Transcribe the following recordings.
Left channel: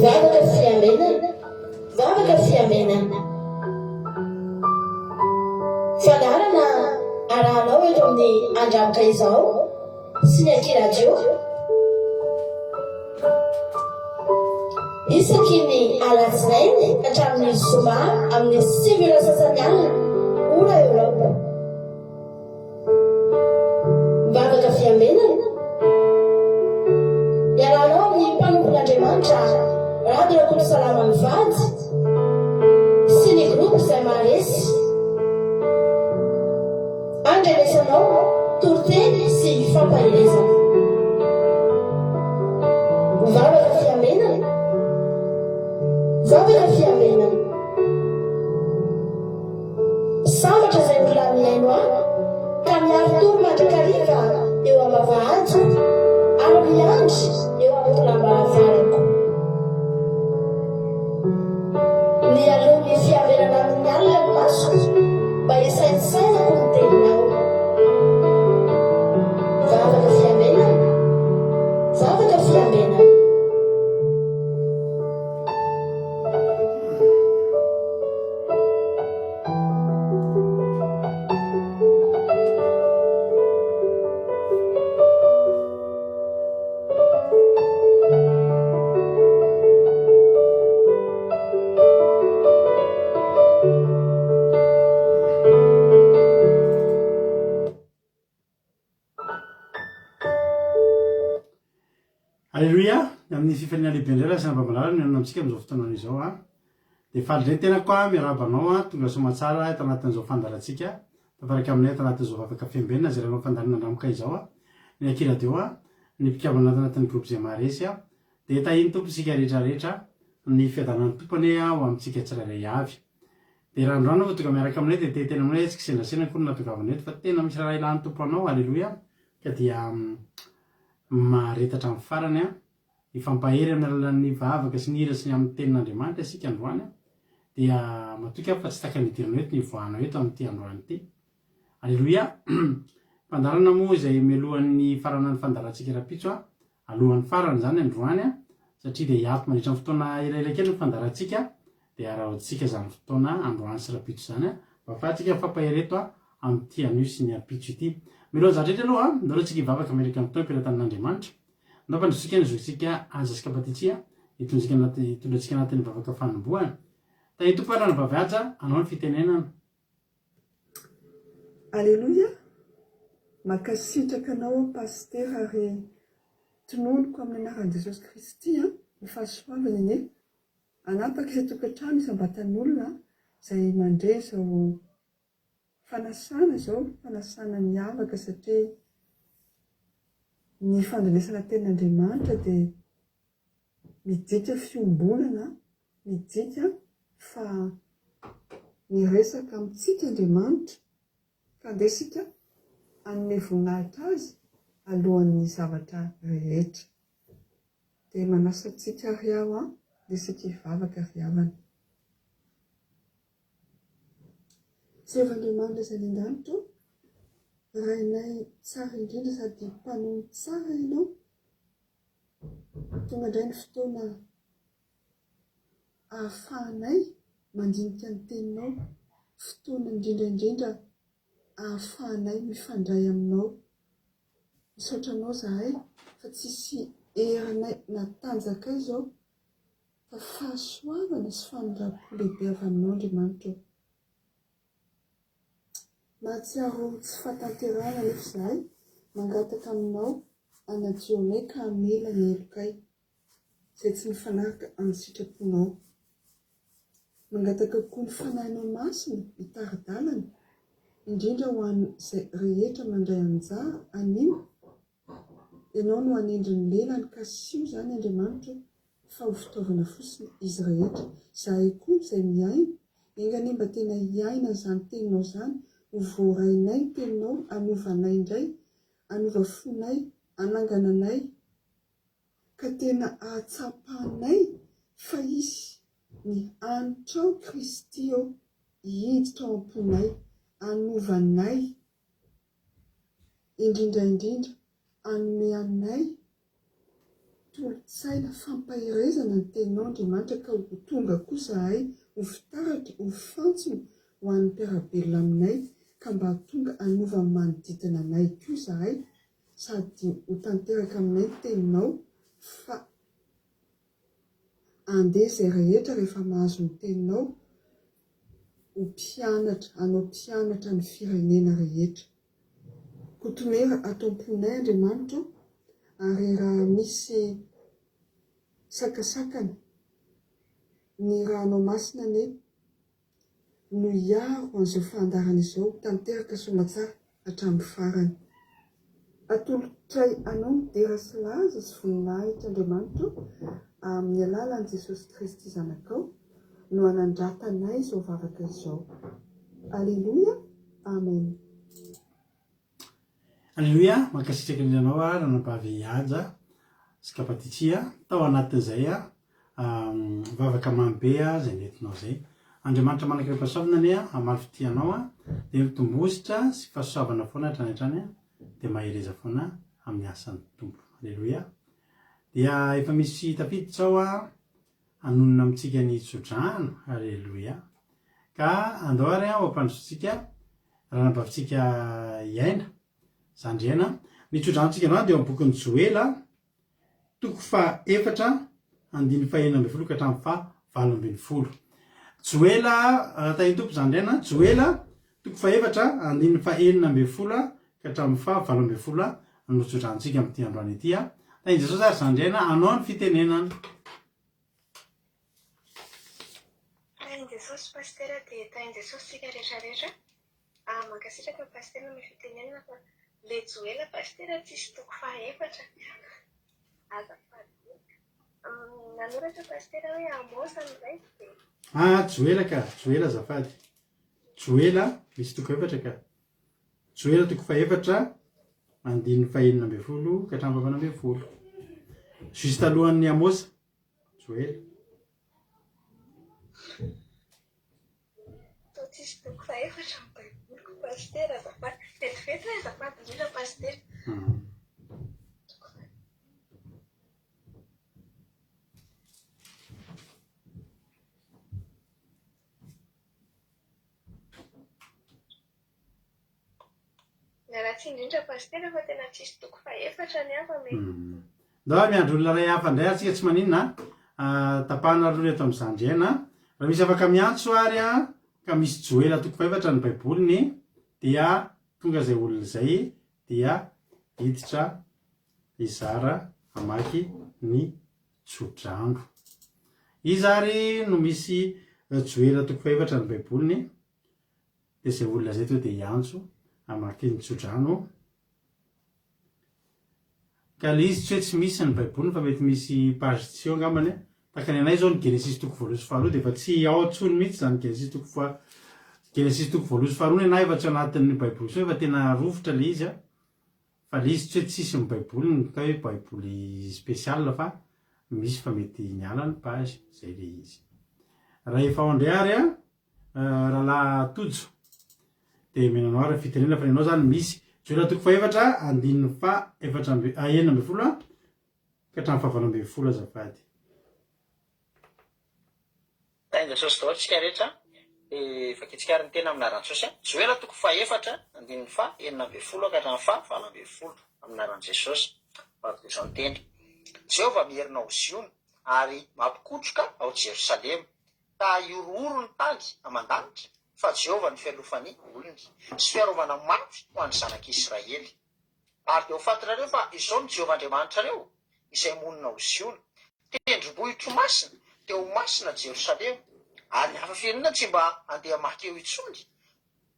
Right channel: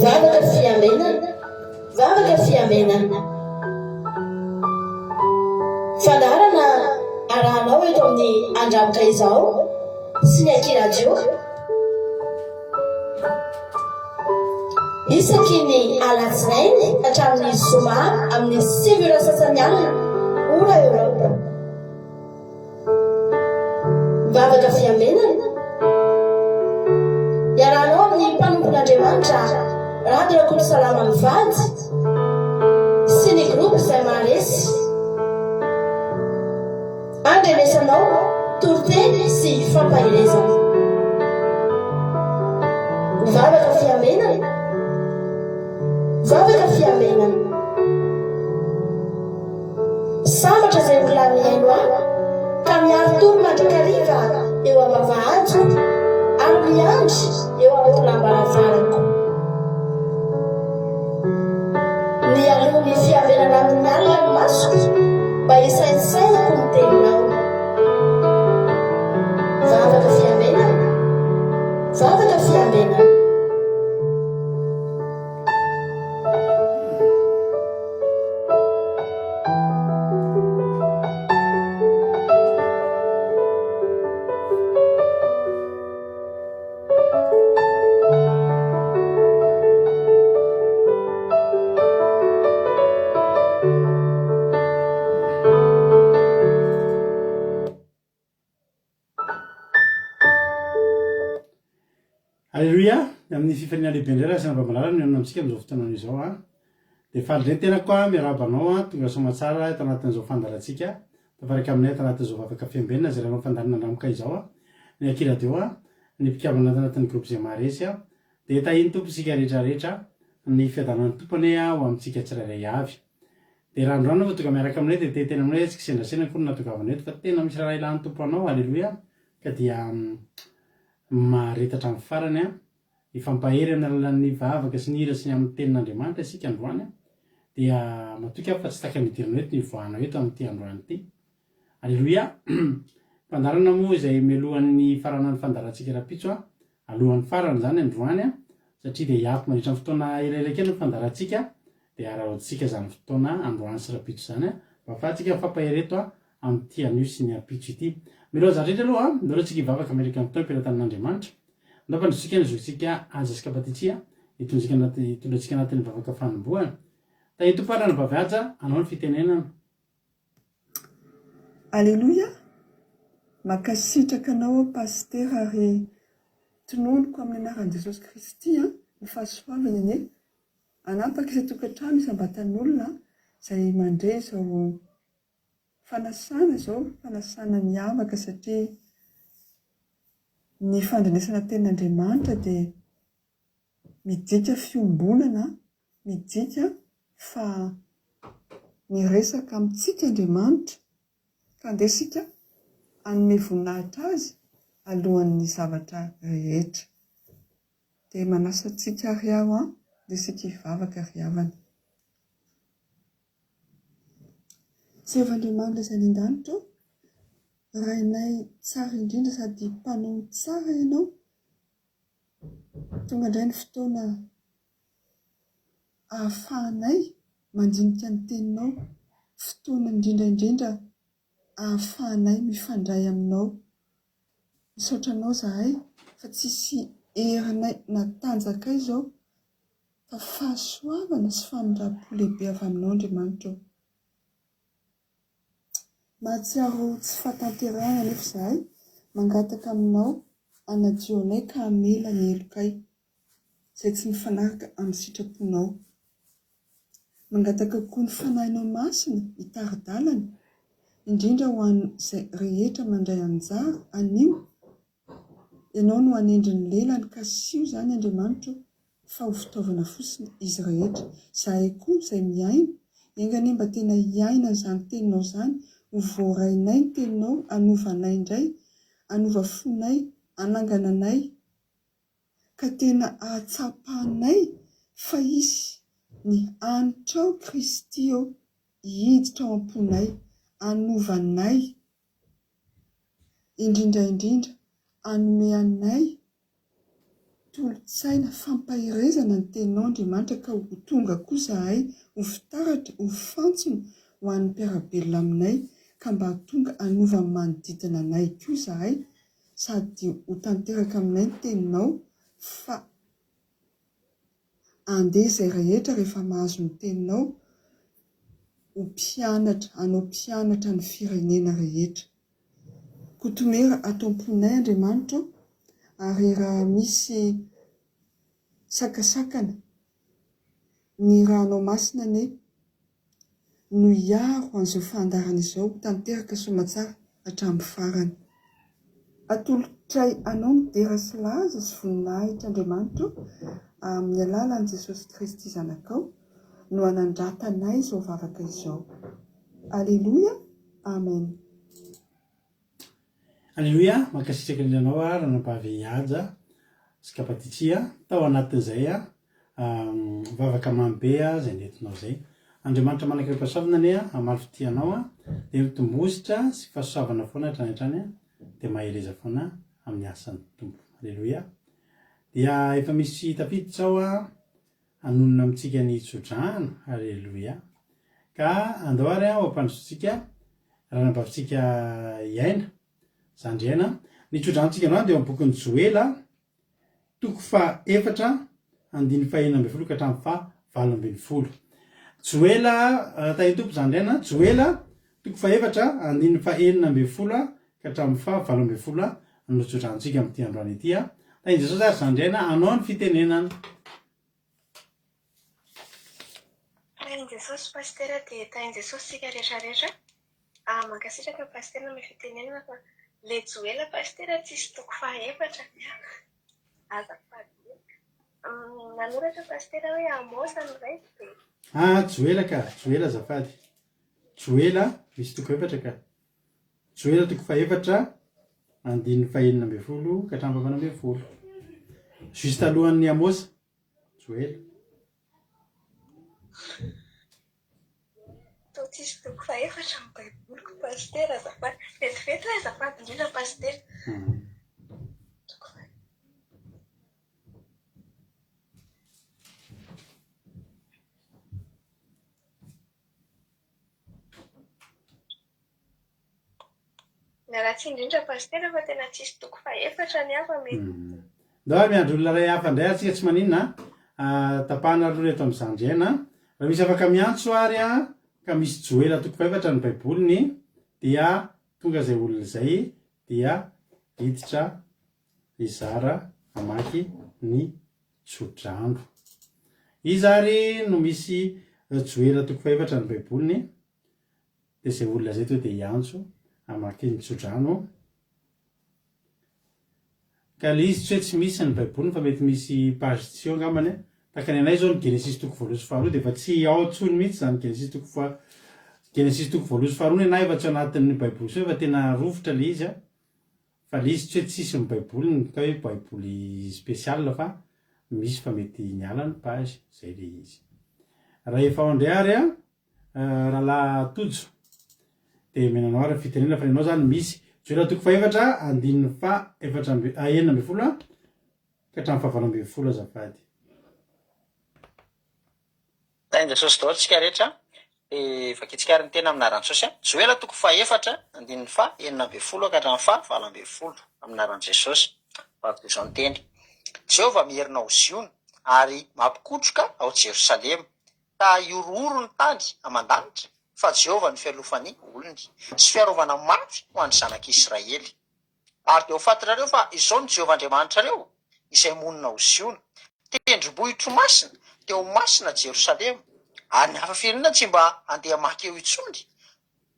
Zavaka fiamenana, zavaka fiamenana. Fandarana arahanao eto amin'ny andramoka izao sy ny ankiradio. Isaky ny alatsinainy hatramin'ny zoma amin'ny 5 sasany alina ora eo. Mivavaka fiamenana iarahanao amin'ny mpanompon'Andriamanitra Radio Koto Salama Mivady sy ny groupe izay maharesy andrenesanao toroteny sy fampahelezana. Mivavaka fiamenana, mivavaka fiamenana. Sambatra izay volanihaino aho ka miaro toro mandrakariva eo amavahantso ary miandry eo aotonambaravarako. Ny alohan'ny fiavenana amin'ny alina ny masoko mba hisaisaiko ny teninao. Mivavaka fiamenana, mivavaka fiamenana. Alléluia, amin'ny fifaliana lehibe indray sy nambamalalana ny anao antsika amin'izao fotoana izao a. Dia faly indray tena koa miarabanao tonga soamantsara eto anatin'izao fandarantsika. Tafaraka aminay eto anatin'izao vavaka fiambenana izay rehefa fandarana andramoka izao a. Ny ankiradio a, ny mpikavana anatin'ny groupe izay maharesy a. Dia tahiny tomposika rehetrarehetra ny fiadanan'ny tompony ho amintsika tsirairay avy. Dia randroano fa tonga miaraka aminay dia tetena aminay tsy kisendrasena koa natongavana eto fa tena misy raha ilan'ny tompo anao. Alléluia. Ka dia maharetatra amin'ny farany a ifampahery amin'ny alalan'ny vavaka sy ny hira sy ny amin'ny tenin'Andriamanitra isika androany dia matoka fa tsy taka nidirana eto ny voahana eto amin'ity androany ity. Alléluia. Fandarana moa izay mialohan'ny faranan'ny fandarantsika rapitso a alohan'ny farany zany androany a satria dia hiato mandritra ny fotoana elaela ny fandarantsika dia arahantsika zany fotoana androany sy rapitso zany a mba afahantsika mifampahery eto a amin'ity anio sy ny apitso ity. Miloha zandretra aloha a milohantsika hivavaka amerika amin'ny tao mpiran-tanin'Andriamanitra. Ndao fandrotsika ny zotsika aza skapatitsia hitondrantsika anatin'ny vavaka fanombohana. Tahiny tompo arany vavyaja anao ny fitenenana. Alléluia. Makasitraka anao paster ary tononoko amin'ny anaran'i Jesosy Kristy ny fahasoavana ane anapaka izay tokantrano isam-batan'olona izay mandray izao fanasana izao fanasana miavaka satria ny fandrenesana tenin'Andriamanitra dia midika fiombonana, midika fa miresaka amintsika Andriamanitra ka andesika hanome voninahitra azy alohan'ny zavatra rehetra. Dia manasa antsika riao dia isika hivavaka riavana. Jevan'Andriamanitra izay any an-danitra rainay tsara indrindra sady mpanohy tsara ianao. Tonga indray ny fotoana ahafahanay mandinika ny teninao, fotoana indrindra ahafahanay mifandray aminao. Misaotra anao zahay fa tsisy herinay natanjaka izao fa fahasoavana sy famindrapo lehibe avy aminao Andriamanitra. Mahatsiaro tsy fahatanterahana nefa zahay mangataka aminao anadio anay ka hamela ny helokay izay tsy mifanaraka amin'ny sitraponao. Mangataka koa ny fanahinao masina hitaridalana indrindra ho an'izay rehetra mandray anjara anio. Ianao no hanendriny lelany ka sio zany Andriamanitra fa ho fitaovana fosiny izy rehetra. Zahay koa izay miaina engany mba tena hiaina izany teninao zany ho voarainay ny teninao, anovanay indray, anova fonay, anangananay ka tena ahatsapahanay fa isy ny anitrao Kristy eo hiditra ao am-ponay, anovanay indrindra anome anay tolotsaina fampahirezana ny teninao Andriamanitra ka ho tonga koa zahay ho fitaratra ho fantsona ho an'ny mpiarabelona aminay ka mba tonga anova ny manodidina anay koa zahay sady ho tanteraka aminay ny teninao fa andeha izay rehetra rehefa mahazo ny teninao ho mpianatra anao mpianatra ny firenena rehetra kotomera atomponay Andriamanitra ary raha misy sakasakana ny ranao masina ne no hiaro an'izao fandarana izao tanteraka somatsara hatramin'ny farany atolotray anao ny dera sy laza sy voninahitra Andriamanitra amin'ny alalan'i Jesosy Kristy zanakao no anandratanay izao vavaka izao. Alleluia, amen. Alleluia, mankasitraka ny ianao ranambavy hihaja sy kapatitsia tao anatin'izay vavaka mambe izay nentinao zay. Andriamanitra manakirapasavina ane amaly fitianao dia mitombositra sy fahasoavana foana hatrany dia mahereza foana amin'ny asan'ny tompo. Alleluia. Dia efa misy tafiditra ao anonona amintsika ny tsodrano. Alleluia. Ka andohary ho ampandrosotsika ranambavitsika iaina zandriana ny tsodranotsika androany dia amin'ny bokin'ny Joela 4:4-5 ka hatramin'ny 7. Joela tahiny tompo zandriana Joela 4:4-5 ka hatramin'ny 7 no tsodranotsika amin'ity androany ity tahiny Jesosy ary zandriana anao ny fitenenana. Tainy Jesosy pastera dia tainy Jesosy sika rehetrarehetra mankasitraka pastera amin'ny fitenenana fa le Joela pastera tsisy toko 4 azafady nanoratra pastera hoe Amosa an'izay dia Joela ka Joela azafady Joela misy toko 4 ka Joela toko 4:5 ka hatramin'ny 7. Juste alohan'ny Amosa Joela tsisy toko 4 amin'ny baiboloko pastera azafady vetivety hoe azafady indrindra pastera. Miaratsy indrindra pastera fa tena tsisy toko 4 ny hafa mety. Ndoa miandro olona ray hafa indray atsika tsy maninona tapahana aloha eto amin'ny zandriana raha misy afaka miantso ary ka misy Joela toko 4 ny baiboliny dia tonga izay olona izay dia hiditra izara amaky ny tsodrano. Izy ary no misy Joela toko 4 ny baiboliny dia izay olona izay to dia hiantso amaky ny tsodrano. Ka le izy tsy hoe tsy misy ny baiboliny fa mety misy page tsio angambany tahaka ny anay zao ny Genesis toko 1:2 dia efa tsy ao antsony mihitsy zany Genesis toko 1:2 na efa tsy anatin'ny baiboly so efa tena rovitra le izy fa le izy tsy hoe tsisy ny baiboliny ka hoe baiboly spécial fa misy fa mety niala ny page zay le izy. Raha efa ao indray ary rahalahy tojo dia menanao raha fitenena fa nenao zany misy Joela toko 4:9 ka hatramin'ny 7 azafady. Tainy Jesosy daholo tsika rehetra efa kitsikary ny tena amin'ny anaran'i Jesosy Joela toko 4:9 ka hatramin'ny 7 amin'ny anaran'i Jesosy. Vavaka izao ny teny Jehovah mierina ho Ziona ary mampikotroka ao Jerosalema ka iorooro ny tany aman-danitra fa Jehovah ny fialofan'ny olony sy fiarovana mafy ho an'ny zanak'Israely. Ary dia ho fantarareo fa izao ny Jehovah Andriamanitrareo izay monina ho Ziona tendrombohitro masina dia ho masina Jerosalema ary ny hafa firenena tsy mba andeha maky eo intsony.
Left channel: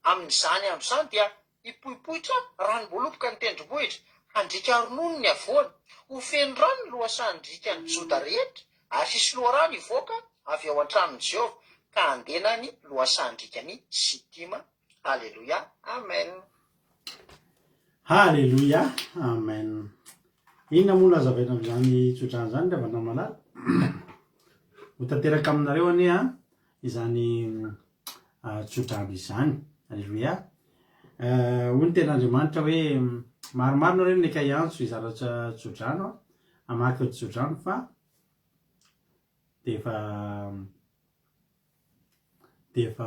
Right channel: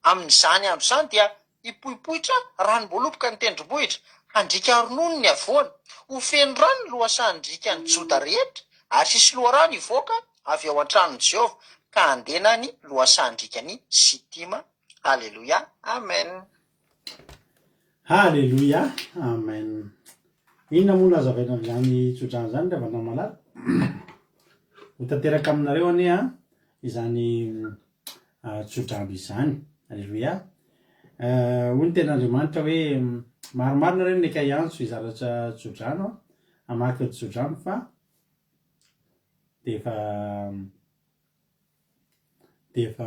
Amin'izany andro izany dia hipohipohitra ranom-boaloboka ny tendrombohitra handrika ronono ny avoana ho feno rano ny lohasan'ndrika ny Joda rehetra ary sisy loharano hivoaka avy ao an-tranon'i Jehovah ka andena ny lohasan-drika ny Sitima. Alleluia, amen. Alleluia, amen. Inona moa lazavaina amin'izany tsodrano zany rehefa malala ho tanteraka aminareo anie izany tsodrano izany. Alleluia. Hoy ny ten'Andriamanitra hoe maromaro nareo ny ka hiantso hizaratra tsodrano amaky tsodrano fa defa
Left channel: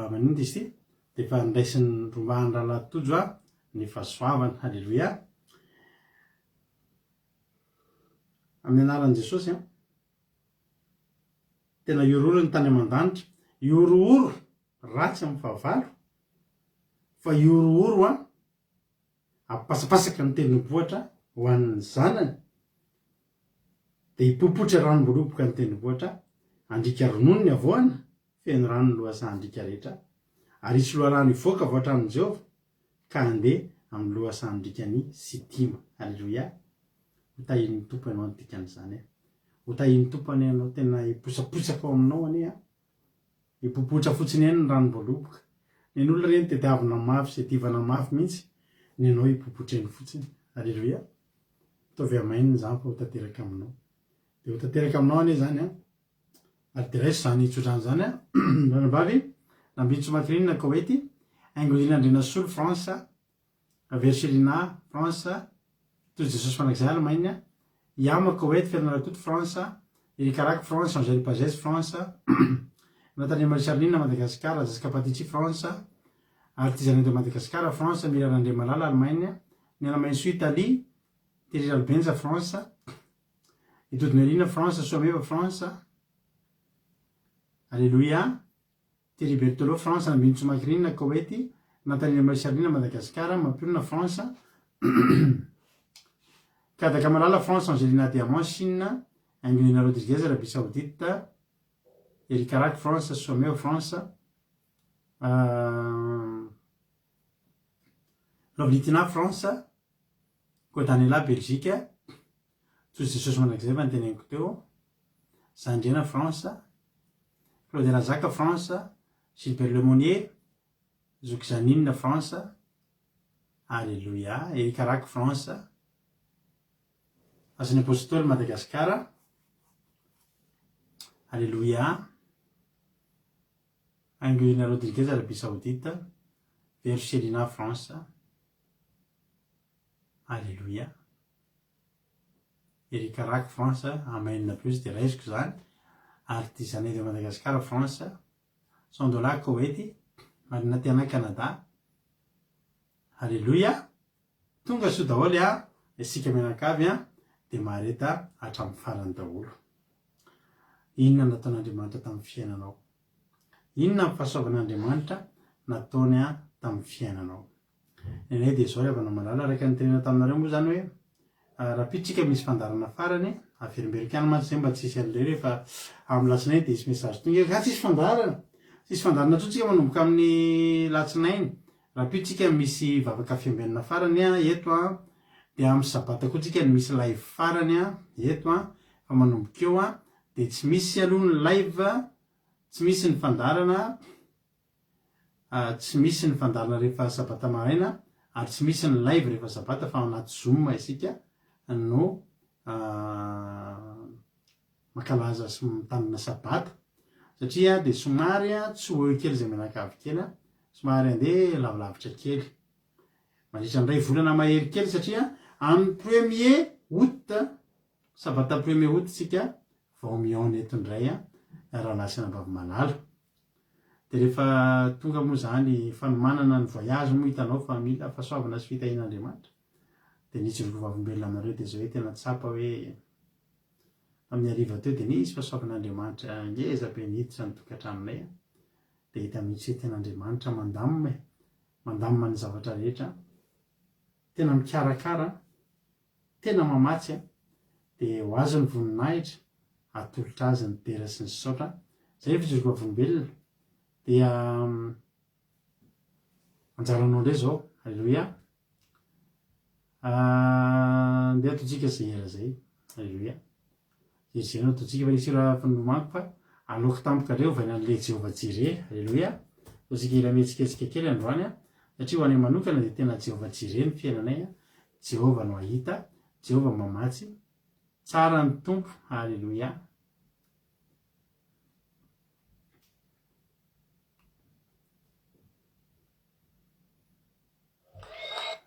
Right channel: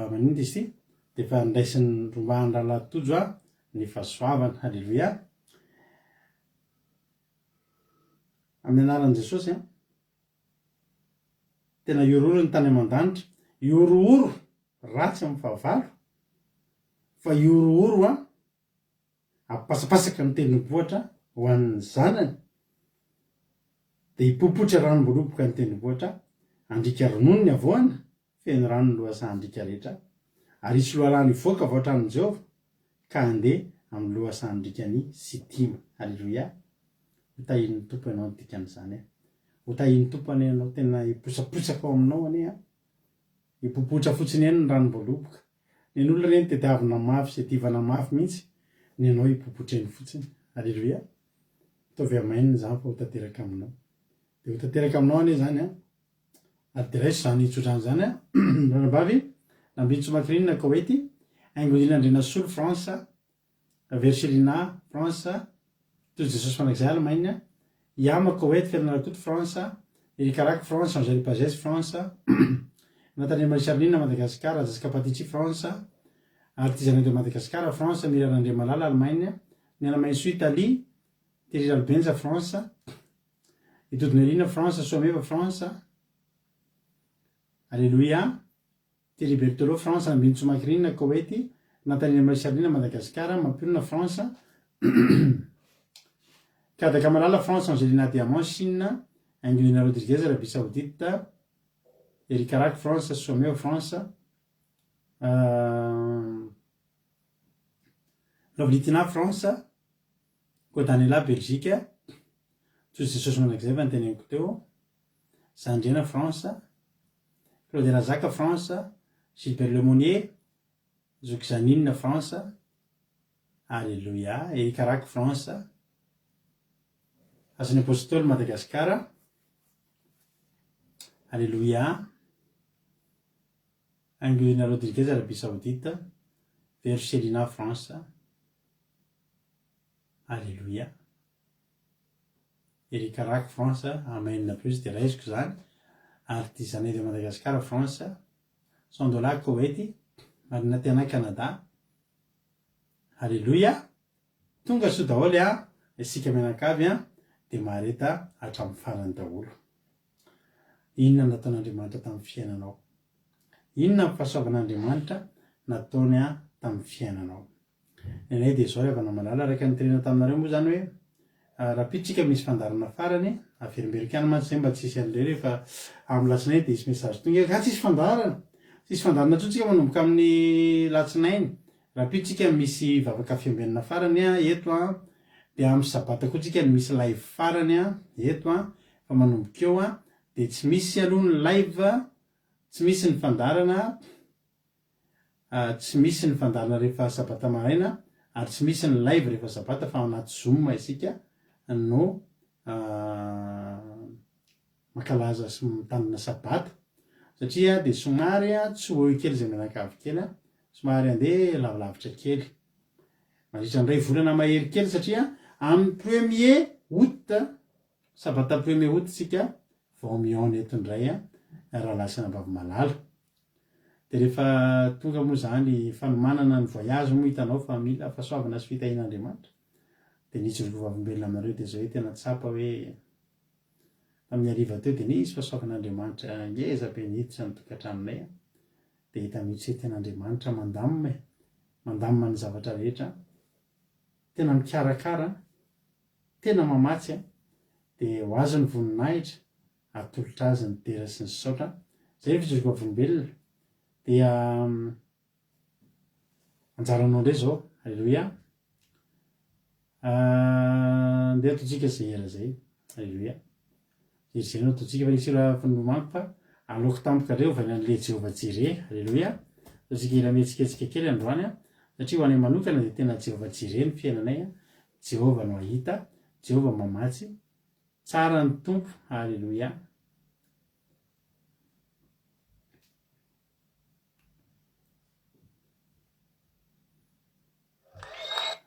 manindry izy ty defa ndraisin'ny rombahany rahalatojo a ny fahasoavany. Halleloia. Amin'ny anaran'i Jesosy a tena iorooro ny tany aman-danitra, iorooro ratsy amin'ny fahavalo, fa iorooro a apasapasaka ny tendrombohitra ho an'ny zanany, de hipopotra ranom-boloboka ny tendrombohitra, andrika ronono ny avoana, feno rano ny lohasa andrika rehetra, ary isy loharano ivoaka avao atramin'i Jehovah ka andeha amin'ny lohasa andrika ny Sitima. Halleloia. Hotahin'ny tompo ianao ny dikan'izany. Hotahin'ny tompo any ianao tena hiposaposaka ao aminao anie, hipopotra fotsiny eny ny ranom-boloboka. Ny olona reny tediavina mafy sy tivana mafy mihitsy, ny anao hipopotra eny fotsiny. Halleloia. Ataovy amaininy zany fa ho tanteraka aminao. De ho tanteraka aminao anie zany a. Ary de raiso zany tsodrano zany a. Ranambavy nambintsy makirinina Koweity, Angolina Andrina Solo France, Verselina France, toy Jesosy fanakizay Allemagne, Yama Koweity Fernarakoto France, Erikaraky France, Angèle Pazès France, Nathalie Marisarlina Madagascar, Jessica Patici France, Artisanat de Madagascar France, Mira Randre Malala Allemagne, Niana Mainso Italie, Thierry Albenza France, Itodinelina France, Soameva France. Alléluia. Thierry Bertolo France, Nambintsy Makirinina Koweity, Nathalie Marisarlina Madagascar, Mampirona France, Kadaka Malala France, Angelina Diamant Chine, Angelina Rodriguez Arabie Saoudite, Erikaraky France, Soameo France, Lovlitina France, Kotanela Belgique, Tsosy Jesosy manakizay fa nyteneniko teo, Sandriana France, Claude Razaka France, Gilbert Lemonnier, Zoukzanine France, Alléluia, Erikaraky France, Asan'ny Apôstôly Madagascar, Alléluia, Angelina Rodriguez Arabie Saoudite, Verselina France, Alléluia, Erikaraky France, amainina plus de raisiko zany, Artisanat de Madagascar France, Sandola Koweity, Marina Tiana Canada. Alléluia. Tonga soa daholo a, isika mianakavy a, de mareta hatramin'ny farany daholo. Inona nataon'Andriamanitra tamin'ny fiainanao? Inona ny fahasoavan'Andriamanitra nataony a tamin'ny fiainanao? Nenay de zao avana malala raika nytenena taminareo moa zany hoe rapitsika misy fandarana farany averimberikany mantsy zay mba tsisy an'ireo rehefa amin'ny latsinainy de isy message tonga ka tsisy fandarana. Tsisy fandarana tsika manomboka amin'ny latsinainy. Rapitsika misy vavaka fiambenana farany a eto a, de amin'ny sabata koa tsika misy live farany a eto a, fa manomboka eo a, de tsy misy aloha ny live, tsy misy ny fandarana, tsy misy ny fandarana rehefa sabata maraina, ary tsy misy ny live rehefa sabata fa anaty Zoom isika no makalaza sy mitandrina sabata, satria de somary tsy ho eo kely zay menakavy kely, somary andeha lavilavitra kely, mandritra ny ray volana mahery kely, satria amin'ny 1er août, sabata 1er août tsika vao mihaona eto indray raha lasana bavy malala. De rehefa tonga moa zany fanomanana ny voyage moa hitanao fa mila fahasoavana sy fitahin'Andriamanitra, de nisy vovavolombelona aminareo de zao hoe tena tsapa hoe amin'ny ariva teo de nisy fahasoavan'Andriamanitra ngeza be niditra ny tokantranonay, de hita mihitsy hoe tena Andriamanitra mandamina ny zavatra rehetra, tena mikarakara, tena mamatsy, de ho azy ny voninahitra, atolotra azy ny dera sy ny saotra. Zay fijoroka volombelona. Dia anjaranao ndray zao. Alléluia. Ndeha ataontsika zay era zay. Alléluia. Jery ataontsika fa nisy raha fanomako fa aloka tampoka reo vaina an'le Jehovah Jireh. Alléluia. Ataontsika ira mihetsiketsika kely androany, satria ho anay manokana dia tena Jehovah Jireh ny fiainanay, Jehovah no ahita, Jehovah mamatsy, tsara ny tompo. Alléluia.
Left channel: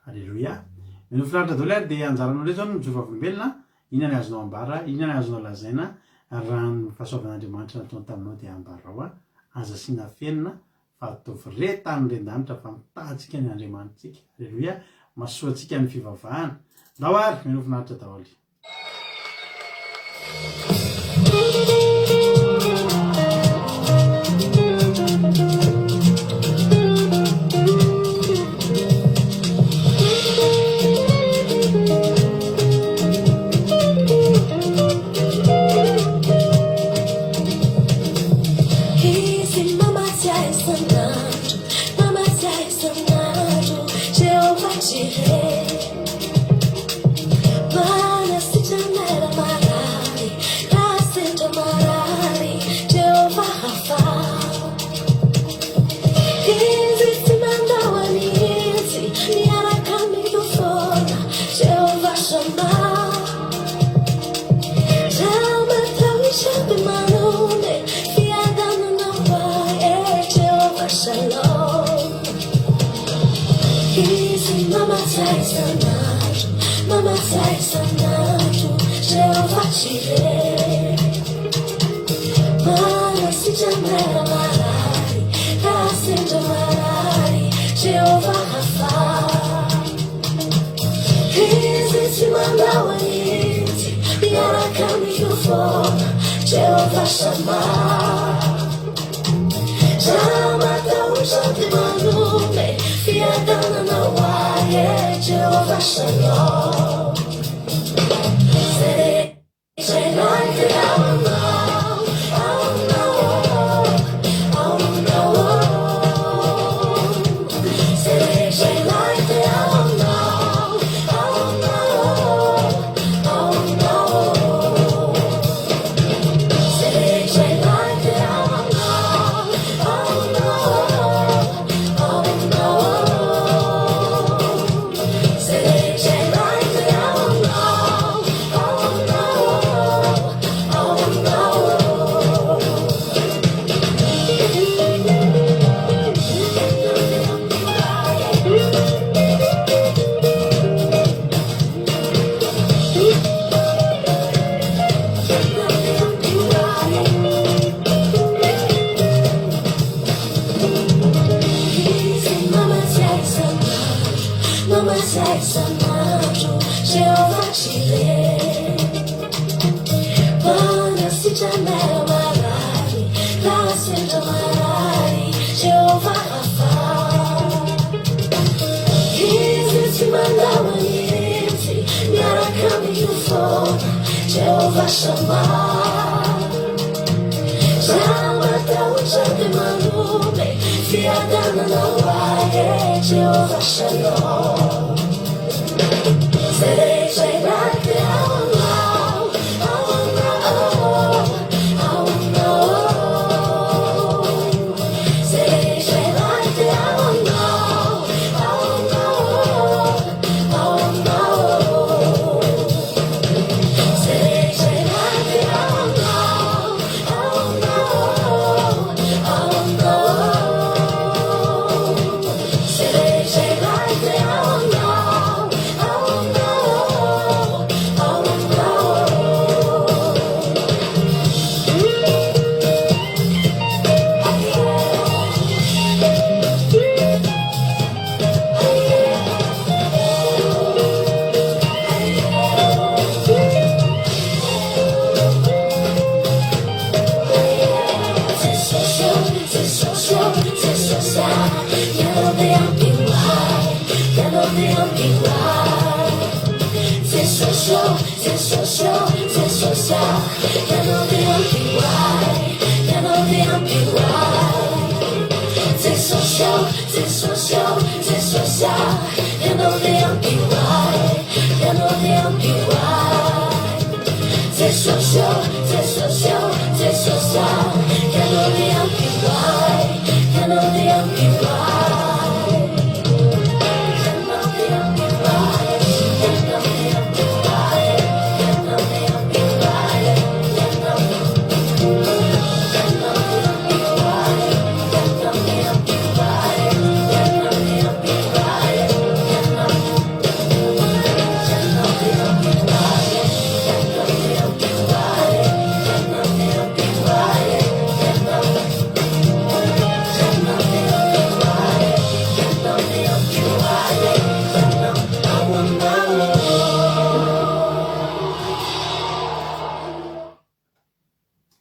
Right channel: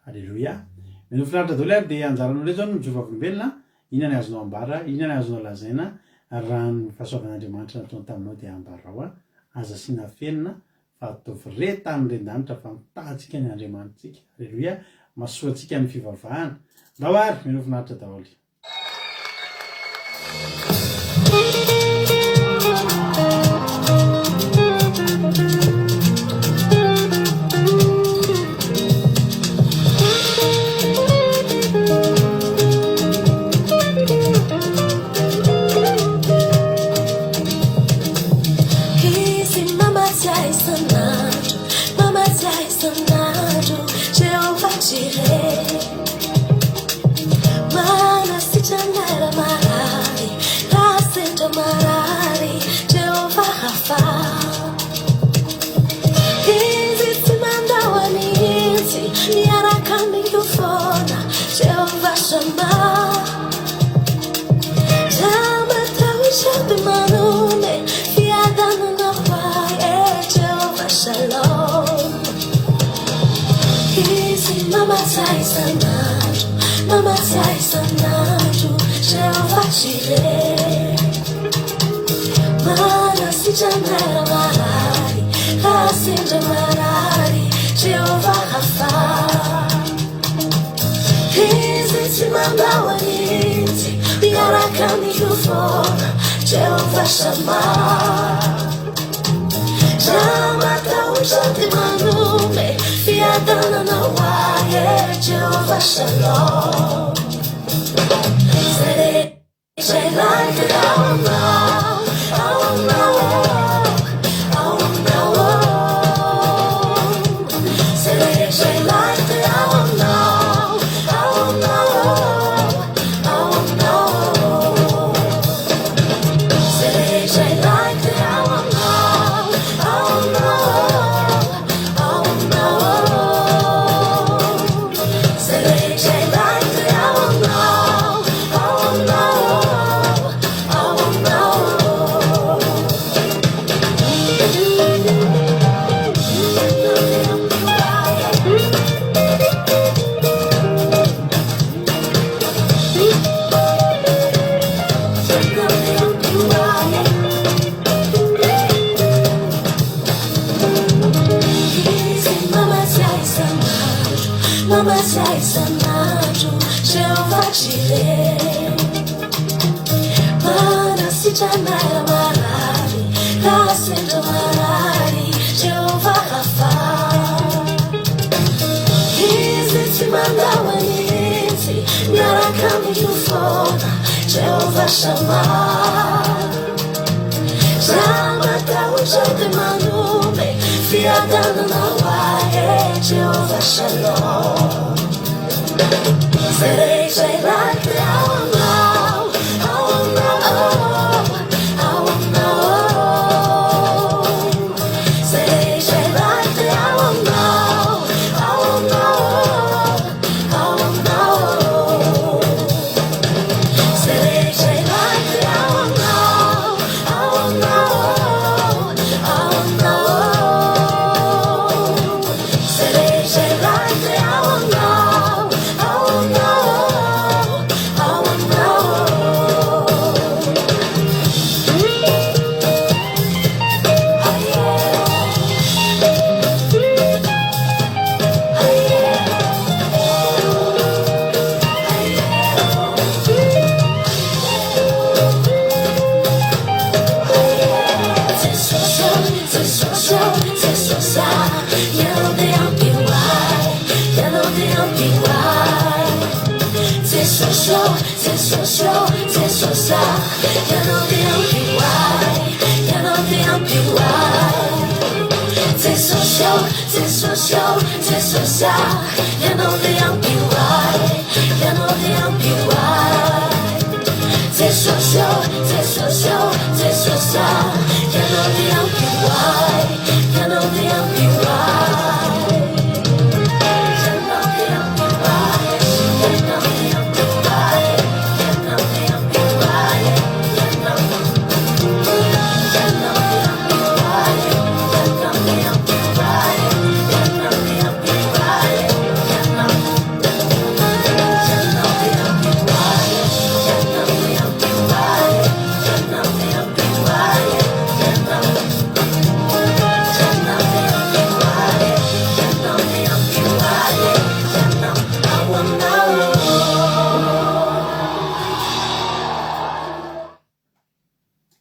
Alléluia. Mino filaritra daholo ary dia anjaranao ndray zao ny mijoro volombelona inona ny azonao ambara, inona ny azonao lazaina ary raha ny fahasoavan'andriamanitra nataony taminao dia ambarao aza siana fenina fa ataovy retany ren-danitra fa mitahantsika ny andriamanitsika. Alleloia, masoantsika ny fivavahana. Ndao ary menofinaritra daholo.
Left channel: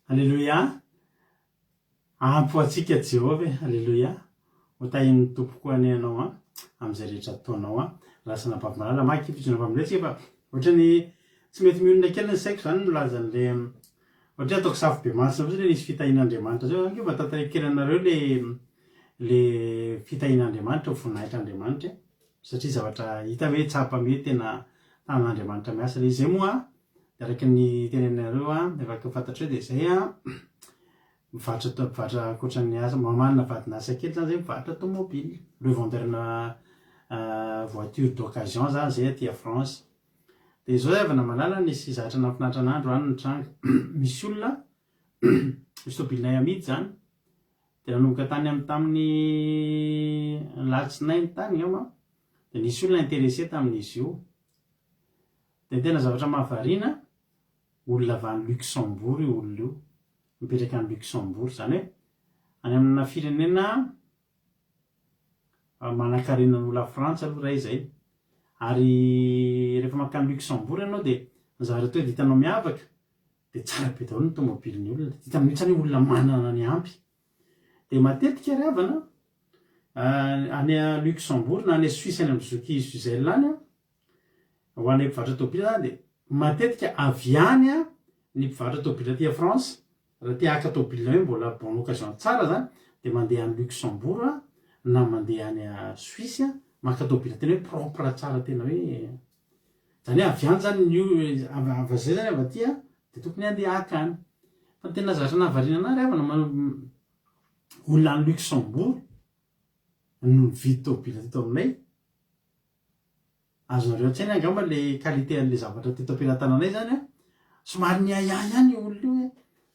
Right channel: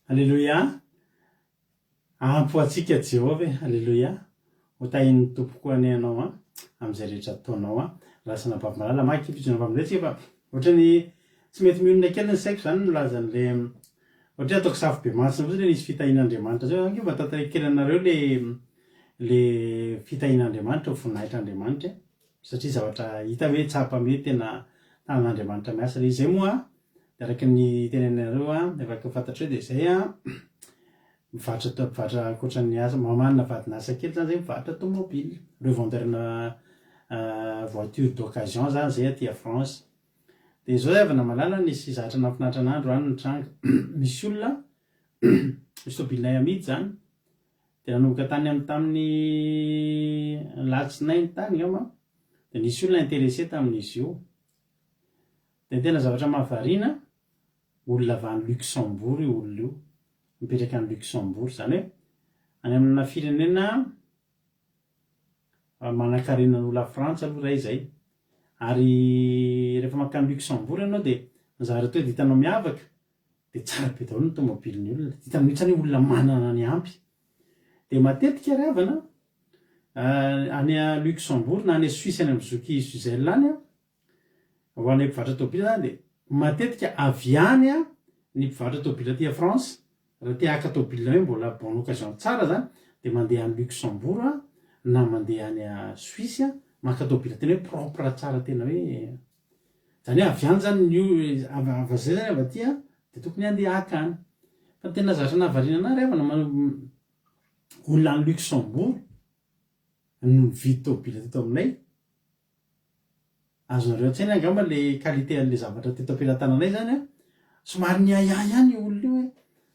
Alleloia. Ampo atsika Jehova e. Alleloia. Ho tahin'ny tompoko any ianao amin'izay rehetra ataonao lasana bavimalala maky fitsona mpamindretsika fa ohatrany tsy mety mionona kely ny saiko zany nolazan'le ohatry ataoko safo be masina fotsiny hoe nisy fitahin'Andriamanitra zao anke mba tantaray kely anareo le fitahin'Andriamanitra voninahitran'Andriamanitra satria zavatra hita hoe tsapa mety tena tanan'Andriamanitra miasa le izay moa de araky ny tenenareo efa fantatra hoe de zay mivarotra ankoatran'ny asa mamanina vadinasa kely zany zay mivarotra tomobile revendeur na voiture d'occasion zany zay aty à France de zao zay avana malala nisy zatra nafinatra an'andro any nitranga misy olona misy tobilinay amidy zany de nanomboka tany tamin'ny latsinainy tany ama de nisy olona intéressé tamin'izy io de tena zavatra mahavariana olona avy any Luxembourg io olona io mipetraka any Luxembourg zany hoe any amina firenena manankarenan'olona Frantsa aloha ray zay ary rehefa makany Luxembourg ianao de zavatra toe ditanao miavaka de tsara be daholo ny tomobilin'ny olona dita mihitsany olona manana ny ampy de matetika riavana any a Luxembourg na any a Suisse any am'zoky Switzerland any ho anay mpivarotra tobila zany de matetika avy any ny mpivarotra tobila aty à France raha tia haka tobila hoe mbola bonne occasion tsara zany de mandeha any Luxembourg na mandeha any a Suisse maka tobila tena hoe propre tsara tena hoe zany hoe avy any zany ny avazay zany avy aty de tokony andeha haka any fa tena zatra nahavariana anary avana olona any Luxembourg no mividy tobila teto aminay azonareo an-tsaina angamba le qualité an'le zavatra teto am-pelantananay zany somary ny ayay ihany olona io hoe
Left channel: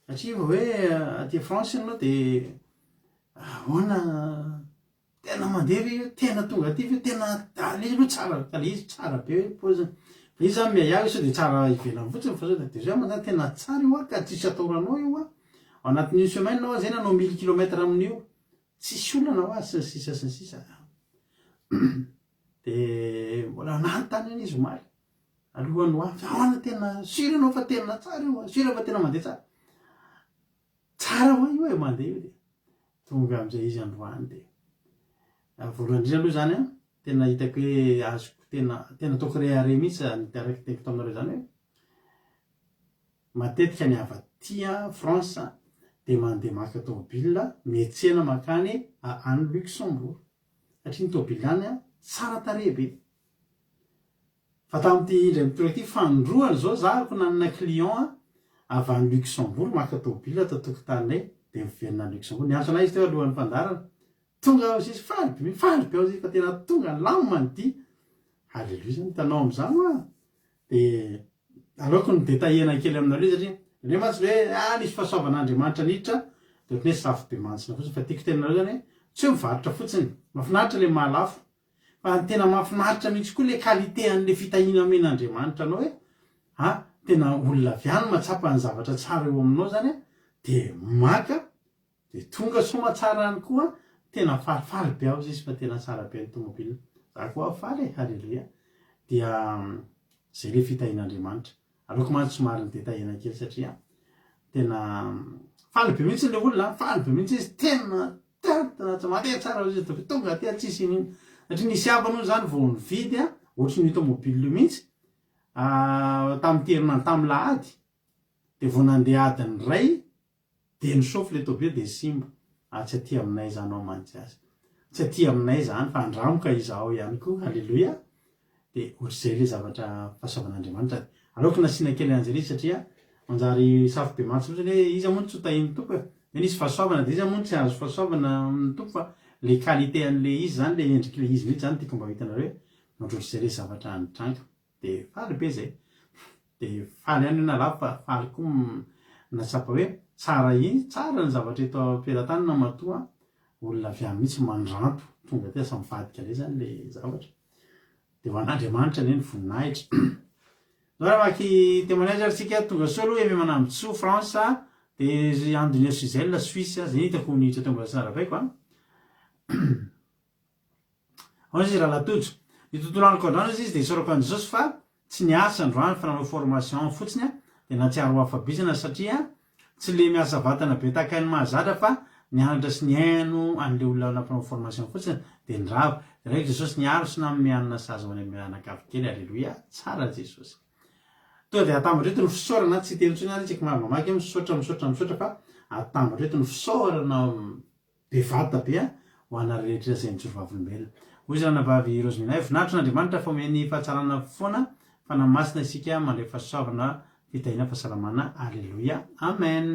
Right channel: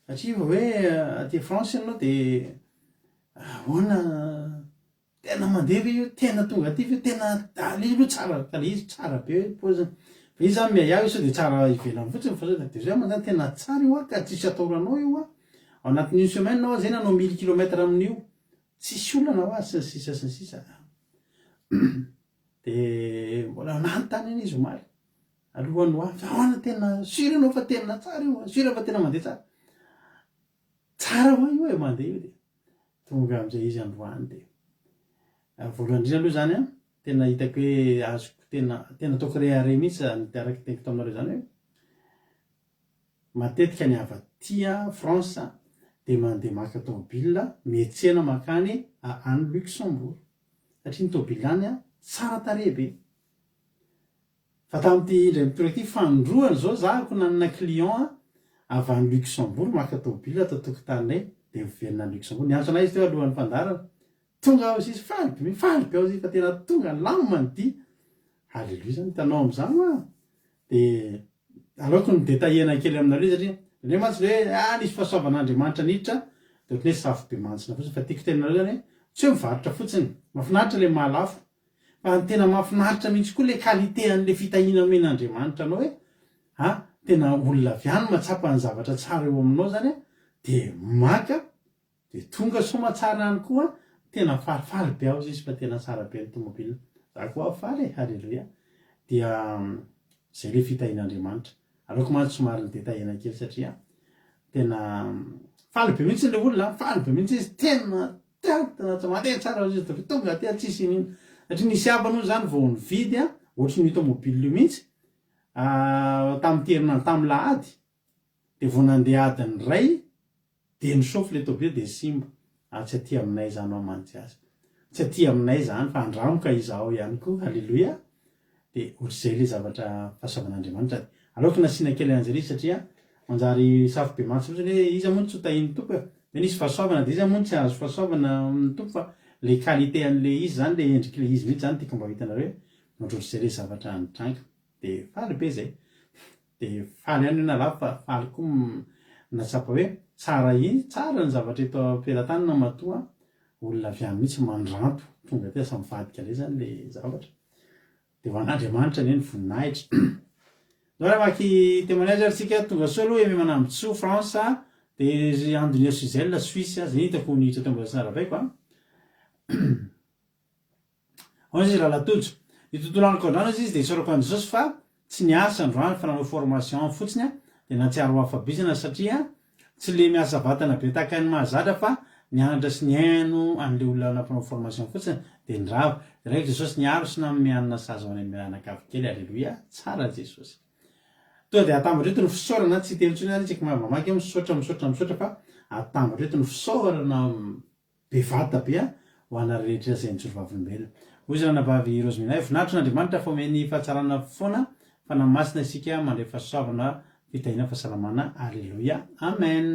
satria hoe aty France ianao de ahoana tena mandeha io tena tonga aty fe tena le izy aloha tsara le izy tsara be hoe paoziny fa izy zany miayay sao de tsara ivelany fotsiny fa zao de zay manzany tena tsara io ka tsisy ataoranao io ao anatin'une semaine nao zay nanao 1000 km amin'io tsisy olana ho azy sy ny sisa de mbola nanontany any izy omaly alohany ho avy ahoana tena sura anao fa tena tsara io sura fa tena mandeha tsara hoa io e mandeha io de tonga am'izay izy androany de voalohany indrindra aloha zany tena hitako hoe azoko tena ataoko rehare mihitsy araky teko taminareo zany hoe matetika ny avatia France de mandeha maka tobila mietsena makany any Luxembourg satria ny tobila any tsara tarehy be fa tamin'ity indray mitoraka ty fandroany zao zahako nanana client avy any Luxembourg maka tobila atao tokotaninay de miverina any Luxembourg niantso anay izy teo alohan'ny mpandarana tonga izy faly be ao izy fa tena tonga lamma nyty halleluia zany tanao am'izany de aleoko ny détaillena kely aminareo satria le matsy hoe nisy fahasoavan'Andriamanitra niditra de ohatry hoe safo be mantsina fotsiny fa tiako tenanareo zany tsy hoe mivarotra fotsiny mafinaritra le mahalafo fa tena mafinaritra mihitsy koa le qualité an'le fitahina amen'Andriamanitra anao hoe tena olona avy any matsapa ny zavatra tsara eo aminao zany de maka de tonga soma tsara any koa tena falifaly be ao izy fa tena tsara be ny tomobile za koa faly halleluia dia zay le fitahin'Andriamanitra aleoko mantsy somary ny détaillena kely satria tena faly be mihitsy le olona faly be mihitsy izy tena mandeha tsara izy tonga aty tsisy nino satria nisy abany zany vao nividy ohatry ny tomobile io mihitsy tamin'ny herinandro tamin'ny lahady de vao nandeha adiny ray de nisofy le tobile de simba tsy aty aminay zany ao mantsy azy tsy aty aminay zany fa andramoka izao ihany koa halleluia de ohatr'izay le zavatra fahasoavan'Andriamanitra aleoko nasiana kely an'zay izy satria manjary safo be mantsy fotsiny hoe iza moa tsy ho tahiny tompo de nisy fahasoavana de iza moa tsy azo fahasoavana tompo fa le qualité an'le izy zany le endriky le izy mihitsy zany tiako mba hitanareo ohatr'izay le zavatra nitranga de faly be zay de faly ihany nalafo fa faly koa natsapa hoe tsara ny zavatra eto am-pelatany na matoa olona avy any mihitsy mandranto tonga ty asa mivadika le zany le zavatra de ho an'Andriamanitra ne ny voninahitra zao raha maky témoignage arytsika tonga soa aloha eme manambotso France de andony Switzerland Suisse zay hitako nihitra teo mbola tsara baiko ao izy raha latojo ny tontolo andro koandrano izy de isorako an' Jesosy fa tsy niasa androany fa nanao formation fotsiny de natsiaro afabizana satria tsy le miasa vatana be tahaka ny mahazatra fa nianatra sy ny haino an'le olona anampanao formation fotsiny de ndrava de raika jesosy niaro sy namianana saza any mianakavokely alleloia tsara jesosy to de atambatra eto ny fisaorana tsy tentsony any tsika mamaky misaotra fa atambatra eto ny fisaorana bevata be ho ana rehetra zay nitsoro vavolombelona hoy zany navavy Rosemina voninahitra n'Andriamanitra fa omeny fahatsarana foana fa namasina isika mandray fahasoavana fitahina fahasalamana alleloia amen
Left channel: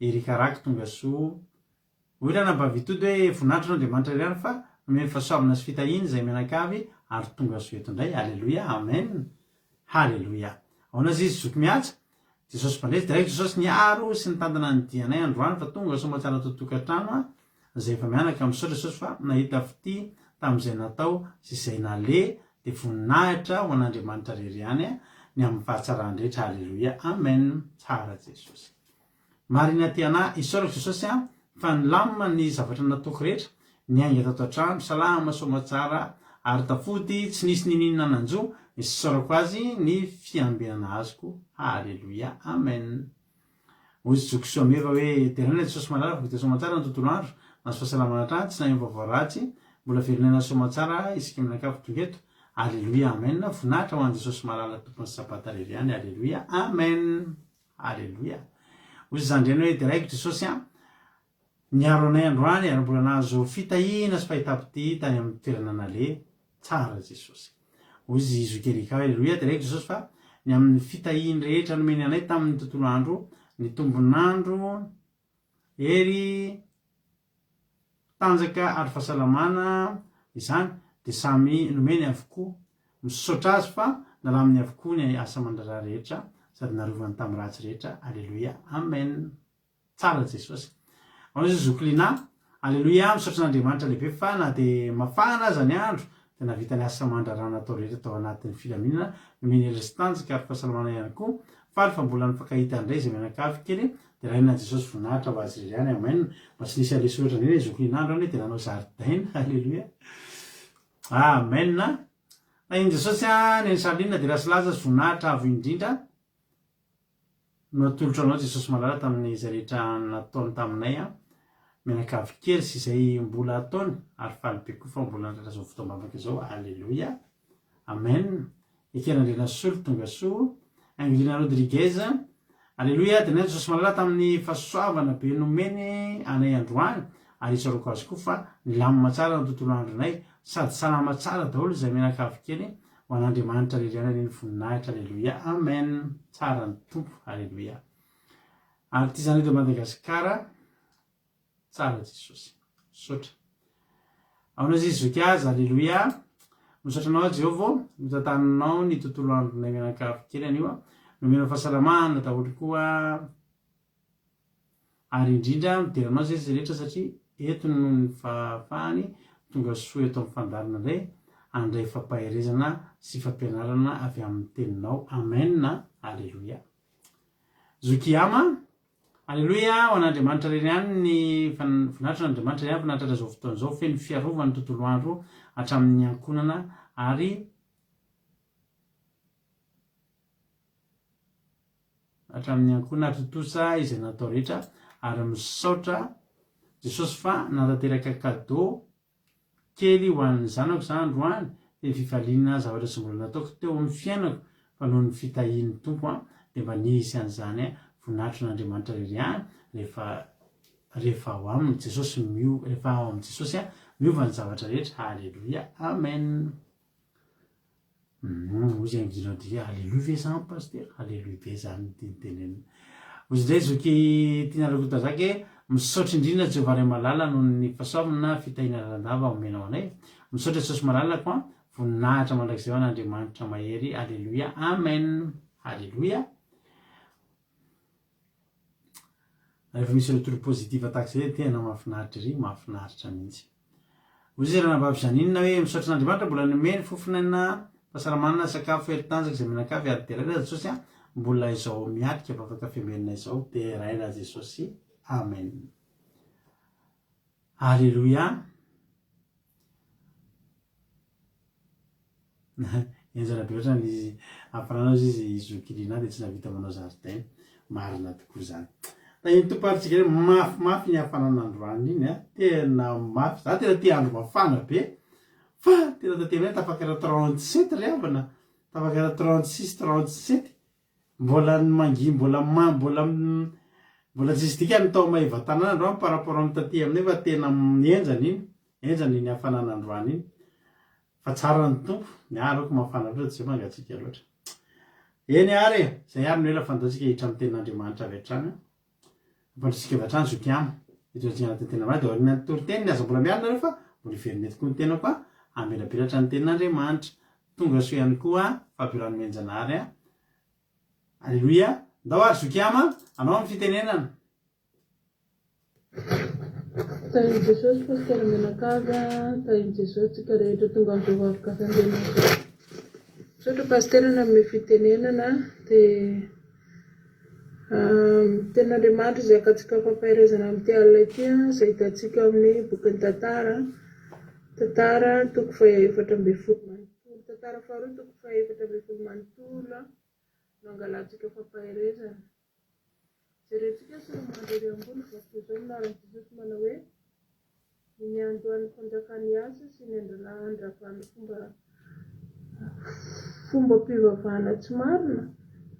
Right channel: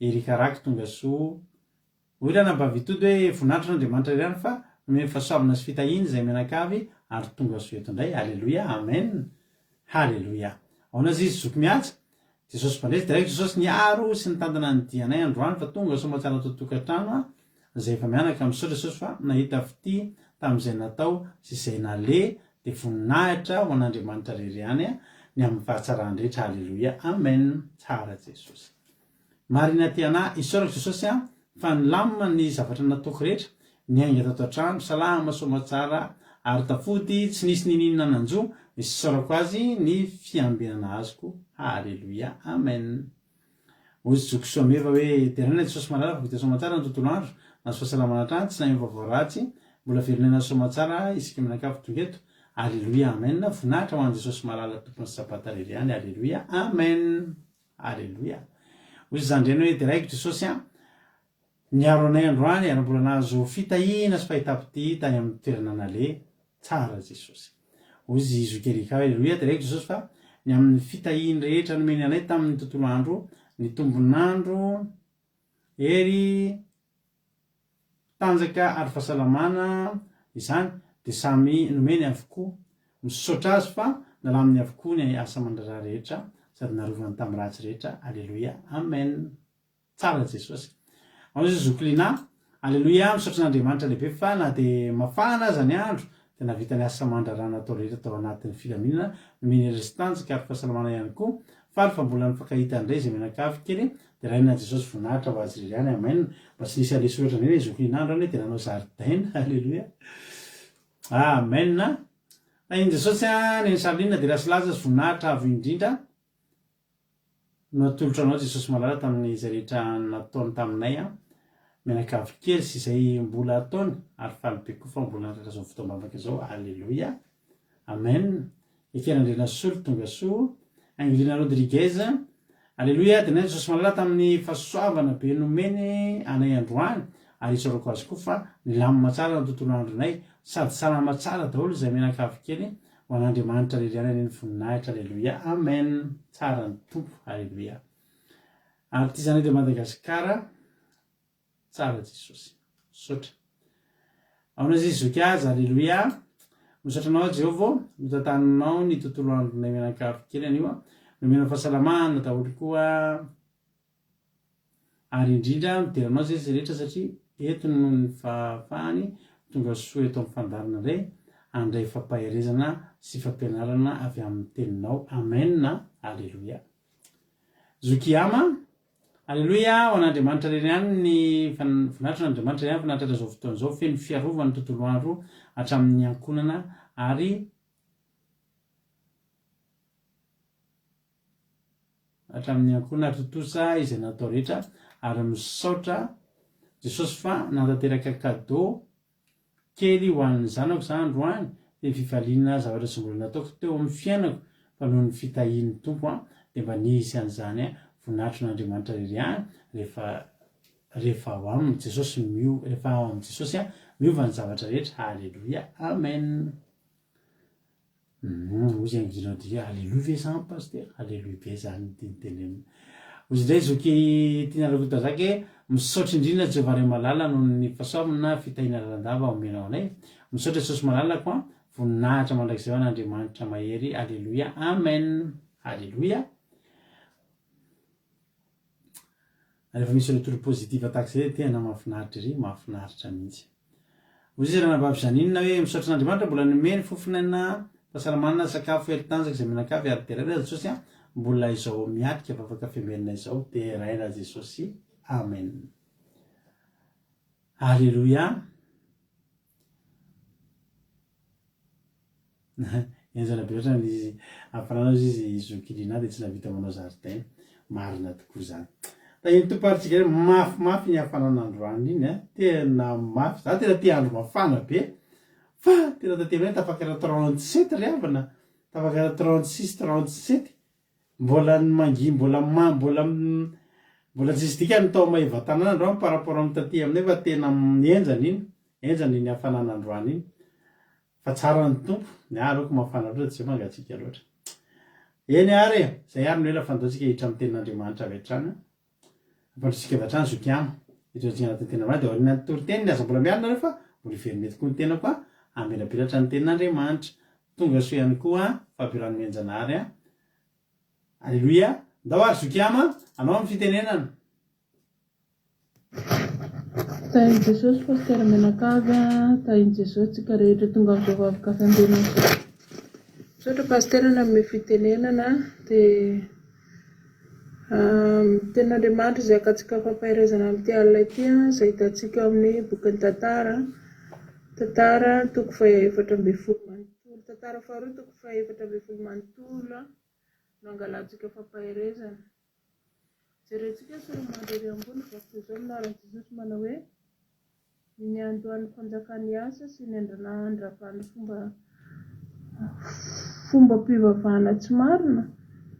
erikaraky tonga soa hoy raha navavy tody hoe voninahitra n'Andriamanitra ihany fa omeny fahasoavana sy fitahiny zay menakavy ary tonga soa eto indray alleloia amen halleloia aonazy izy zoky miatsa jesosy mpandresy direct jesosy niaro sy nitantana ny dianay androany fa tonga soa mahatsara totokantrano zay efa mianaka misaotra jesosy fa nahita fity tamin'izay natao sy izay nale de voninahitra ho an'Andriamanitra rery any ny amin'ny fahatsarandrehetra halleloia amen tsara jesosy marina tiana isaorako jesosy fa nilamina ny zavatra nataoko rehetra niainga tato an-trano salama somatsara ary tafody tsy nisy nininana nanjo isaorako azy ny fiambinana azoko halleloia amen hoy zoky soameva hoe terana jesosy malala fa somatsara ny tontolo andro nazo fahasalamana trano tsy nahay vavoaratsy mbola veronena somatsara isika minakavy tongeto alleloia amen voninahitra ho an' jesosy malala tompony sabata rery any alleloia amen alleloia hoy zany reny hoe diraiky jesosy niaro anay androany ary mbola nahazo fitahina sy fahitapity tany amin'ny toerana nale tsara jesosy hoy izy zokerika alleloia diraiky jesosy fa ny amin'ny fitahiny rehetra nomeny anay tamin'ny tontolo andro ny tombonandro ery tanjaka ary fahasalamana izany de samy nomeny avokoa misaotra azy fa nalaminy avokoa ny asa mandrara rehetra sady narovany tamin'ny ratsy rehetra alleloia amen tsara jesosy aonazy zoklina alleloia misaotra n'Andriamanitra lehibe fa na de mafana aza ny andro de navita ny asa mandrarana atao rehetra atao anatin'ny filaminana nomeny restanjika ary fahasalamana ihany koa faly fa mbola nifakahita andray zay menakavy kely de raha na jesosy voninahitra ho azy rery any amen mba tsy nisy aleso oatra reny zokolinandro any de nanao zaridaina alleloia amen na iny jesosy ny salinina de rasolaza azy voninahitra avy indrindra no atolotra anao jesosy malala tamin'ny zay rehetra nataony taminay menakavy kely sy izay mbola ataony ary falybe koa fa mbola natratra zao fotoambavaka zao alleloia amen ekerandrena solo tonga soa Angelina Rodriguez alleloia de nay jesosy malala tamin'ny fahasoavana be nomeny anay androany ary isaorako azy koa fa nilamina tsara ny tontolo andronay sady salama tsara daholo zay menakavy kely ho an'Andriamanitra rery any ny voninahitra alleloia amen tsara ny tompo alleloia ary ty zany eto Madagasikara tsara jesosy misaotra aonazy izy zoky azy alleloia misaotra anao Jehova mitantaninao ny tontolo andronay menakavy kely anio nomena fahasalamana daholo koa ary indrindra mideranao zay izy rehetra satria eto no ny fahafahany tonga soa eto amin'ny fandarina indray andray fampaherezana sy fampianarana avy amin'ny teninao amen alleloia zokiama alleloia ho an'Andriamanitra rery any ny voninahitra n'Andriamanitra rery any fanatratra zao fotoana zao feno fiarovana ny tontolo andro hatramin'ny ankonana ary hatramin'ny ankonana totosa izay natao rehetra ary misaotra jesosy fa natateraka kado kely ho an'ny zanako za androany de fifaliana zavatra sy mbola nataoko teo amin'ny fiainako fa noho ny fitahin'ny tompo de mba nisy an'izany voninahitra n'Andriamanitra rery any rehefa ao aminy jesosy rehefa ao amin'ny jesosy miova ny zavatra rehetra alleloia amen ozy angilody alleloia ve zany paster alleloia be zany tinitenena ozy ndray zoky tianarako zaky misaotra indrindra Jehova ray malala noho ny fahasoavana fitahina lalandava omenao anay misaotra jesosy malalako voninahitra mandrakizay ho an'Andriamanitra mahery alleloia amen alleloia rehefa misy retour positive tahak'izay tena mahafinaritra ery mahafinaritra mihitsy ozy izy raha nabavy zaninona hoe misaotra n'Andriamanitra mbola nomeny fofinaina fahasalamana sakafo elitanjaka zay menakavy ary de raina jesosy mbola izao miatika fa afaka fiamerina izao de raina jesosy amen alleloia enjana be oatra izy afaranao izy zokilina de tsy navita manao zaridaina marina tokoa zany da iny toparintsika hoe mafimafy ny hafanana androany iny a tena mafy za tena te andro mafana be fa tena tatemina tafakara 37 ry avana tafakara 36 37 mbola mangi mbola tsisy dika ny tao mahiva tanana androany par rapport amin'ny taty aminay fa tena enjany iny hafanana androany iny fa tsara ny tompo ny aroko mafana loatra tsy mangatsika loatra eny ary zay ary ny ela fandatsika hitra amin'ny tenin'Andriamanitra avy hatrany ampandrosika avy hatrany zokiamo hitrany anatin'ny tena dia aoriana ny toriteny ny aza mbola miarina rehefa mbola iveriny tokoa ny tena koa amelapelatra ny tenin'Andriamanitra tonga so ihany koa fampiran'ny menjanary alleluia ndao ary zokiama anao amin'ny fitenenana tainy Jesosy pasitera menakava tainy Jesosy tsika rehetra tonga amin'izao vavaka fandehana sotra pasiterana amin'ny fitenenana dia tenin'Andriamanitra izay akatsika fampaherezana amin'ity alina ity izay hitantsika amin'ny bokin'ny tantara toko fahaefatra ambin'ny folo manontolo tantara faharoa toko fahaefatra ambin'ny folo manontolo no angalantsika fampaherezana jerentsika sy ny mandery ambony vakoka izao minaran'i Jesosy manao hoe ny andohan'ny fanjakany asa sy ny andranahany fomba mpivavahana tsy marina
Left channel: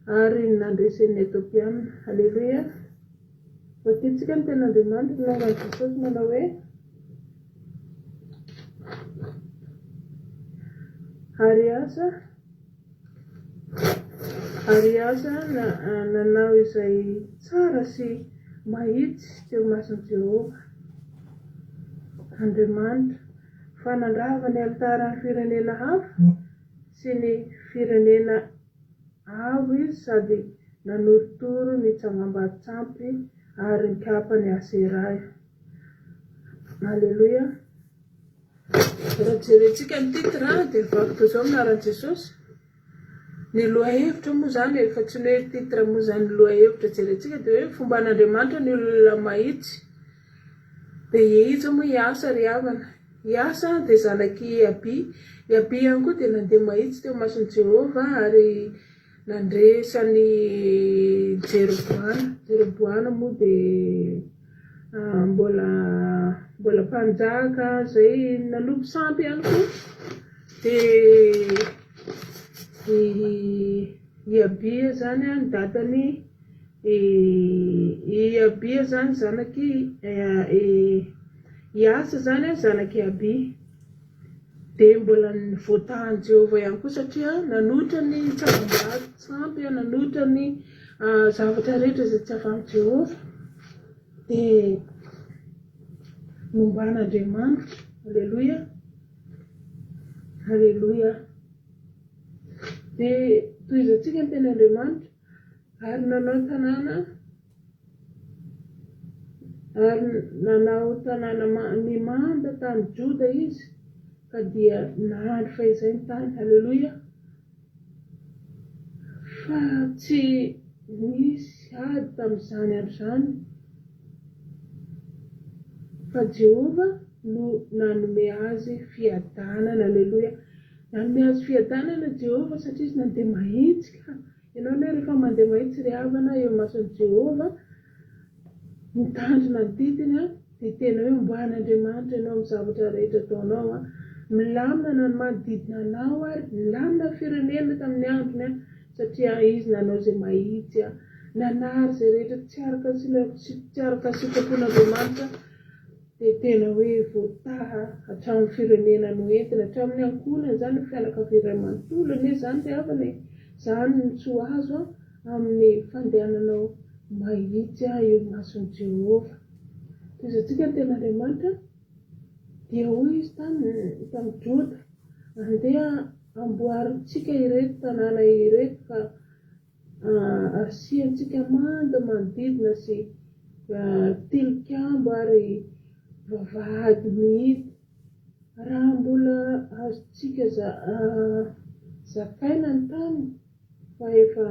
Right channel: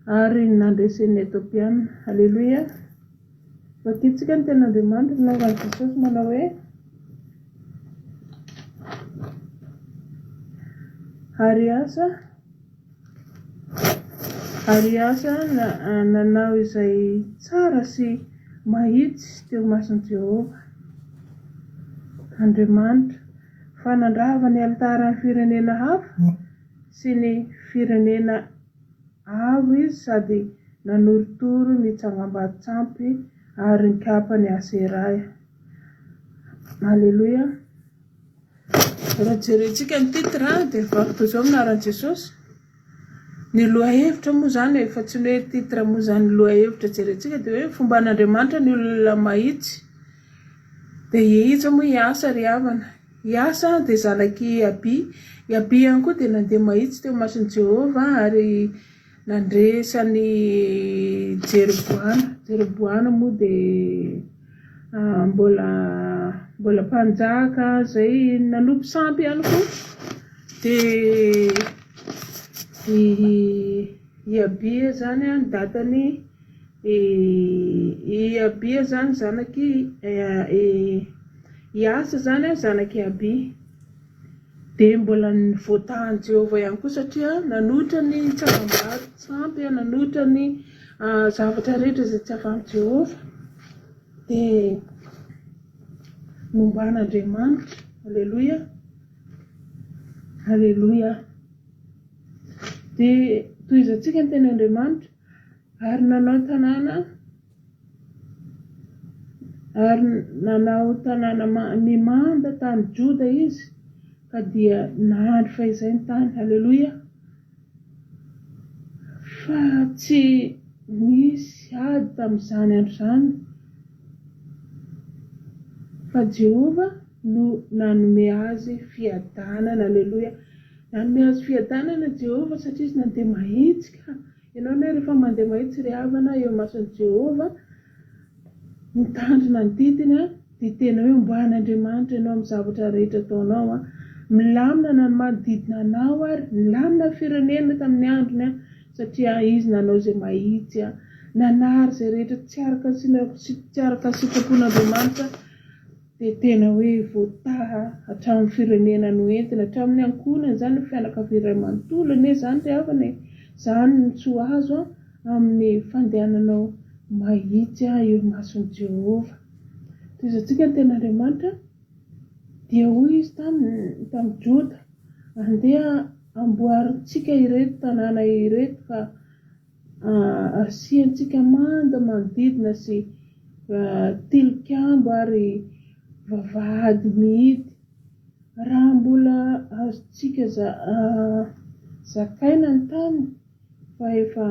ary nandresen'ny Etopiana. Alleluia. Vakitsika ny tenin'Andriamanitra nangan'i Jesosy manao hoe ary asa nanao izay tsara sy mahitsy teo mason'i Jehova Andriamanitra fa nandrava ny altaran'ny firenena hafa sy ny firenena avo izy sady nanorotoro ny tsangambatsampy ary ny kapany Aseraya. Alleluia. Raha jerentsika ny titra dia vakoka izao minaran'i Jesosy ny lohahevitra moa zany efa tsy hoe titra moa zany lohahevitra jerentsika dia hoe fomba an'Andriamanitra ny olona mahitsy dia ihitsy moa hiasa ry havana hiasa dia zanaky Abi ihany koa dia nandeha mahitsy teo mason'i Jehova ary nandresany Jeroboana moa dia mbola mpanjaka zay nanompo sampy ihany koa dia Abia zany ny datany Abia zany zanaky hiasa zany zanaky Abia dia mbola voatahan'i Jehova ihany koa satria nanoitra ny tsangambato nanoitra ny zavatra rehetra izay tsy afan'i Jehova dia momban'Andriamanitra. Alleluia. Alleluia. Dia tohizantsika ny tenin'Andriamanitra ary nanao tanàna mimanda tany Joda izy ka dia nahandry fahizay ny tany. Alleluia. Fa tsy nisy ady tamin'izany andro zany fa Jehova no nanome azy fiadanana. Alleluia. Nanome azy fiadanana Jehova satria izy nandeha mahitsy ka ianao ne rehefa mandeha mahitsy ry havana eo mason'i Jehova mitandrina ny didiny dia tena hoe omban'Andriamanitra ianao amin'ny zavatra rehetra ataonao milamina na ny manodidina anao ary milamina ny firenena tamin'ny androny satria izy nanao izay mahitsy nanary izay rehetra tsy araka sitrapon'Andriamanitra dia tena hoe voataha hatramin'ny firenena no entina hatramin'ny ankonany zany ny fianakaviana iray manontolo ane zany ry havana zany ny tsoa azo amin'ny fandehananao mahitsy eo mason'i Jehova. Toizantsika ny tenin'Andriamanitra dia hoy izy tamin'ny Joda andeha amboarintsika ireto tanàna ireto ka asiantsika manda manodidina sy tilikambo ary vavahady mihidy raha mbola azontsika zakaina ny tany fa efa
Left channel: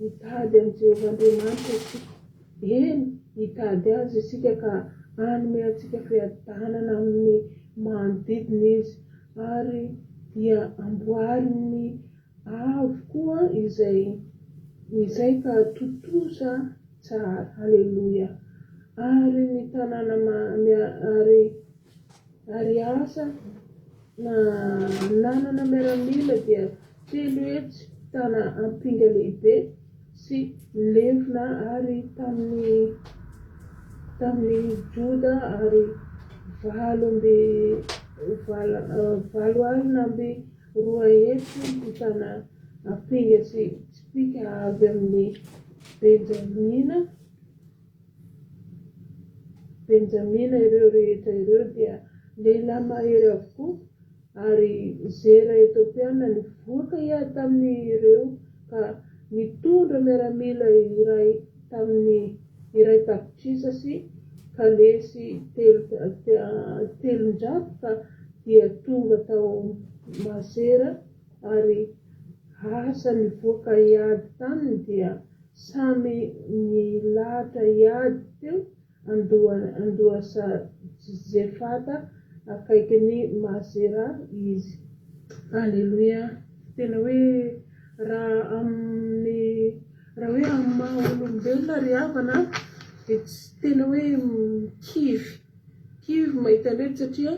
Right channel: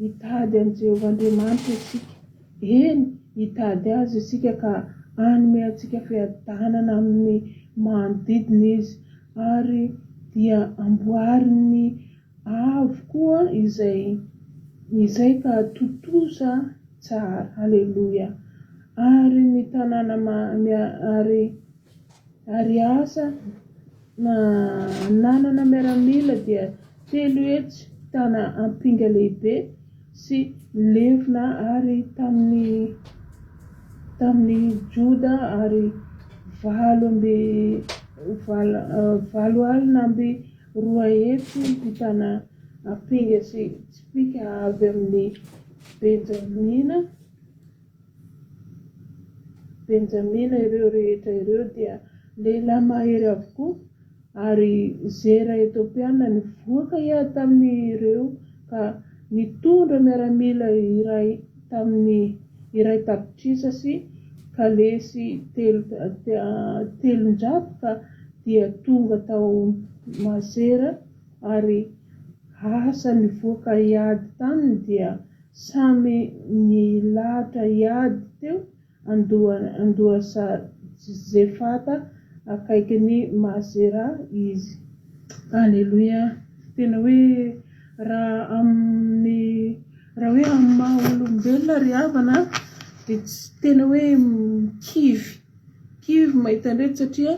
hitady an'i Jehova Andriamanitra isika. Eny hitady azy isika ka hanome antsika fiadanana amin'ny manodidina izy ary dia amboariny avo koa izay izay ka totosa tsara. Halleloia. Ary ny tanàna ary asa na nanana miaramila dia telo hetsy tana ampinga lehibe sy levina ary tamin'ny Joda ary valo alina amby roa hetsy ny tana ampinga sy tsipika avy amin'ny Benjamina. Ireo rehetra ireo dia lehilahy mahery avokoa, ary zera Etiopiana nivoaka ia tamin'ireo ka nitondra miaramila iray tapitrisa sy kalesy telonjato ka dia tonga tao Mazera, ary asa nivoaka iady tany dia samy nilahatra iady teo andoha Zefata akaiky ny Mazera izy. Halleluia. Tena hoe raha hoe amin'ny maha olombelona ry havana dia tsy tena hoe kivy mahita an'ireto, satria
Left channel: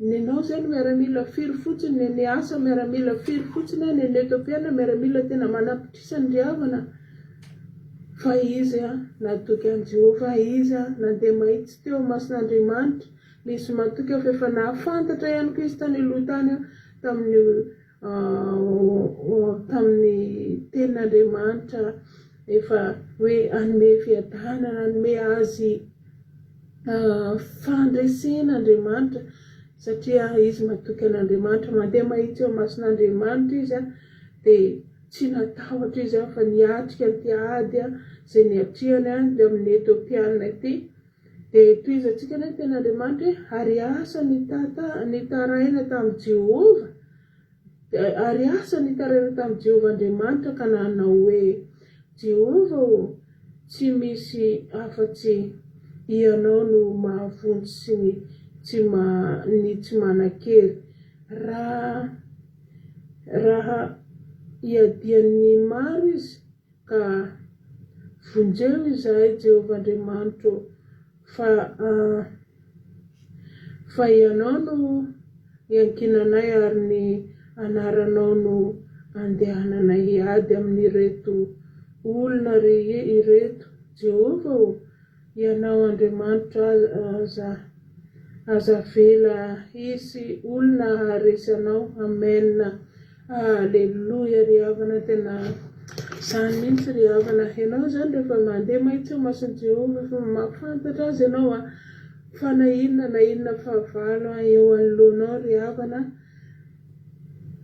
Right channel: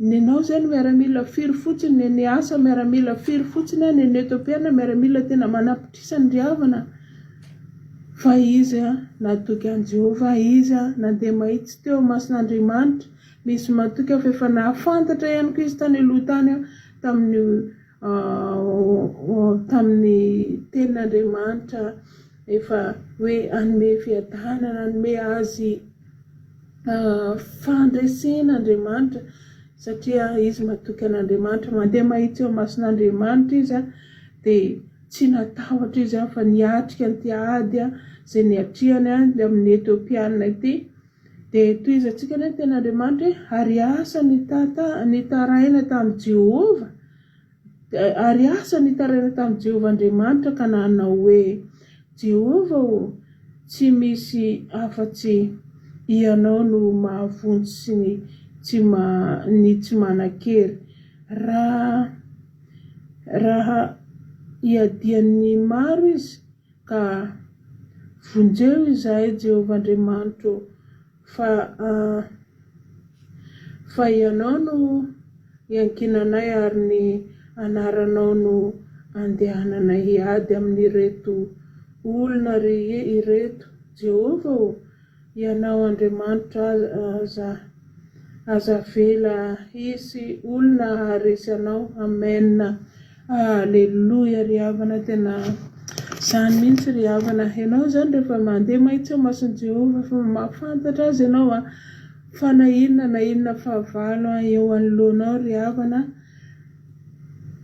nenao zany miaramila firy fotsiny, ny asa miaramila firy fotsiny, ny Etiopiana miaramila tena manapitrisany ry havana. Fa izy natoky an Jehovah, izy nandeha mahitsy teo mason'Andriamanitra, misy matoky fa efa nahafantatra ihany koa izy tany aloha tany tamin'ny tenin'Andriamanitra, efa hoe anome fiadanana, anome azy fandresen'Andriamanitra, satria izy matoky an'Andriamanitra, mandeha mahitsy eo mason'Andriamanitra izy dia tsy natahotra izy fa niatrika ny ady izay niatriany amin'ny Etiopiana ity. Dia toiza antsika ny ten'Andriamanitra ary asa nitaraina tamin'i Jehovah, ary asa nitaraina tamin'i Jehovah Andriamanitra, ka nanao hoe Jehovah tsy misy afa-tsy ianao no mahavontsy sy ny tsy manan-kery. Raha iadian'ny maro izy ka vonjeo izahay Jehovah Andriamanitra, fa ianao no iankinanay ary ny anaranao no andehanana iady amin'ireto olona ireto. Jehovah, ianao Andriamanitra aza vela hisy olona haharesy anao. Amen. Halleluia ry havana, tena izany mihitsy ry havana. Ianao zany rehefa mandeha mahitsy eo mason'i Jehovah, fa mahafantatra azy ianao fa na inona fahavalo eo anoloanao ry havana,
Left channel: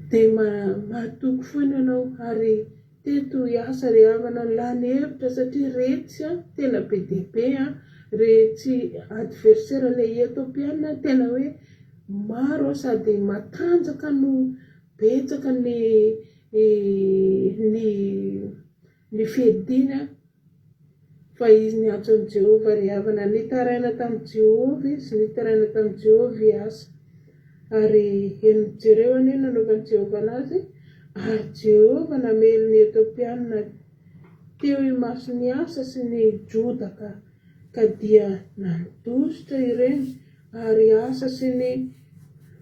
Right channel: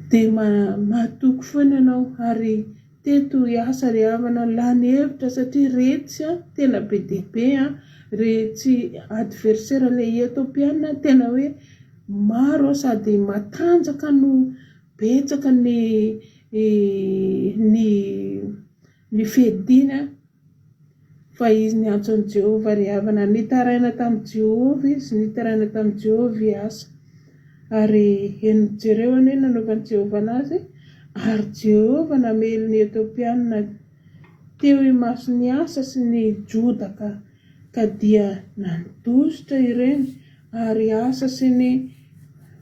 dia matoky foana ianao, ary teto hiasa ry havana, lany hevitra, satria retsy tena be dia be retsy adversaire ilay Etiopiana, tena hoe maro sady matanjaka no betsaka ny fedina, fa izy ny antsoin'i Jehovah ry havana. Nitaraina tamin'i Jehovah izy, nitaraina tamin'i Jehovah iasa, ary jereo anie nanaovan'i Jehovah anazy, ary Jehovah namely ny Etiopiana teo imaso ny asa sy ny Joda ka dia nandositra ireny, ary asa sy ny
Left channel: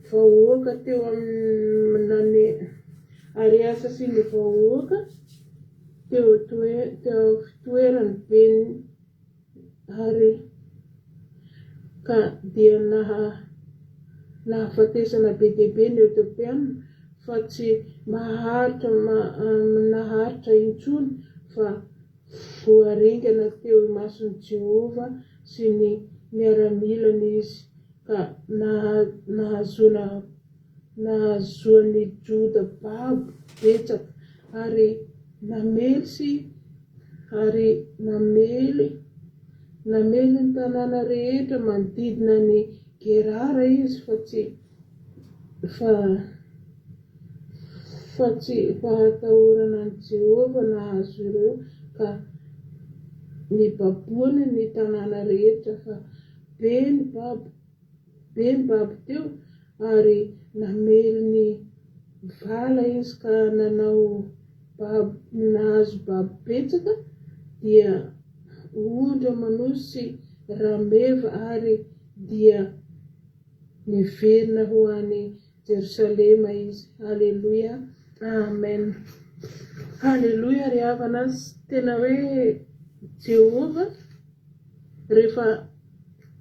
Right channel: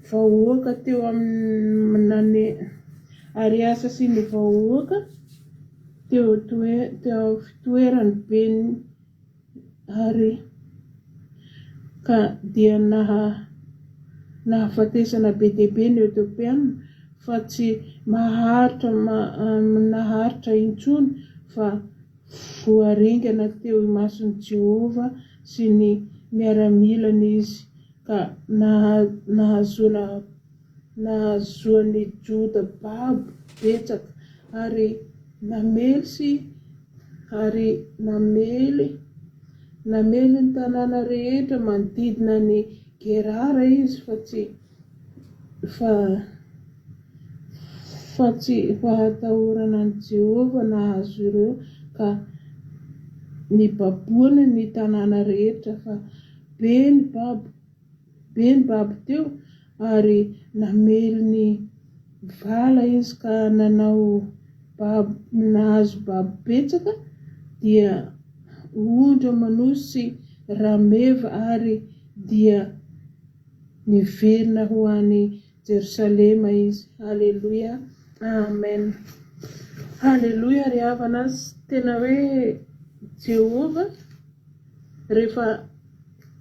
vahoaka teo amin'ny ary asa sy ny vahoaka teo fitoerany beny, ary ka dia nahafatesana be dia be ny Etiopiana, fa tsy naharitra intsony, fa voaringana teo imason'i Jehovah sy ny miaramilana izy, ka nahazoan'ny Joda babo betsaka, ary namely ny tanàna rehetra manodidina ny Gerara izy, fa tsy hatahorana an'i Jehovah nahazo ireo, ka nibaboana ny tanàna rehetra, fa be ny babo teo, ary namely ny vala izy, ka nanao nahazo babo betsaka dia ondra manosy rameva ary dia niverina ho any Jerosalema izy. Halleluja, amen. Halleluja, ry havana tena hoe Jehova rehefa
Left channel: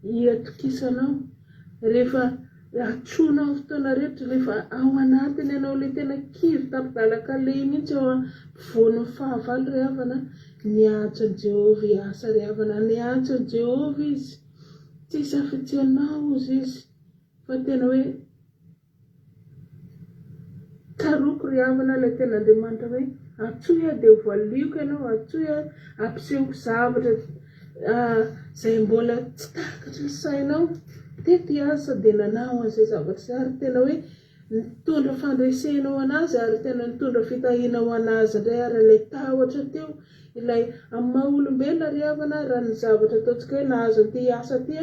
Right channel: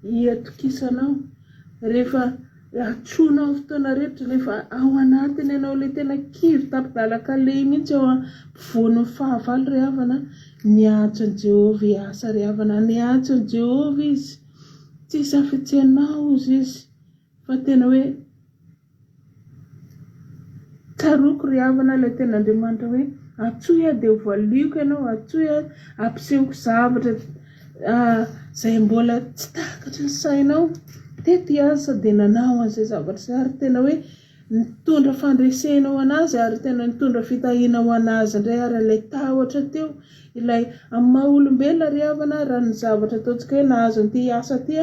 hiatokisanao, rehefa atronao fotoana rehetra, rehefa ao anatiny ianao ilay tena kivy tapidalaka lay mihitsy ao ampovoan'ny fahavalo, ry havana niatso an'i Jehova hiasa, ry havana niatso an'i Jehova izy, tsy safitsianao izy fa tena hoe karoko ry havana ilay tena Andriamanitra hoe atsoya dia voaliako ianao, atsoya ampisehoko zavatra izay mbola tsy takatra ny sainao, tety asa dia nanao an'izay zavatra ary tena hoe nitondra fandresenao anazy ary tena nitondra fitahinao anazy indray ary ilay tahotra teo ilay amin'ny maha olombelona ry havana raha ny zavatra ataontsika hoe nahazo an'ity asa ty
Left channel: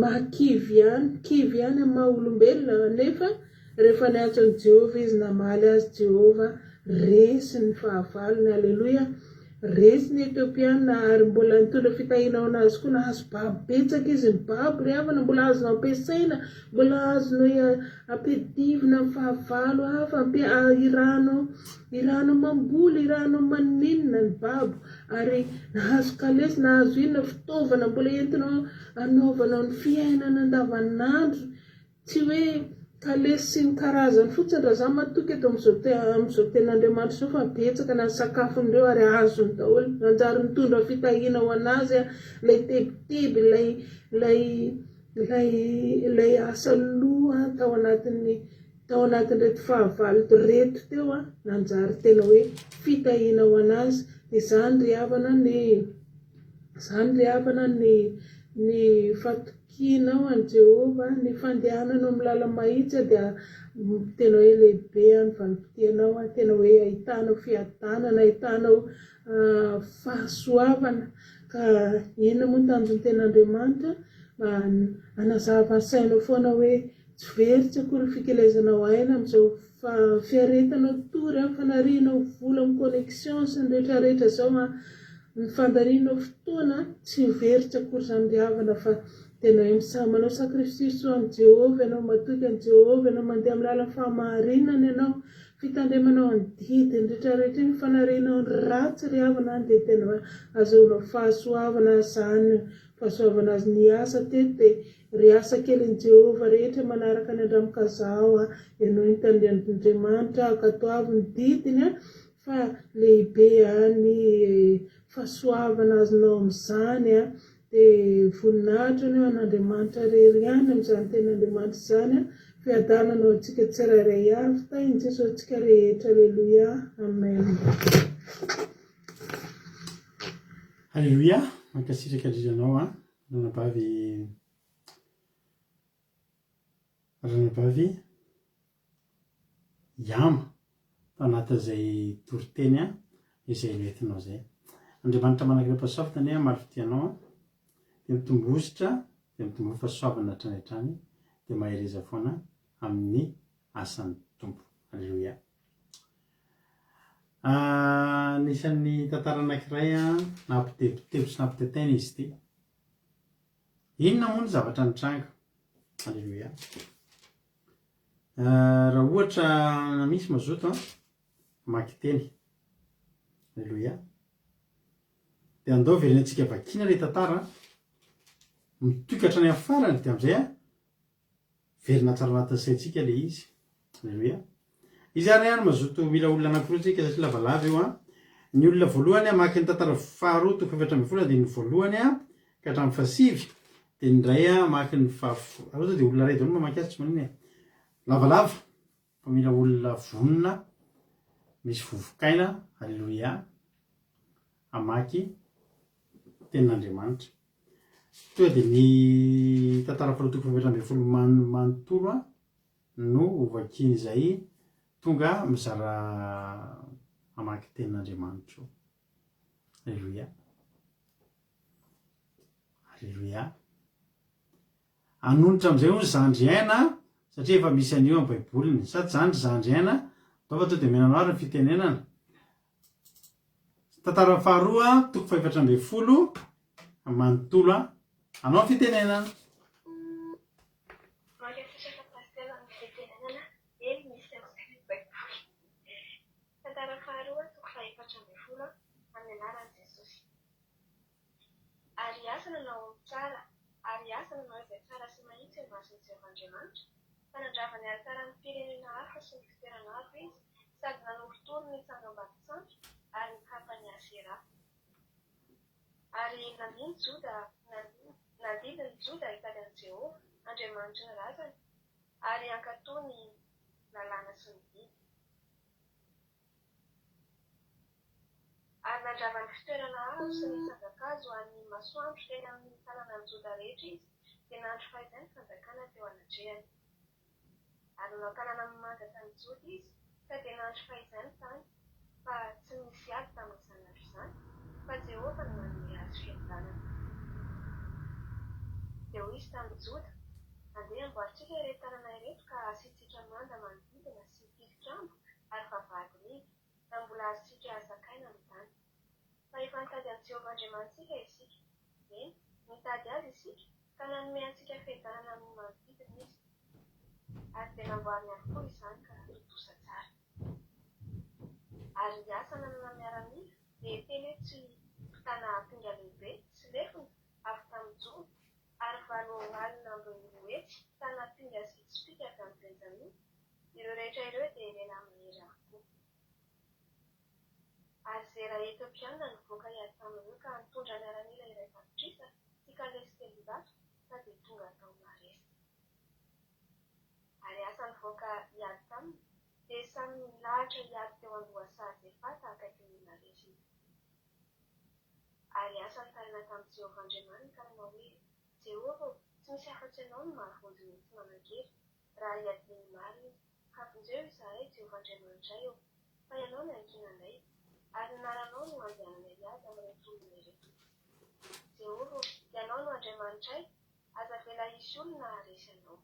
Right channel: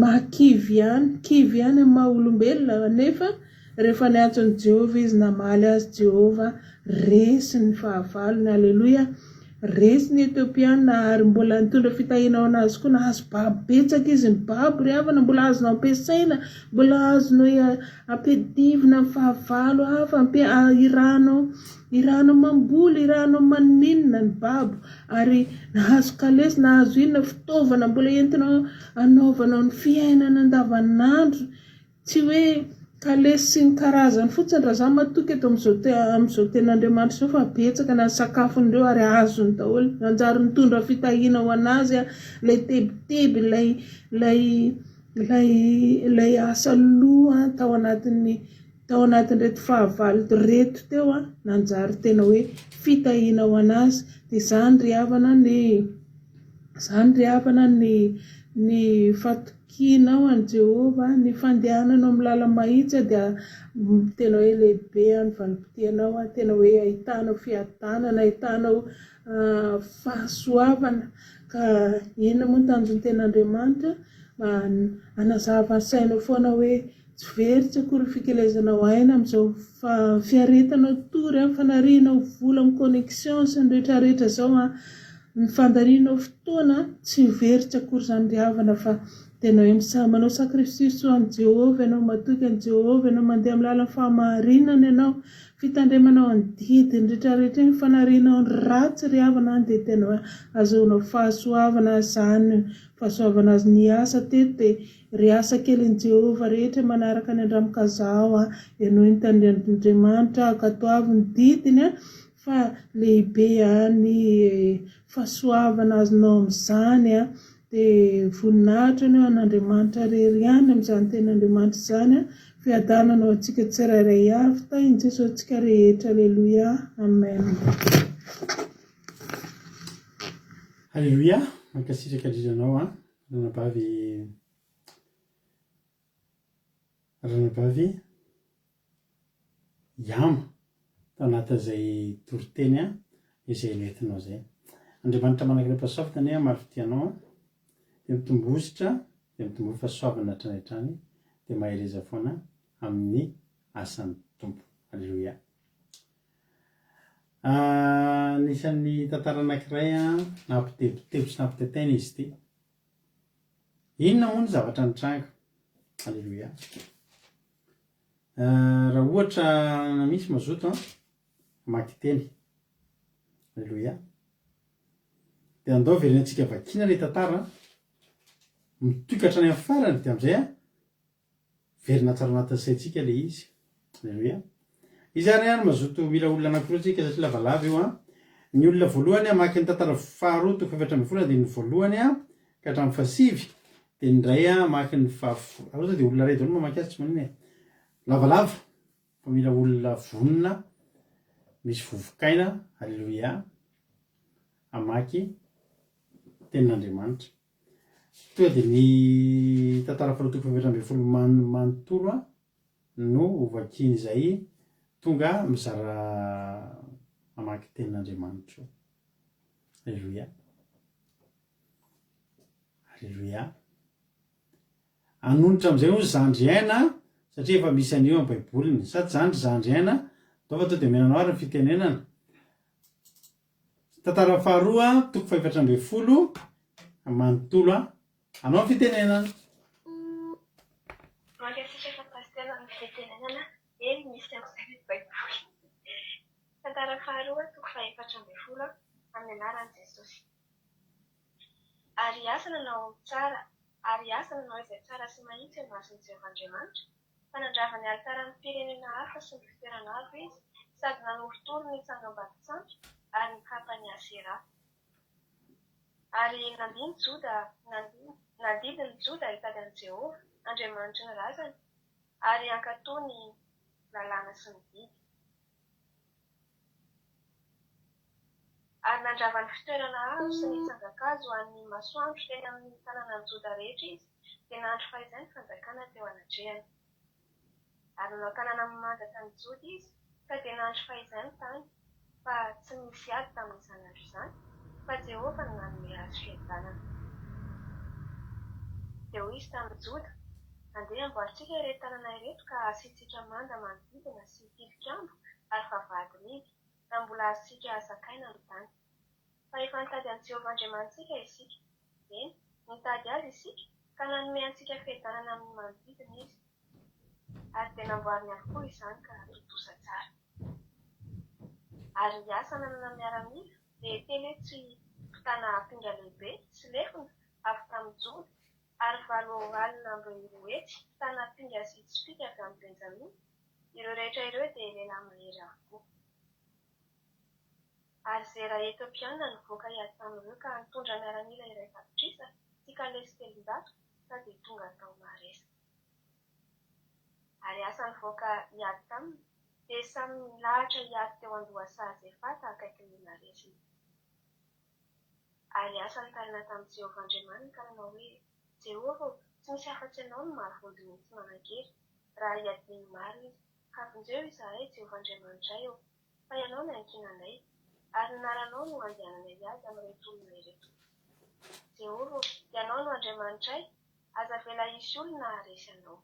mahakivy ihany, kivy ihany amin'ny maha olombelona, nefa rehefa niatso an'i Jehova izy namaly azy Jehova, resy ny fahavalony. Halleluja, resy ny Etiopiana ary mbola nitondra fitahinao anazy koa, nahazo babo betsaka izy, ny babo ry havana mbola azonao ampiasaina, mbola azonao ampidivina amin'ny fahavalo hafa, iranao mamboly, iranao maninona ny babo, ary nahazo kalesy, nahazo inona fitaovana mbola entinao anaovanao ny fiainana andavanandro, tsy hoe kalesy sy ny karazany fotsiny raha zany matoky eto amin'izao ten'Andriamanitra izao fa betsaka na ny sakafondreo ary azony daholo, nanjary mitondra fitahiana ho anazy ilay tebiteby ilay asa loha tao anatin'ireto fahavalo reto teo nanjary tena hoe fitahiana ho anazy. Dia zany ry havana ny fatokianao an'i Jehova, ny fandehananao amin'ny lala mahitsy dia tena hoe lehibe ny vanim-potoanao, tena hoe ahitanao fiadanana, ahitanao fahasoavana. Ka ina moa ny tanjon'ny ten'Andriamanitra, anazava ny sainao foana hoe tsy very tsy akory fikelezanao aina amin'izao fiaretanao tory, fanarianao vola amin'ny connexion sy ny rehetrarehetra izao, ny fandarianao fotoana tsy very tsy akory izany ry havana, fa tena hoe manao sakrifisy ho an'i Jehova ianao, matoky an'i Jehova ianao, mandeha amin'ny lalan'ny fahamarinana ianao, fitandremanao ny didiny rehetrarehetra ny fanarianao ny ratsy ry havana, dia tena azahoanao fahasoavana zany, fahasoavana azy ny asa teto dia ry asa kelin' Jehova rehetra manaraka ny andramokazao ianao hitan'Andriamanitra akatoavy ny didiny fa lehibe ny fahasoavana azonao amin'izany dia voninahitra ny an'Andriamanitra rery ihany amin'izany ten'Andriamanitra izany, fiadananao antsika tsirairay avy tain'i Jesosy antsika rehetra. Halleluja, amen. Halleluja, mankasitraka indrindranao ranabavy iama tao anatin'izay toriteny izay noentinao izay. Andriamanitra manankiram-pahasoavana marifitianao dia mitombositra, dia mitombo fahasoavana hatrany hatrany, dia mahereza foana amin'ny asan'ny tompo. Halleluja. Anisan'ny tantara anankiray nampitebitebo sy nampitetaina izy ity. Inona moa ny zavatra nitranga? Halleluja. Raha ohatra misy mazoto mamaky teny. Halleluja. Dia andao verina antsika vakiana ilay tantara, mitokatra any amin'ny farany, dia amin'izay verina tsara anatin'ny saintsika ilay izy. Halleluja. Izy ary mazoto mila olona anankiroa tsika satria lavalava io. Ny olona voalohany hamaky ny tantara faharoa toko efatra ambin'ny folo, dia ny voalohany ka hatramin'ny fahasivy, dia ny iray hamaky ny fahafolo, dia olona iray daholo mamaky azy, tsy manino lavalava fa mila olona vonona misy vovokaina. Halleluja. Hamaky tenin'Andriamanitra. Toa dia ny tantara faharoa toko efatra ambin'ny folo manontolo no vakiana izay tonga mizara hamaky tenin'Andriamanitra. Halleluja. Halleluja. Anonitra amin'izay hoy zandry aina, satria efa misy an'io amin'ny baiboliny, sady zandry aina, ataova to dia menanao ary ny fitenenana, tantara faharoa toko faefatra amby folo manontolo anao fitenenana. Mankasitraka fa pastera ny fitenenana eny misy amin'izay baiboly. Tantara faharoa toko faefatra amby folo amin'ny anaran'i Jesosy. Ary asa nanao izay tsara sy mahitsy eo mason'i Jehovahandriamanitra, fanandravany alitaran'ny firenena hafa sy ny fitoerana hafa izy, sady nanorotoro ny tsangam-bato-tsampy ary nikapany Asera. Ary nandidiny Joda hitady an'i Jehova, Andriamanitry ny razany, ary ankatoa ny lalàna sy ny biby. Ary nandravany fitoerana hazo sy ny tsangakazo ho an'ny masoandro teny amin'ny tanànan'i Joda rehetra izy, dia nahandro fahizay ny fanjakana teo anatrehany. Ary nanao tanàna mamandatra ny Joda izy, ka dia nahandro fahizay ny tany, fa tsy misy ady tamin'izany andro izany, fa Jehova no nanome azy fihadanana. Dia hoy izy tamin'i Joda, andeha amboarintsika ireto tanàna ireto ka asiantsika manda manodidina sy tilikambo ary vavahady mihidy, na mbola azontsika azakaina ny tany. Fa efa nitady an'i Jehovahandriamanitsika isika, eny, nitady azy isika, ka nanome antsika fihadanana amin'ny manodidina izy. Ary dia namboariny avokoa izany ka totosa tsara. Ary ny asa nanana miaramila dia teny tsy mpitana pinga lehibe sy lefona avy tamin'ny Joda, ary 7 alina amby 2 hetsy mpitana pinga sy tsipika avy amin'ny Benjamina. Ireo rehetra ireo dia lehilahy mahery avokoa. Ary Zera Etiopiana nivoaka hiady tamin'ireo ka nitondra miaramila iray tapitrisa sy kalesy 300 ka dia tonga tao Maresa. Ary asa nivoaka hiady taminy dia samy nilahatra hiady teo Andohasahazefata akaikin'ny Maresa. Ary asa nitarina tamin'i Jehovahandriamanitra ka nanao hoe, Jehova, tsy misy afa-tsy ianao no mahavonjy ny tsy manankery raha hiadiny maro izy. Ka vonjeo izahay Jehovahandriamanitra eo, fa ianao no ankinanay, ary naranao no andehananay azy amin'ireto olona ireto. Jehova, ianao no Andriamanitray, aza vela hisy olona haresy anao.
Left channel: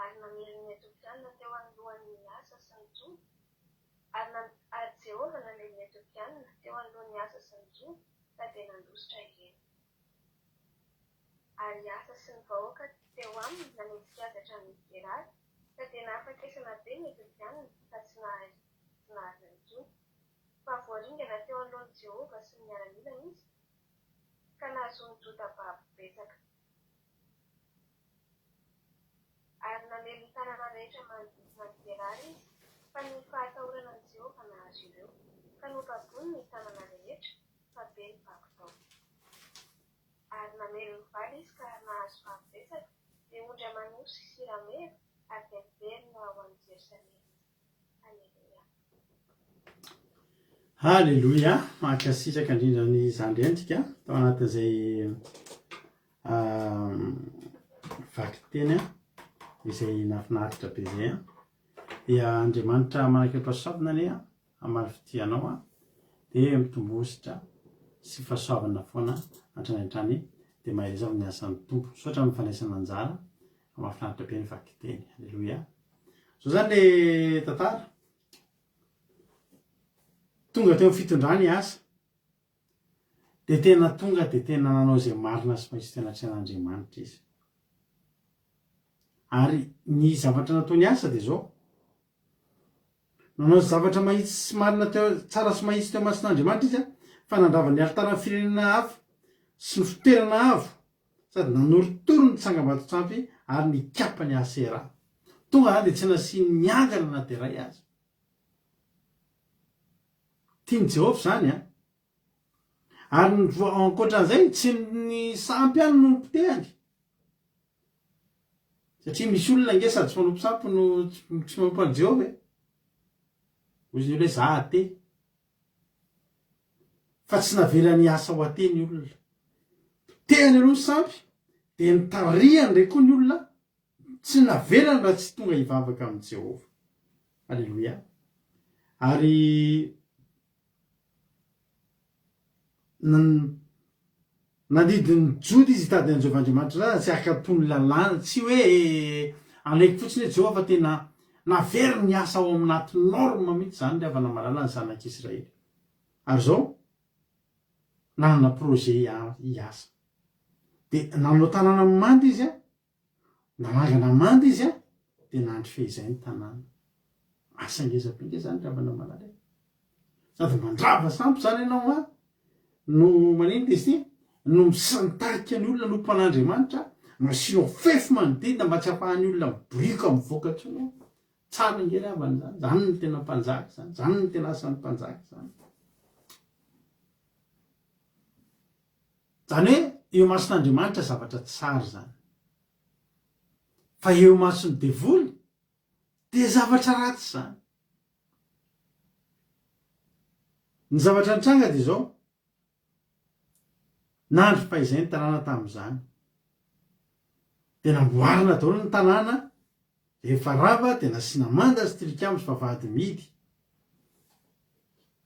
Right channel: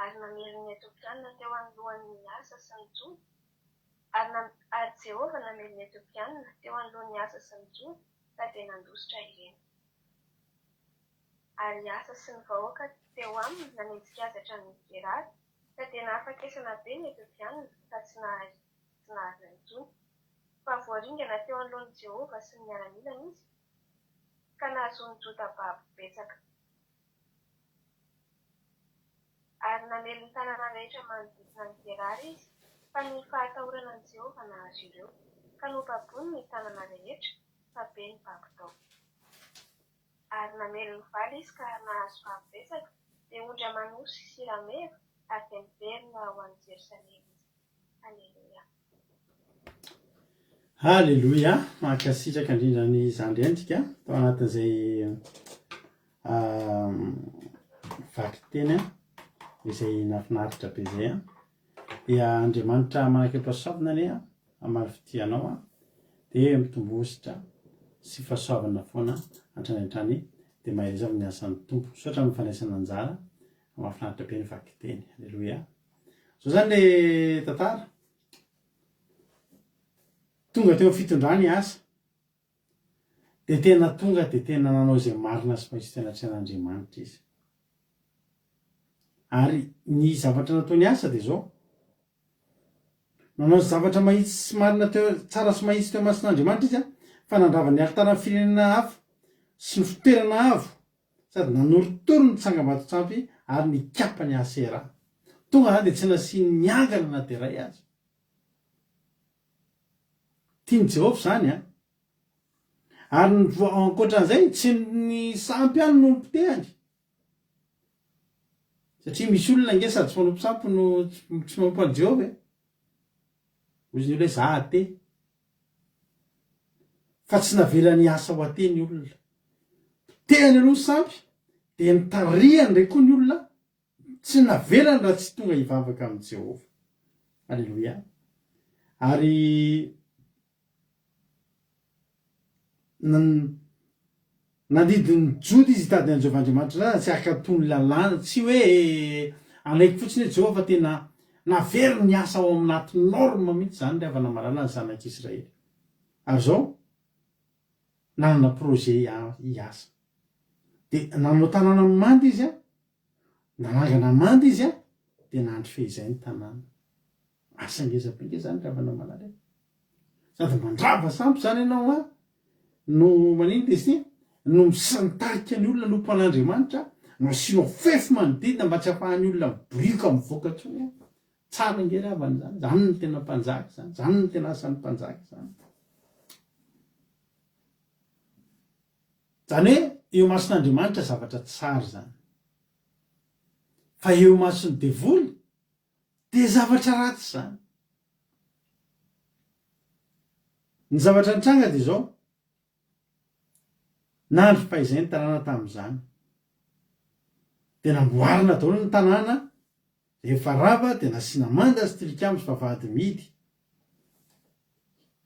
Ary namelon'ny Etiopiana teo anoloan'ny asa sy ny Joda, ary Jehova namelon'ny Etiopiana teo anoloan'ny asa sy ny Joda, ka dia nandositra ireny. Ary asa sy ny vahoaka teo aminy nanenjika azy hatramin'ny Gerary, ka dia nahafakesana be ny Etiopiana ka tsy nahazo intsony. Fa voaringana teo anoloan'i Jehova sy ny miaramilany izy, ka nahazoany Joda babo betsaka. Ary namelony tanàna rehetra manodidina ny Gerary izy, fa ny fahatahoranan'i Jehova nahazo ireo, ka nopabony ny tanàna rehetra, fa be ny babo-tao. Ary namelony valy izy ka nahazo vavy betsaka, dia ondra manosy sy rameva, ary dia miverina ho an'i Jerosalema. Halleluia. Halleluia. Mankasitraka indrindra ny zandrentsika tao anatin'izay vaky teny izay nafinaritra be izay dia Andriamanitra manaka mpahasoavana ane amary fitianao dia mitombositra sy fahasoavana foana antrany dia mahireza amin'ny asan'ny tompo sotra amin'ny fanaisana anjara mahafinaritra be ny vaky teny. Halleluia. So zany le tantara tonga teo amin'ny fitondrany asa dia tena tonga dia tena nanao izay marina sy mahisy tena tsen'Andriamanitra izy. Ary ny zavatra nataony asa dia zao, nanao zavatra mahitsy sy marina teo tsara sy mahitsy teo mason'Andriamanitra izy fa nandravany alitaran'ny firenena hafa sy ny fitoerana avo, sady nanorotoro ny tsangam-bato-tsampy ary nikapany Asera. Tonga dia tsy nasiany niangana na dia iray aza. Tiany Jehova zany ary ankoatran'izay tsy ny sampy ihany no mpitehany, satria misy olona nge sady tsy manompo sampy no tsy manompo an'i Jehova ozy ny hoe za ate, fa tsy navelany asa ho ate ny olona. Tehany aloha ny sampy dia nitarihany ndray koa ny olona, tsy navelany raha tsy tonga hivavaka amin'i Jehova. Halleluia. Ary nandidiny Joda izy hitady an'i Jehovahandriamanitra tsy akatony lalàna, tsy hoe anaiky fotsiny hoe Jehova tena navery ny asa ao aminaty norma mihitsy zany le avana malala ny zanak'Israely. Ary zao nanana projet hiasa. De nanao tanàna manda izy a, nanangana manda izy a, de nandry fehizay ny tanàna. Asa ngezapinge zany le avana malala. Sady mandrava sampy zany ianao a, no manino de sy no misantarika ny olona nompan'Andriamanitra, masinao fefy manodidina mba tsy hahafahan'ny olona miborika mivoaka ntsony. Tsara ngely avany zany, zany ny tena mpanjaka zany, zany ny tena asan'ny mpanjaka zany. Zany hoe eo mason'Andriamanitra zavatra tsara zany. Fa eo mason'ny devoly de zavatra ratsy zany. Ny zavatra nitranga de zao, nandry fahaizay ny tanàna tamin'izany. De namboarina daholo ny tanàna, efa rava de nasiana manda sy tilikambo sy vavahady mihidy.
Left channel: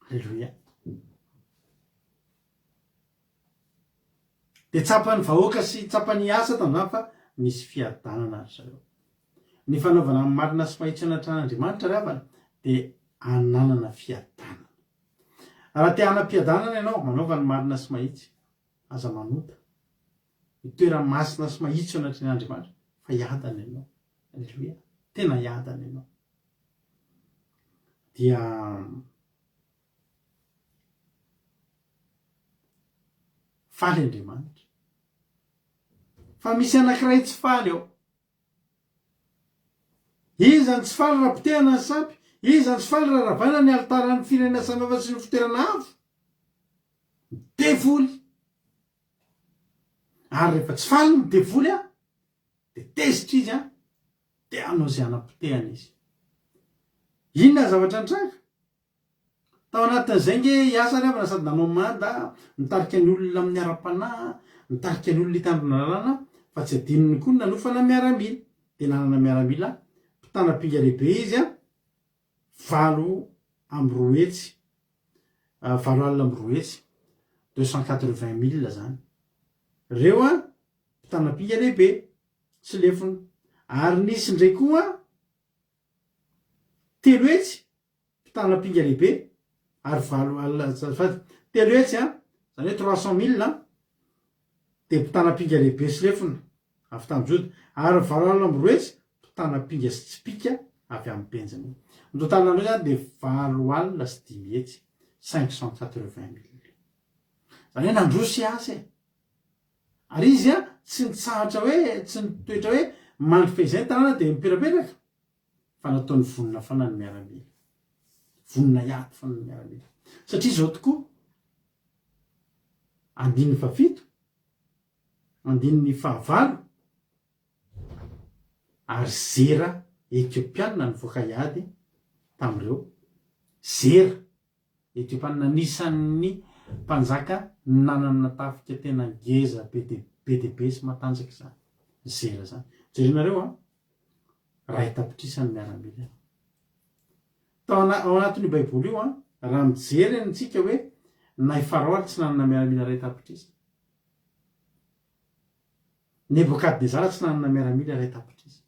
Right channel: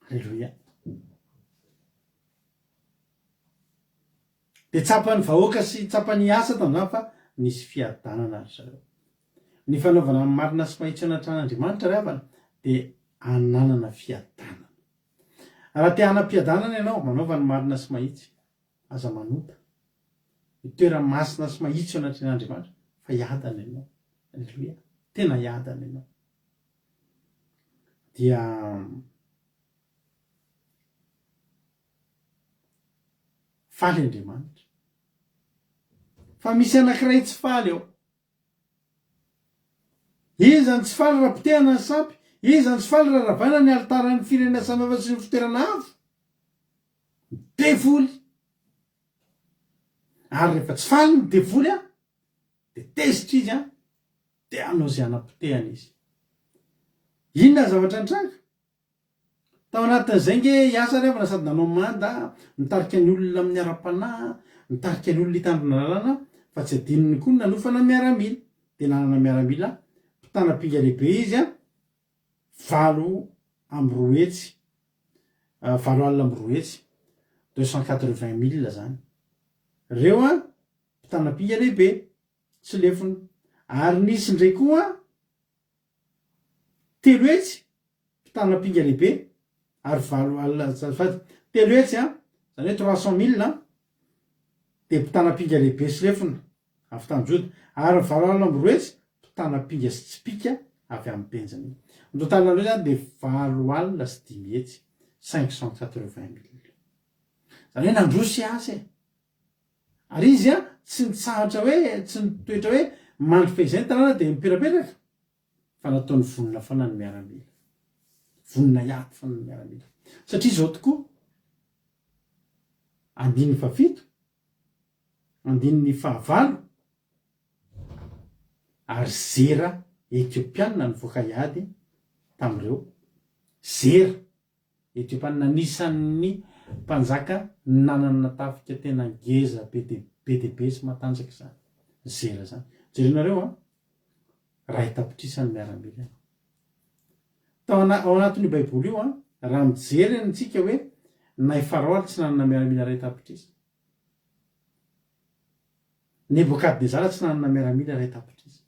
Halleloia. De tsapan'ny vahoaka sy tsapan'ny asa tamin'izany fa nisy fiadanana ry zareo. Ny fanaovana amin'ny marina sy mahitsy anatran'Andriamanitra ravana de ananana fiadanana. Raha te hanam-piadanana ianao manaova ny marina sy mahitsy, aza manota. Ny toerana masina sy mahitsy anatran'Andriamanitra fa hiadana ianao. Halleloia. Tena hiadana ianao. Dia faly Andriamanitra. Fa misy anankiray tsy faly ao. Izany tsy faly raha potehana ny sampy, izany tsy faly raha ravana ny altaran'ny firenena samihafa sy ny fitoerana avo. Devoly. Ary rehefa tsy faly ny devoly a, de tezitra izy a, de anao zay anapotehana izy. Inona zavatra nitranga? Tao anatin'izay nge hiasa revana sady nanao manda, nitarika ny olona amin'ny ara-panahy, nitarika ny olona hitandrona lalàna, fa tsy adinony koa nanofana miaramila. De nanana miaramila, mpitanam-pinga lehibe izy a, 7 amby 2 hetsy, 7 alina amby 2 hetsy, 280,000 zany. Reo a, mpitanam-pinga lehibe, tsy lefona. Ary nisy ndray koa 3 hetsy, mpitanam-pinga lehibe, ary 7 alina, 3 hetsy a, zany hoe 300,000, de mpitanam-pinga lehibe sy lefona, avy Tanjody. Ary 7 alina amby 2 hetsy, mpitanam-pinga sy tsipika avy amin'ny Benjamina. Ny totalina andreo zany de 7 alina sy 5 hetsy, 580,000. Zany hoe nandrosy asa e. Ary izy a, tsy nitsahatra hoe, tsy nitoetra hoe mandry fehizay ny tanàna de miperaperaka. Fa nataony vonona fana ny miaramila. Vonona iato fana ny miaramila. Satria zao tokoa, 7, 9, ary Zera Etiopiana nivoaka hiady tamin'ireo. Zera Etiopiana anisan'ny mpanjaka nanana tafika tena ngeza be dehibe sy matanjaka zany. Zera zany. Jerena a, ray tapitrisany miaramila. Ao anatin'io baiboly io a, raha mijery antsika hoe nay Farao tsy nanana miaramila ray tapitrisa. Nebokadnezara tsy nanana miaramila ray tapitrisa.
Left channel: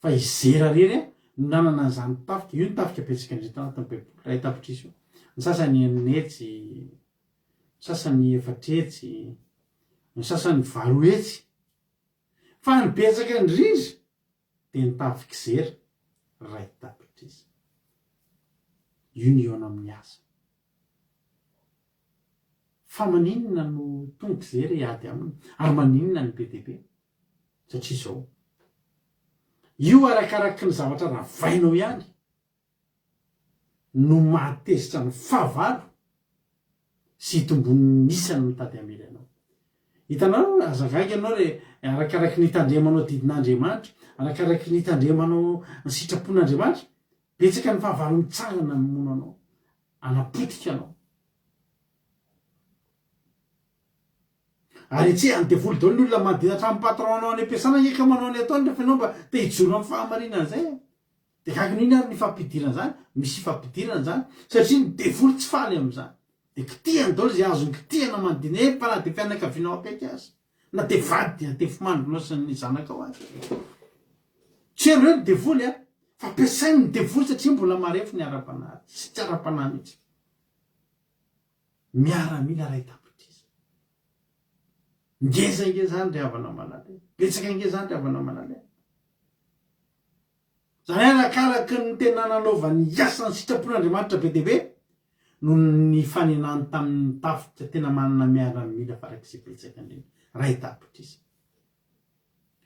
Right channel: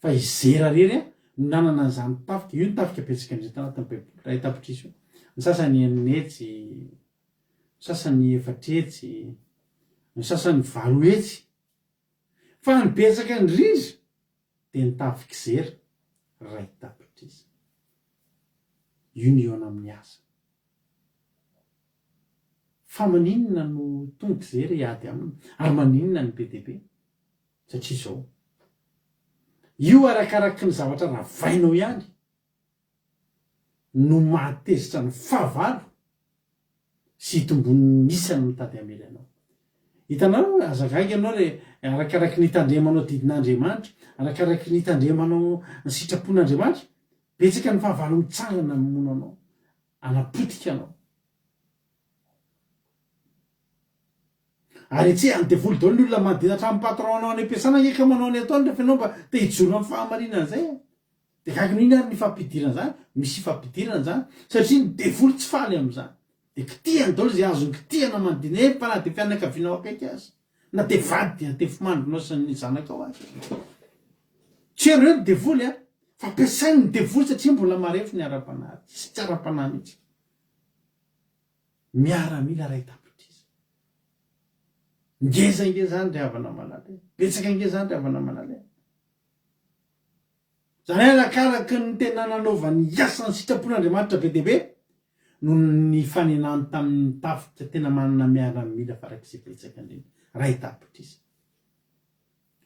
Fa i Zera rery a, nanana an'izany tafika, io ny tafika betsika indrindra tao anatin'ny baiboly, ray tapitrisa io. Ny sasany 9 hetsy, ny sasany 4 hetsy, ny sasany 8 hetsy. Fa ny betsaka indrindra de ny tafika Zera ray tapitrisa. Io ny eo amin'ny asa. Fa maninona no tonga Zera hiady aminy, ary maninona ny be dehibe? Satria zao, io arakaraky ny zavatra ravainao ihany no mahatezitra ny fahavalo sy hitombon'ny isany mitady amely anao. Hitanao, azagaga ianao re arakaraky ny hitandremanao didin'Andriamanitra, arakaraky ny hitandremanao ny sitrapon'Andriamanitra, betsaka ny fahavalo mitsara na mamono anao, anapotika anao. Ary etsy any devoly daholo ny olona manodina hatramin'ny patron anao any am-piasana eka manao any ataony rehefa ianao mba te hijoro amin'ny fahamarinana zay. De gaga n'ino ary ny fampidirana zany? Misy fampidirana zany satria ny devoly tsy faly amin'izany. De kitihany daholo zay azony kitihana manodina efa na de fianakavianao akaiky azy. Na de vady dia te fimandronao sy ny zanakao azy. tsy reo ny devoly a fa ampiasainy ny devoly satria mbola marefo ny ara-panahy sy tsy ara-panahy mihitsy miaramila ray tapitriza ngezangezany ry havana malala betsaka ngezany ry havana malala zany alakaraky ny tena nanaovany asany sitrapon'Andriamanitra be deaibe no ny fanenany tamin'ny tafika tena manana miaramila farak'izay betsaka indrindra ray tapitriza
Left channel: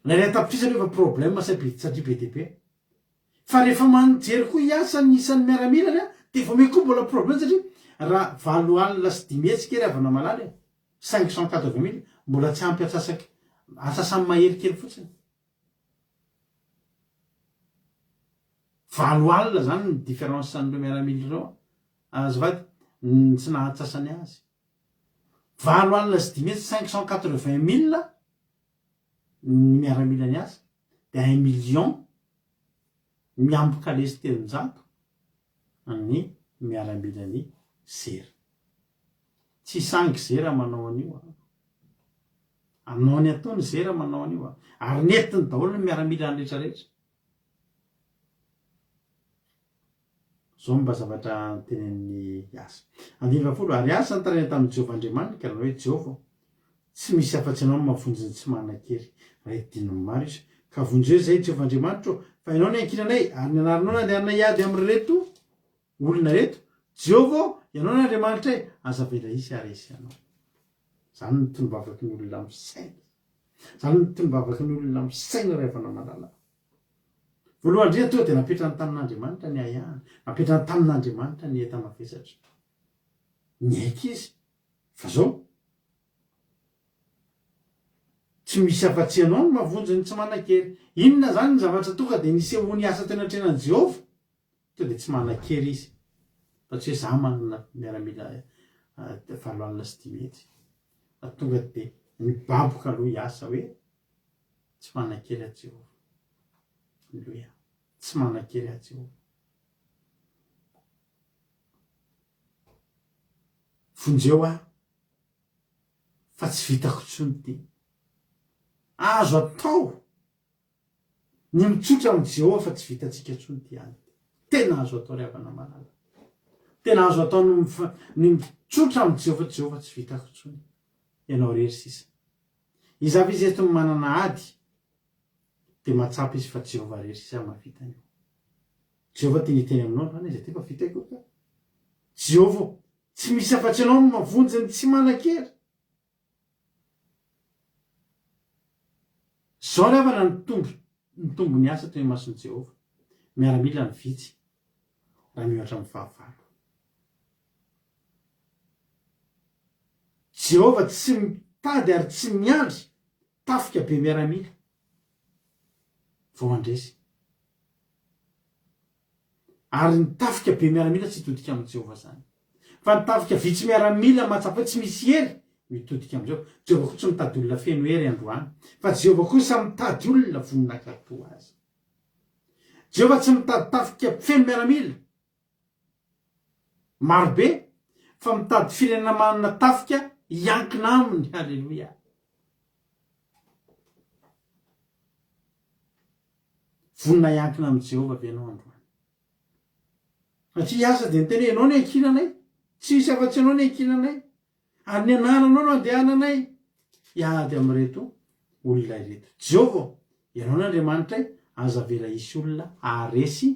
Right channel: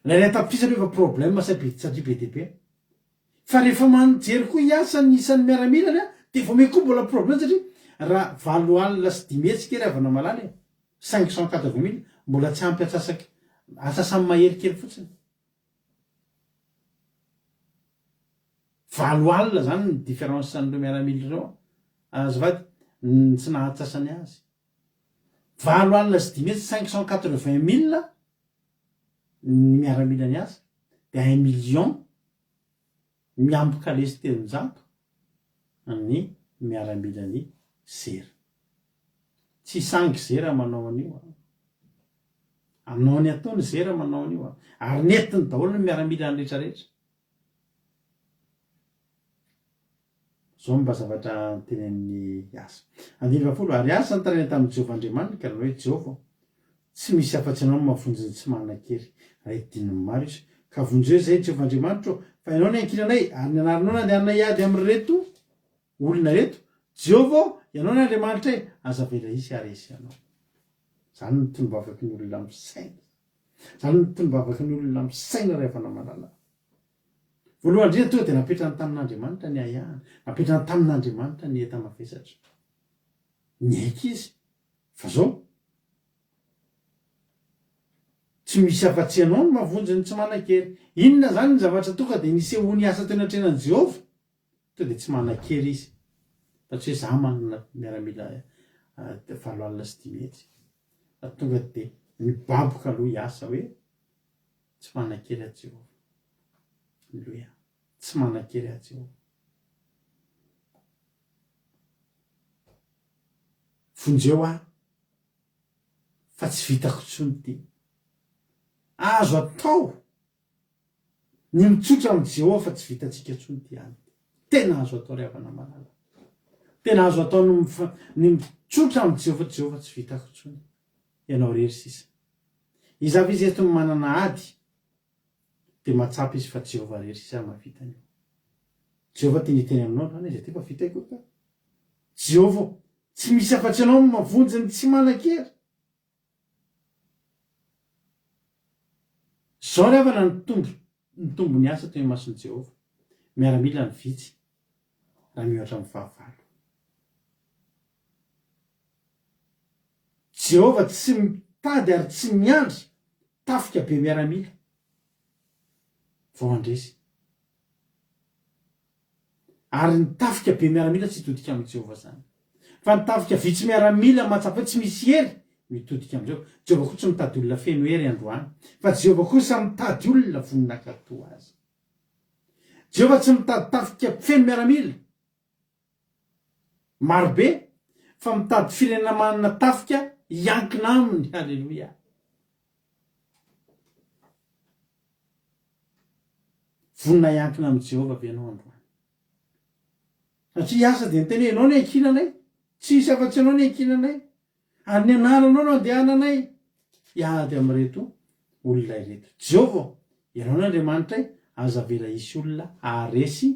lay ray tapitriza aloha efa problème satria be deaibe fa rehefa manijery koa iasa ny isan'ny miaramila ry a de efa me koa mbola problème satria raha 7 alina sy 10 hetsika ry havana malala 580,000 mbola tsy ampy asa samy maherikely fotsiny 7 alina zany ny différence an'ireo miaramila ireo azafady tsy nahatsasany azy 7 alina sy 10 hetsy 580,000 ny miaramila ny asa de 1 million miambo kalesy 300 ny miaramila ny zera tsy sangy zera manao an'io aminao ny ataony zera manao an'io ary netiny daholo ny miaramila ny rehetrarehetra zao mba zavatra tenen'ny asa 20 ary asa ny taraina tamin'ny Jehovahandriamanitra raha hoe Jehova tsy misy afa-tsy anao mahavonjy ny tsy manan-kery raha idininy maro izy ka vonjeo zay Jehovahandriamanitra fa ianao ny ankinanay ary ny anaranao nandehanana iady amin'reto olona reto Jehova ianao ny Andriamanitra aza vela isy aresy anao zany ny tolombavaky ny olona misaina zany ny tolombavaky ny olona misaina ray havana malala voalohany indrindra tonga de napetrany tamin'Andriamanitra ny ayahana napetrany tamin'Andriamanitra ny eta mavesatra ny aika izy fa zao tsy misy afa-tsy anao no mahavonjy ny tsy manan-kery inona zany ny zavatra tonga de nisehony asa teo anatrenan' Jehova to de tsy manan-kery izy fa tsy hoe za manana miaramila 7 alina sy 10 hetsy fa tonga de mibaboka aloha hiasa hoe tsy manan-kery a Jehova Alleluia tsy manan-kery a Jehova vonjeo fa tsy vitako tsony ty azo atao ny mitsotra amin'ny Jehova fa tsy vitatsika tsony ty any tena azo atao ry havana malala tena azo atao ny mitsotra amin'ny Jehova tsy vitako tsony ianao rery sisa izavy izy eto manana ady de matsapa izy fa Jehova rery sisa mahavitany Jehova teny teny aminao zany izy ty fa vita koa ka Jehova tsy misy afa-tsy anao no mavonjy ny tsy manan-kery zao ry havana ny tombo ny asa toy ny mason'i Jehova miaramila ny vitsy raha miohatra amin'ny fahavalo Jehova tsy mitady ary tsy miandry tafika be miaramila vao andresy ary ny tafika be miaramila tsy hitodika amin'ny Jehova zany fa ny tafika vitsy miaramila mahatsapa tsy misy hery mitodika amin'izao Jehova koa tsy mitady olona feno hery androany fa Jehova kosa mitady olona voninakato azy Jehova tsy mitady tafika feno miaramila marobe fa mitady firenena manana tafika iankina aminy halleluia vonina iankina amin'ny Jehova ve anao androany satria asa de ny teny hoe ianao ny ankinanay tsy misy afa-tsy anao ny ankinanay ary ny anaranao no andehananay iady amin'reto olona ireto Jehova ianao ny Andriamanitra aza vela isy olona aresy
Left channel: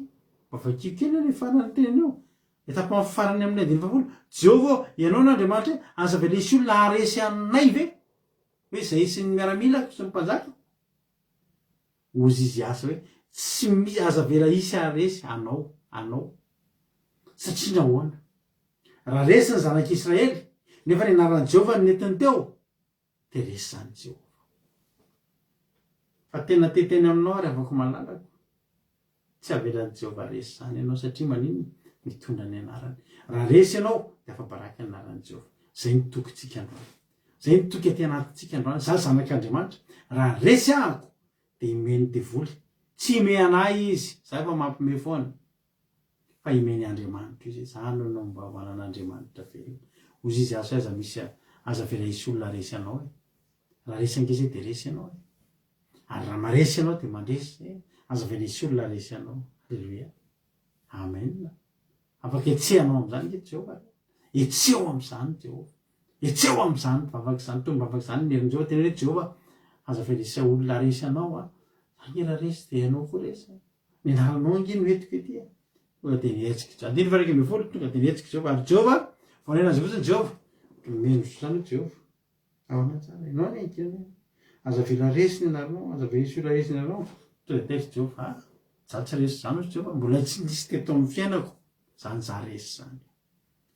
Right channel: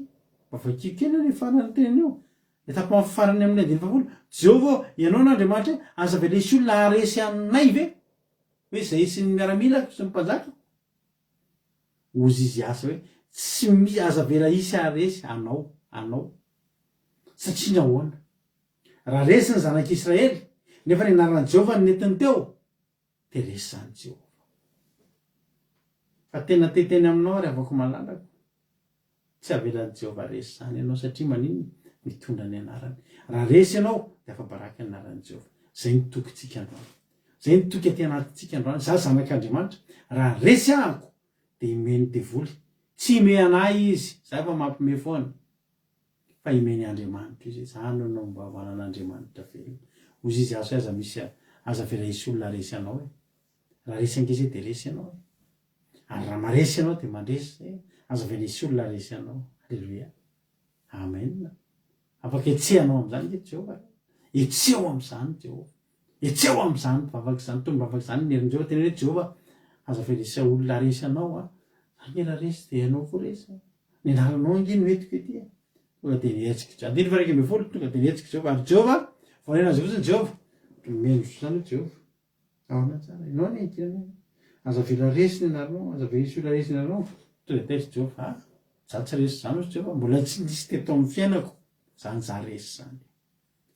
mafakikena ny farany teny io etapa farany amin'ny 20 Jehova ianao ny Andriamanitra aza vela isy olona aresy aminay ve hoe zay sy ny miaramila sy ny mpanjaka ozy izy asa hoe tsy aza vela isy aresy anao satria nahoana raha resy ny zanak'Israely nefa ny anaran'i Jehova ny netiny teo de resy zany Jehova fa tena teteny aminao ary avako malalako tsy avelan'i Jehova resy zany ianao satria manino mitondra ny anarany raha resy ianao de afa baraka ny anaran'i Jehova zay ny tokintsika androany zay ny toky aty anatintsika androany za zanak'Andriamanitra raha resy ahako de imeny devoly tsy ime anay izy za efa mampime foana fa imeny Andriamanitra izy zany no mba manan'Andriamanitra velona ozy izy azo aza vela isy olona resy anao raha resy angeza de resy anao ary raha maresy anao de mandresy aza venisy olona resy anao. Halleloia. Amen. Afaka etsehanao am'izany ke Jehova. Etseo am'izany Jehova. Etseo am'izany vavaka izany, tony vavaka izany nerin'Jehova tena hoe Jehova aza venisy olona resy anao a. Angela resy dia anao koa resy. Ny anaranao anginy metiko ety. Tonga dia nihetsiky Jehova. Andiny faraika ambin'ny folo tonga dia nihetsiky Jehova. Ary Jehova, vonena azy fotsiny Jehova. Meno zany Jehova. Ahoana tsara. Ianao ny enkina. Aza vela resy ny anarano, aza venisy olona resy ny anarano. Tonga dia Jehova. Za tsy resy zany hozy Jehova. Mbola tsy nisy teto amin'ny fiainako. Zany za resy zany.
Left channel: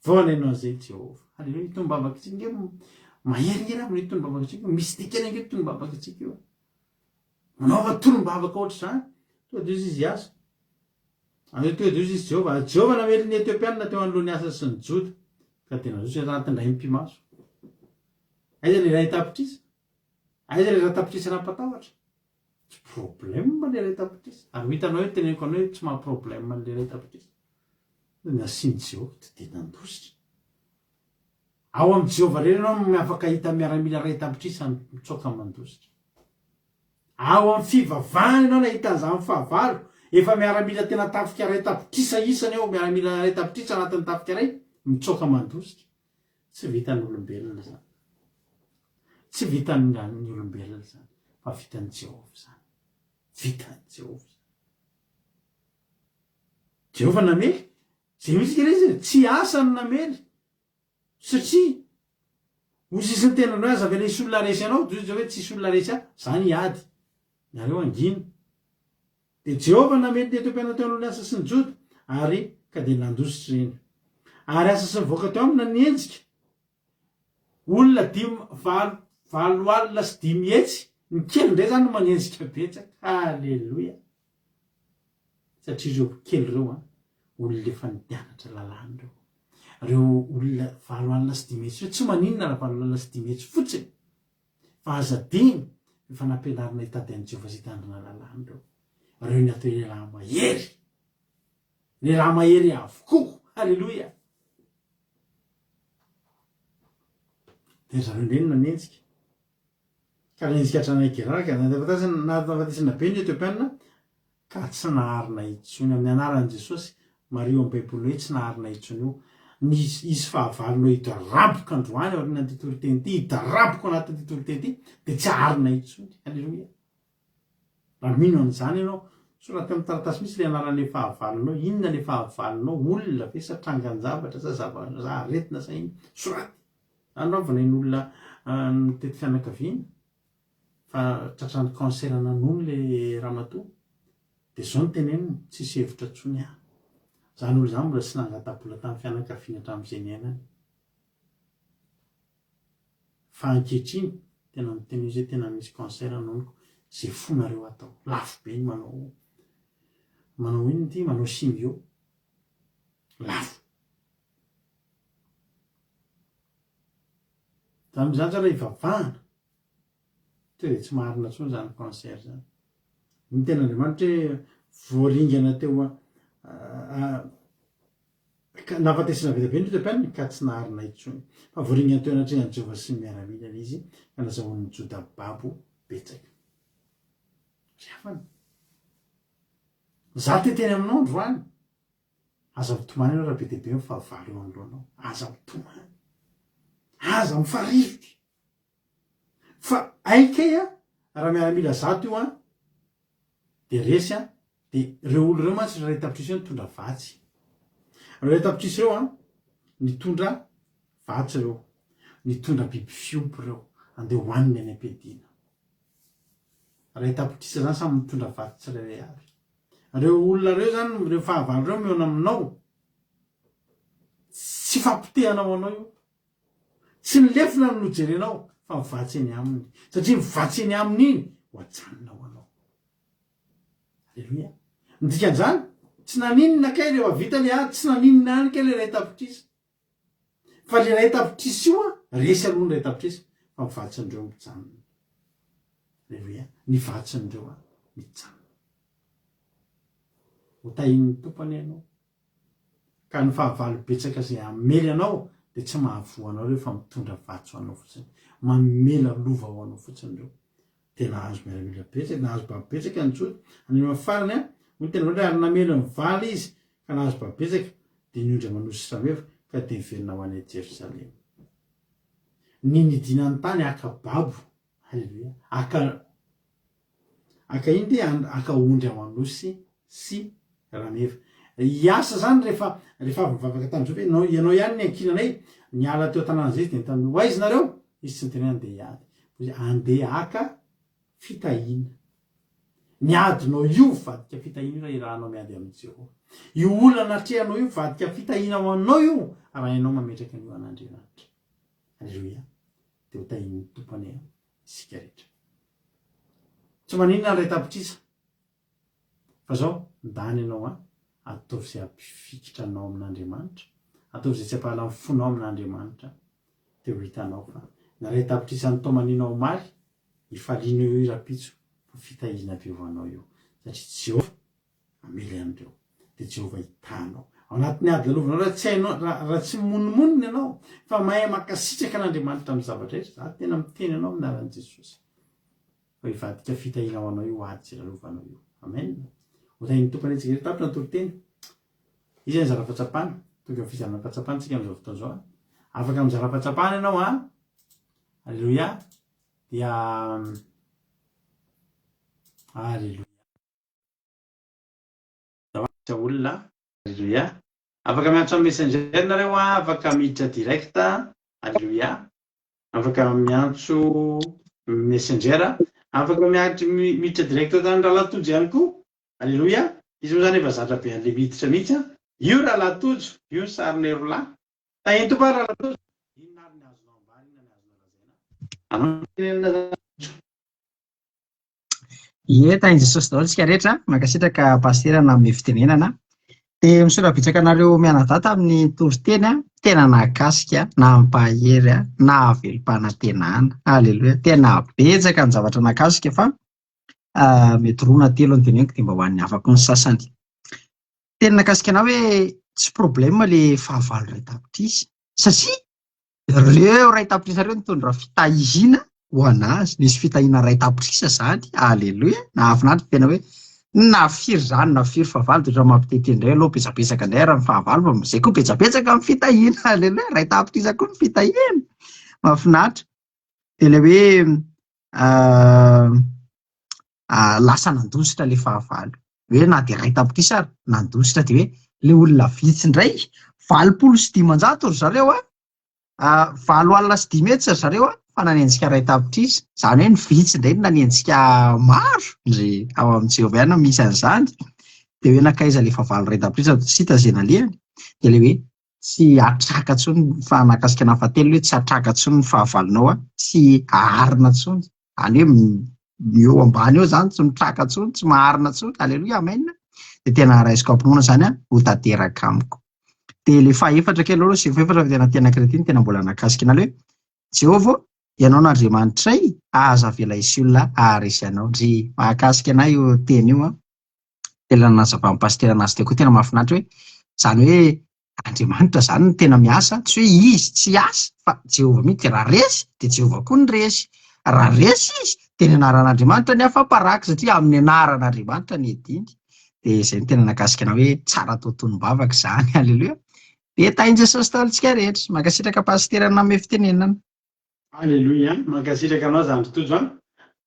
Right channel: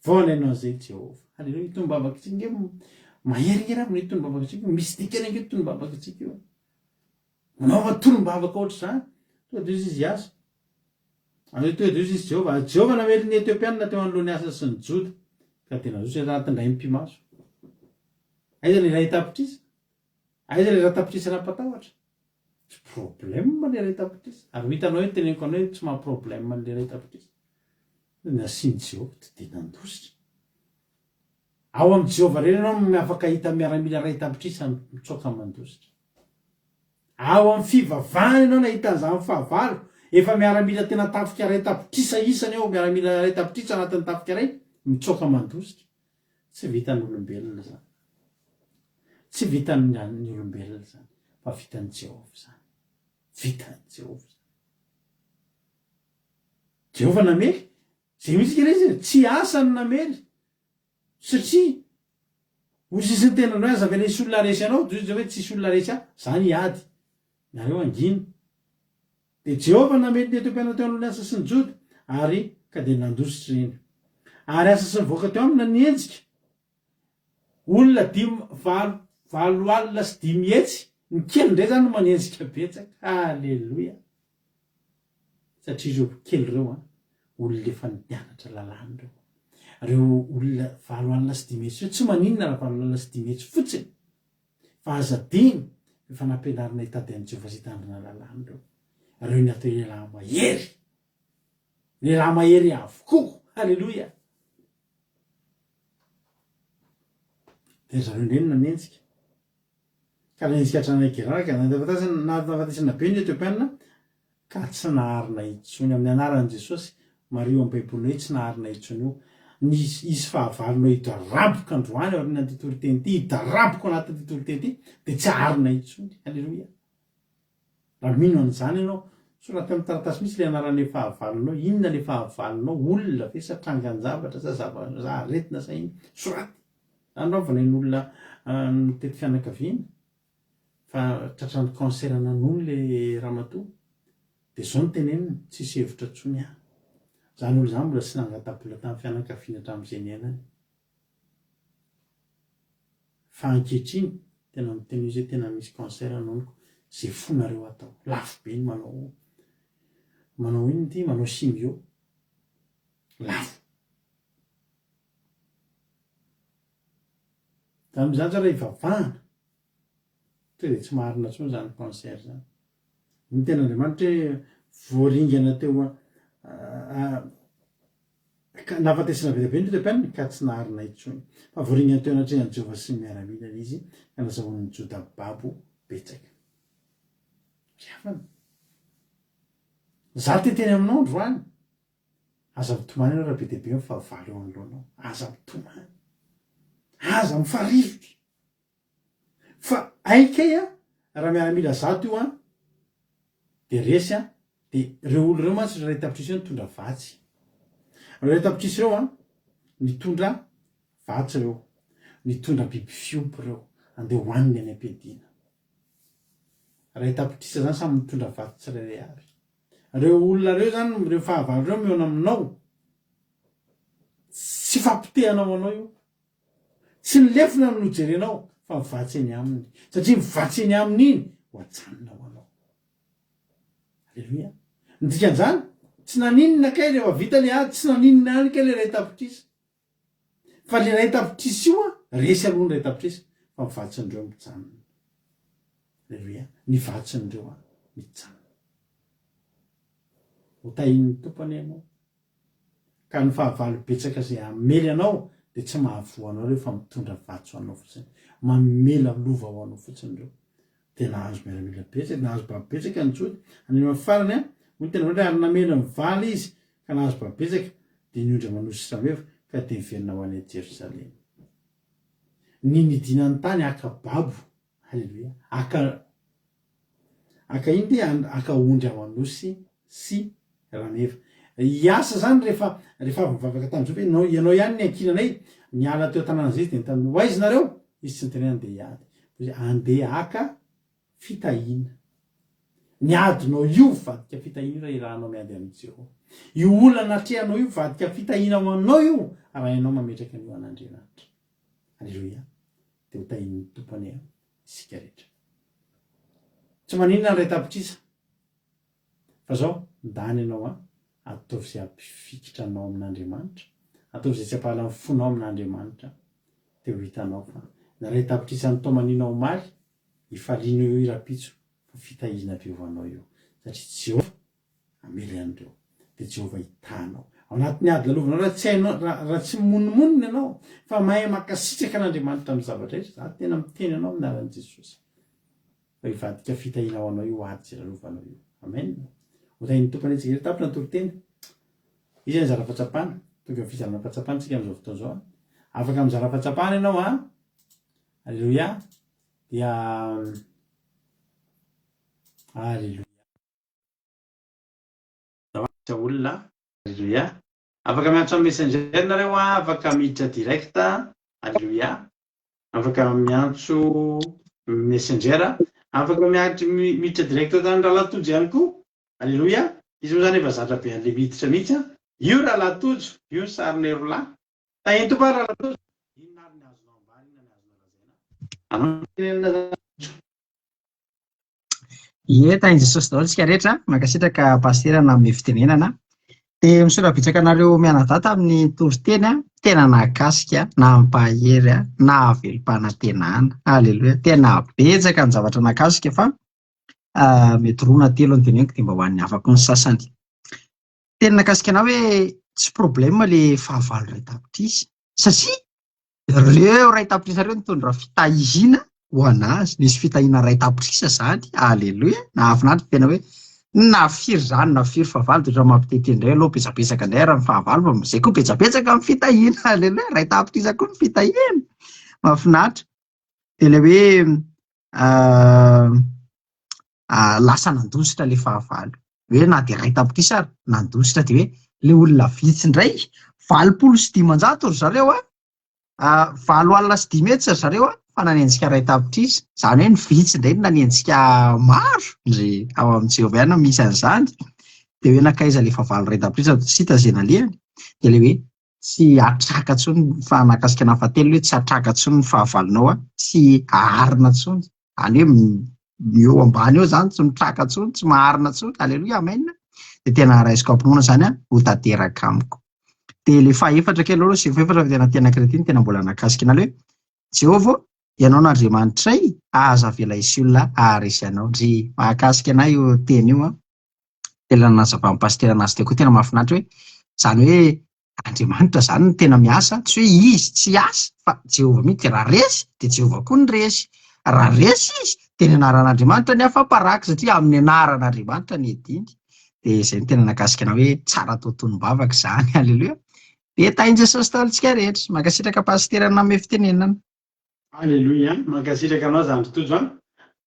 Vonena an'izay Jehova. Halleluia. Itony bavaka tsika maheringery amin'ny itony bavaka tsika. Misy dikana ange itony bavaka tsika io. Manaova tolom-bavaka ohatry zany. Tonga dia izy asa. Tonga dia izy Jehova. Jehova namely ny Etiopiana teo anolohan'ny asa sy ny Joda. Ka tena zotra anatindray mpimaso. Aiza le ray tapitrisa? Aiza le ray tapitrisa raha-patahotra? Tsy problème le ray tapitrisa. Ary hitanao hoe teneniko anao hoe tsy maha problème le ray tapitrisa. Nasiany Jehova dia nandositra. Ao amin'ny Jehova reny ianao afaka hita miaramila ray tapitrisa mitsoaka mandositra. Ao amin'ny fivavahana ianao nahita an'izany fahavalo, efa miaramila tena tafika ray tapitrisa isany eo, miaramila ray tapitrisa anatin'ny tafika ray, mitsoaka mandositra. Tsy vitan'ny olombelona zany. Tsy vitan'ny olombelona zany, fa vitan'ny Jehova zany. Vitan'ny Jehova. Jehova namely, zay misy izy tsy asany namely. Satria hozy isy ny tenanao aza venisy olona resy anao, dia izy hoe tsisy olona resy aho, zany hiady. Nareo anginy. Dia Jehova namely ny Etiopiana teo anolohan'ny asa sy ny Joda, ary ka dia nandositra iny. Ary asa sy nivoaka teo aminy nienjika. Olona 5 alina sy 5 hetsy, ny kely indray zany no manenjika betsaka. Halleloia. Satria ireo kely ireo olona efa nianatra lalàna ireo. Ireo olona 5 alina sy 5 hetsy, tsy maninona raha 5 alina sy 5 hetsy fotsiny. Fa azadiny efa nampianarina hitady an'i Jehova sy hitandrina lalàna ireo. Ireo ny atao lehilahy mahery. Lehilahy mahery avokoa. Halleloia. Dia zareo indreny nanenjika. Ka nanenjika hatrany Gerara, ka nahafatesana be ny Etiopiana, ka tsy naharina intsony amin'ny anaran'i Jesosy. Mario amin'ny Baibolina hoe tsy naharina intsony io. Izy fahavalonao hidaraboko androany ao anaty tontolo teny ity, hidaraboko anatin'ny tontolo teny ity, dia tsy harina intsony. Halleloia. Raha mino an'izany ianao, sorata amin'ny taratasy misy ilay anaran'ilay fahavalonao, inona ilay fahavalonao, olona ve sa trangan-javatra sa aretina sa iny, soraty. Anaovana ny olona mitety fianakaviana, fa tratrany cancer nanony ilay ramatoa, dia izao ny teneniny, tsisy hevitra intsony aho. Zany olo zany mbola tsy nangatam-bola tamin'ny fianakaviana hatramin'izay niainany. Fa ankehitriny tena miteny izy hoe tena misy cancer noniko, izay fonareo atao. Lafo be ny manao iny ity, manao chimio. Lafo. Zany zany tsara hivavahana. Tonga dia tsy maharina intsony zany cancer zany. Ny ten'Andriamanitra hoe voaringana teo nahafatesana be be ny Etiopiana ka tsy naharina intsony. Fa voaringana teo anatrehan'i Jehova sy miaramila izy ka nazahoan'ny Joda babo betsaka. Riafana. Za teteny aminao androany. Aza mitomany ianao raha be dia be ny fahavalo eo anoloanao. Aza mitomany. Aza mifarivotra. Fa aikay raha miaramila zato io dia resy dia ireo olo ireo mantsy ray tapitrisa io nitondra vatsy. Ray tapitrisa ireo nitondra vatsy ireo, nitondra biby fiompy ireo, andeha hohaniny any am-piadiana. Ray tapitrisa zany samy mitondra vatsy tsirairay avy. Ireo olona ireo zany, ireo fahavalo ireo mihaona aminao, tsy fampitehanao anao io, tsy nilefina no jerenao, fa mivatsy eny aminy. Satria mivatsy eny aminy iny ho ajanonao anao. Halleluia. Ny dikan'izany, tsy naninona kay rehefa vita le ady, tsy naninona any kay le ray tapitrisa. Fa le ray tapitrisa io resy aloha ny ray tapitrisa, fa mivatsindreo mijanona. Halleluia. Mivatsindreo mijanona. Ho tahin'ny tompony ianao. Ka ny fahavalo betsaka izay hamely anao dia tsy mahavoa anao rehefa mitondra vatsy ho anao fotsiny. Mamela lova ho anao fotsiny ireo. tena azo miaramila betsaka nahazo babetsaka ny tsoty any amin'ny farany a moa tena hoe ary namelo mivaly izy ka nahazo babetsaka dia niondra manosy samefa ka dia miverina ho any Jerosalema. Ny nidinany tany aka babo, halleluia, aka iny dia aka ondry amanosy sy rameva. Iasa zany rehefa avy mivavaka tamin'izao hoe ianao ihany ny ankilanay niala teo tanàna zay dia tamin'ny hoaizy nareo izy tsy nytenena dia hiady andeha aka fitahina. Ny adinao io vadika fitahina raha irahanao miady amin'ny Jehova. Io olana atrehanao io vadika fitahina aminao io raha ianao mametraka an'io an'Andriamanitra. Halleluia. Dia ho tahin'ny tompony isika rehetra. Tsy maninona ny ray tapitrisa fa zao ndany ianao ataovy izay ampifikitra anao amin'Andriamanitra, ataovy izay tsy ampahana amin'ny fonao amin'Andriamanitra, dia ho hitanao fa na ray tapitrisa ny tomaninao maly hifaliana eo irapitso fa fitahina avy eo anao io satria Jehova amely an'ireo dia Jehova hitanao ao anatin'ny ady lalovanao raha tsy monomonina ianao fa mahay makasitraka an'Andriamanitra amin'ny zavatra rehetra. Za tena miteny anao aminaran'i Jesosy fa hivadika fitahina ao anao io ady izay lalovanao io. Amen. Hotahin'ny tompony antsika rehetra tapitra ny toro-teny izy ny zara-pahatsapana tonga ny fizarana fahatsapana tsika amin'izao fotoana izao afaka amin'ny zara-pahatsapana ianao halleluia dia halleluia olona halleluia afaka miantso amin'ny messenger nareo afaka miditra direct halleluia afaka miantso messenger afaka miditra direct tany raha latojo ihany koa halleluia izy moa zany efa zatra be an'le miditra mihitsy io raha latojo io ny sariny roalahy tahiny topa raha latojo inona ary ny azonao ambany inona ny azonao lazaina Ie, tain'i Jesosy daholo isika rehetra mankasitraka pasterana amin'ny fitenenana dia misaotra bitsaka anareo mianadata amin'ny toriteny tena nahakasika na ampahery na avelom-panantenana. Halleluia, tena betsaka ny zavatra nahakasika fa mety roa na telo ny teneniko dia mba ho an'ny afaka ny sasany. Tena nakasika anao hoe tsy problema le fahavalo ray tapitrisa satria ireo ray tapitrisa ireo nitondra fitahizina ho anazy, nisy fitahina ray tapitrisa zany. Halleluia, nahafinaritra tena hoe nafiry zany nafiry fahavalo dia ohatrany mampitety indray aloha betsabetsaka indray raha ny fahavalo fa izay koa betsabetsaka amin'ny fitahina. Halleluia, ray tapitrisa koa ny fitahina, mahafinaritra. Dia ilay hoe lasa nandositra le fahavalo hoe na dia ray tapitrisa ary nandositra dia hoe le olona vitsy indray 8,500 ry zareo 7,500 ry zareo fa nanenjika ray tapitrisa. Zany hoe ny vitsy indray nanenjika maro ndre ao amin'ny Jehova ihany misy an'izany. Dia hoe nakaiza le fahavalo ray tapitrisa tsy hita izay nalehany dia le hoe tsy atraka intsony fa nakasika nahafatelo hoe tsy atraka intsony ny fahavalonao tsy aharina intsony. Any hoe eo ambany eo zany tsy mitraka intsony tsy maharina intsony. Halleluia, amen. Dia tena raisiko ampinoana zany ho tanteraka amiko. Dia le fahaefatra kely aloha sy fahaefatra tena tena kretiny tena mbola nakasika anao hoe Jehova ianao n'Andriamanitray aza avela isy olona aharesy anao. Ndry mahakasika anay io teny io tena nazavain'ny pastera anazy teo koa tena mahafinaritra hoe zany hoe Andriamanitra zany no tena miasa, tsy hoe izy tsy asa fa Jehova mihitsy raha resy dia Jehova koa ny resy. Raha resy izy dia ny anaran'Andriamanitra ny afa-paraka satria amin'ny anaran'Andriamanitra ny ediny. Dia izay no tena nakasika anao hoe tsara totonim-bavaka izany. Halleluia. Dia tain'i Jesosy daholo isika rehetra mankasitraka pastera nanome fitenenana. Halleluia, mankasitraka anao zany totojo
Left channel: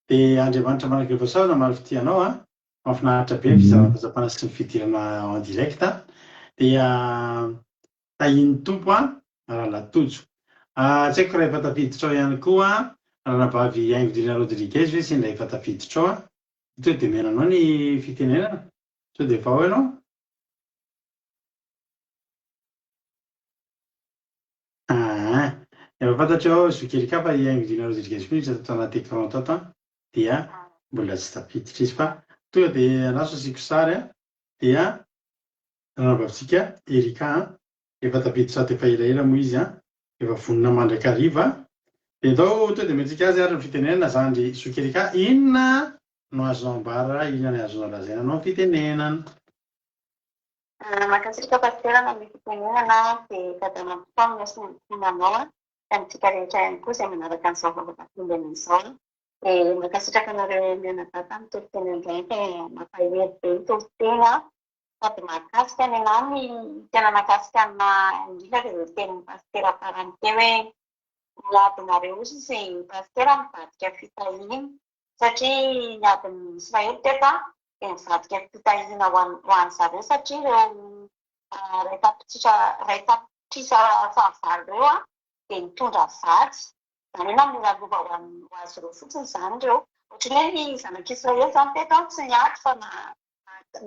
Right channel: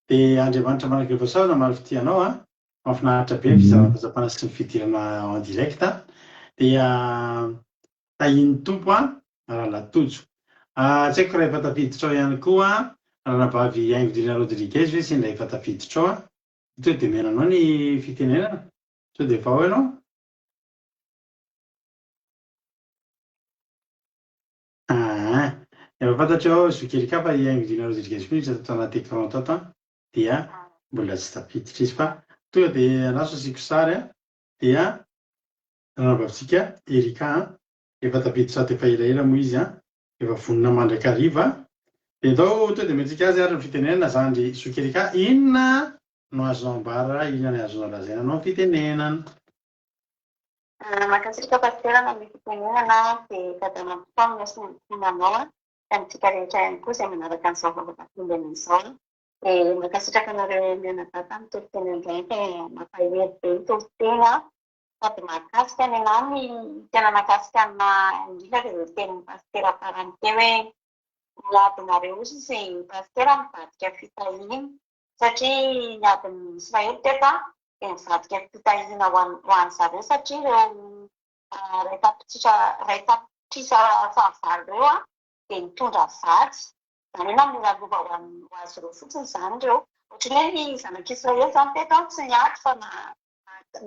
dia Andriamanitra manakaiva sao maro fitianao mahafinaritra be ny fizarana-pahatsapana sy ny fidirana en direct dia tahin'ny tompo raha latojo. Tsy haiko raha efa tafiditra ao ihany koa raha nabavy Aingodrina Rodriguez hoe sendra efa tafiditra ao ito dia menanao ny fitenenana sao dia efa ao ianao. Efa fantatra ao zokelika fa Aingodrina Rodriguez koa izy atao anaty écran tato dia mbola tsy tafiditra izy fa tonga dia anaso asiko sary dia ranabavitsika Erika efa tafiditra ato efa elaela moa izy efa vonona mandrakariva dia atao to dia mentsika azy ary ny fitenenana zany zokelika inona no azonao ambara inona ny azonao lazaina anao fitenenana. Mankasitraka pastera nanome fitenenana dia tady mampifoana sy ny finanao amintsika rehetra ihany koa izay manaraka an'izao vavaka findena izao dia mankasitraka anareo mianadata amin'ny toriteny indraiky mampahery be ny toriteny sady mahakasika ny anany tena mahakasika na indrindra dia izay tenin'ny pastera farany teo hoe miadinareo ozy izay pastera mivadika fitahiana satria ny adin'ny Israely teto dia mivadika fitahiana ho an'ny zareo satria ireo ray tapitrisa fahavalo ireo dia mitondra vatsy izany hoe namoralova ho azy ireo fotsiny izany ireo ohatran'ny hoe ny zanak'Israely izany teto tsy niady fa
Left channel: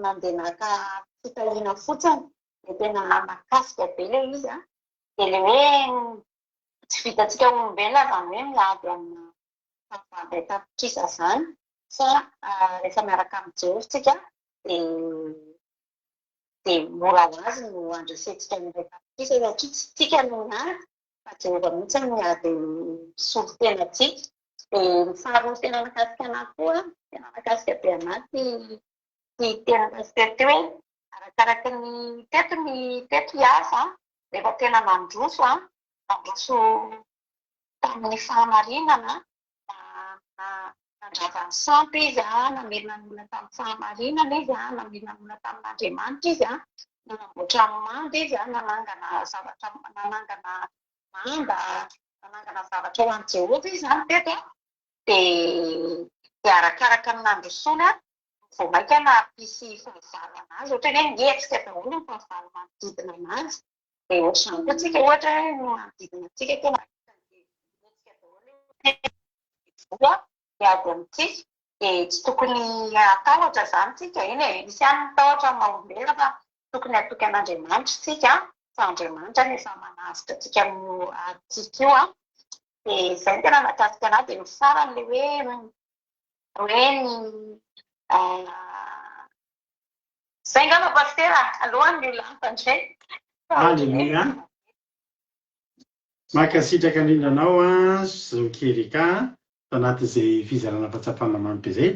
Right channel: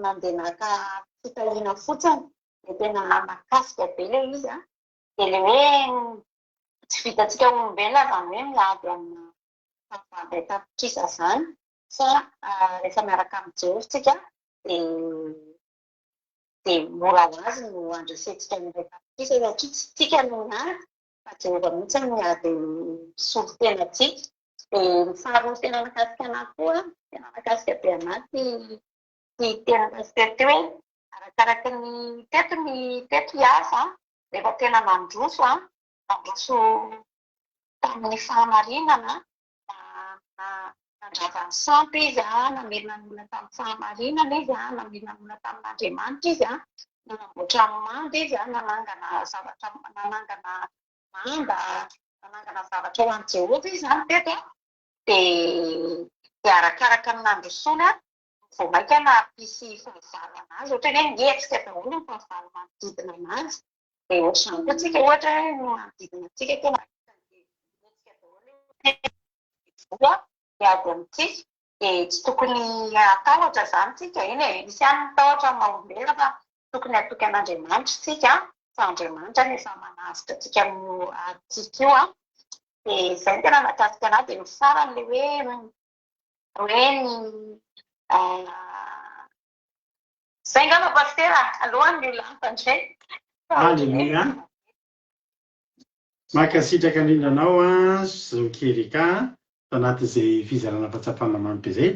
nandeha naka fitahiana fotsiny dia tena mahakasika be ilay izy dia ilay hoe tsy vitantsika olombelona izany hoe miady amina ray tapitrisa izany fa rehefa miaraka amin'ny Jehovah tsika dia mora ho azy no andrasentsika ny ray tapitrisa satria tsy tsika no miady fa Jehovah mihitsy no miady misolo tenantsika. Dia ny faharoa tena mahakasika anahy koa tena mahakasika be anahy ty tena pastera teo hoe arakaraka ny teto hiasa rehefa tena nandroso tamin'ny fahamarinana nandrava ny sampy izy namerina ny olona tamin'ny fahamarinana izy namerina ny olona tamin'Andriamanitra izy nanamboatra manda izy nanangana manda nanangana zavatra ho an'i Jehovah izy zany teto dia arakaraka ny nandrosoana vao maika na pisy fahavalo anazy ohatra hoe ngetsika daholo ny fahavalo manodidina anazy dia ohatr'izany koa tsika ohatra hoe manodidina antsika tena ngetsika daholo dia ady amintsika dia tsy tokony atahotra izany tsika iny misy ihany mitahotra mahaombela fa tokony atoky an'Andriamanitra tsika fa Andriamanitra no efa manasitra antsika amin'ny aditsika io dia izay tena mahakasika anahy dia ny farany ilay hoe ny izay ngamba pastera alohan'ny ny lampandray. Aleluia. Mankasitraka indrindra anao Zokerika tanatin'izay fizarana fahatsapana mamy be izay.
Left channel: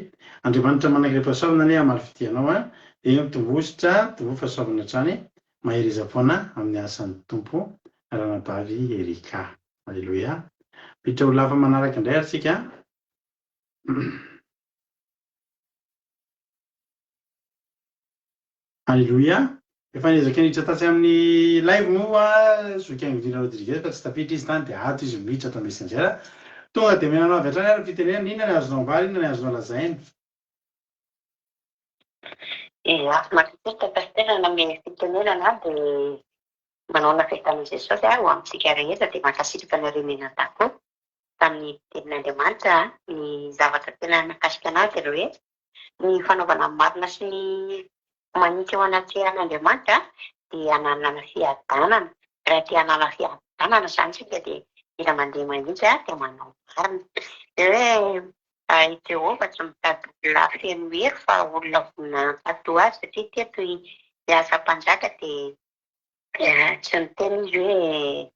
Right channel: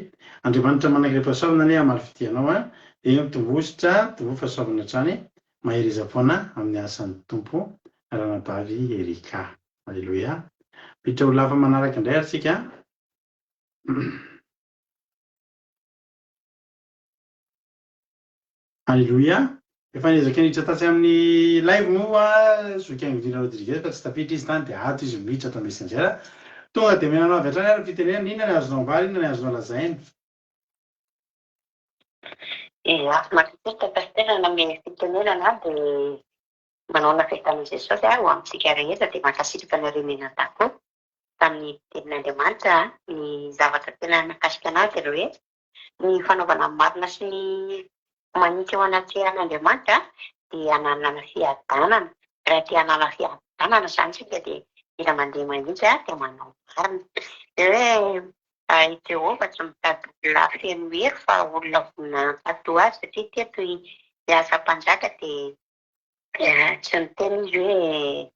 Andriamanitra manaiky fahasoavana ny amaly fidianao dia mitovositra fahasoavana hatrany mahery foana amin'ny asan'ny tompo ranabavy Erika. Aleluia. Miditra ho lafa manaraka indray ary tsika. Aleluia. Efa niezaka niditra tatsy amin'ny live moa Zokiango Dina Rodriguez fa tsy tapitra izy tany dia ato izy miditra ato Messenger. Tonga dia menanao avy hatrany ary fitenena inona ny azonao ambary inona ny azonao lazaina. Makikita pastera name fitenenana dia manao fety Jesosy ho amintsika rehetra dia mankasitraka ny remenatako tamin'ny tenin'Andriamanitra ny zavatra tena mahakasika anazy dia hoe ny fanaovana marina sy ny manintsy eo anaty an'Andriamanitra dia hananana fiadanana. Raha tia hanana fiadanana izany tsika dia mila mandeha mahitsy dia manao marina. Dia hoe Jehovah tsy mitady olona feno hery fa olona voninahitra azy satria teto hiasa mpanjaka dia tsy miteny izy hoe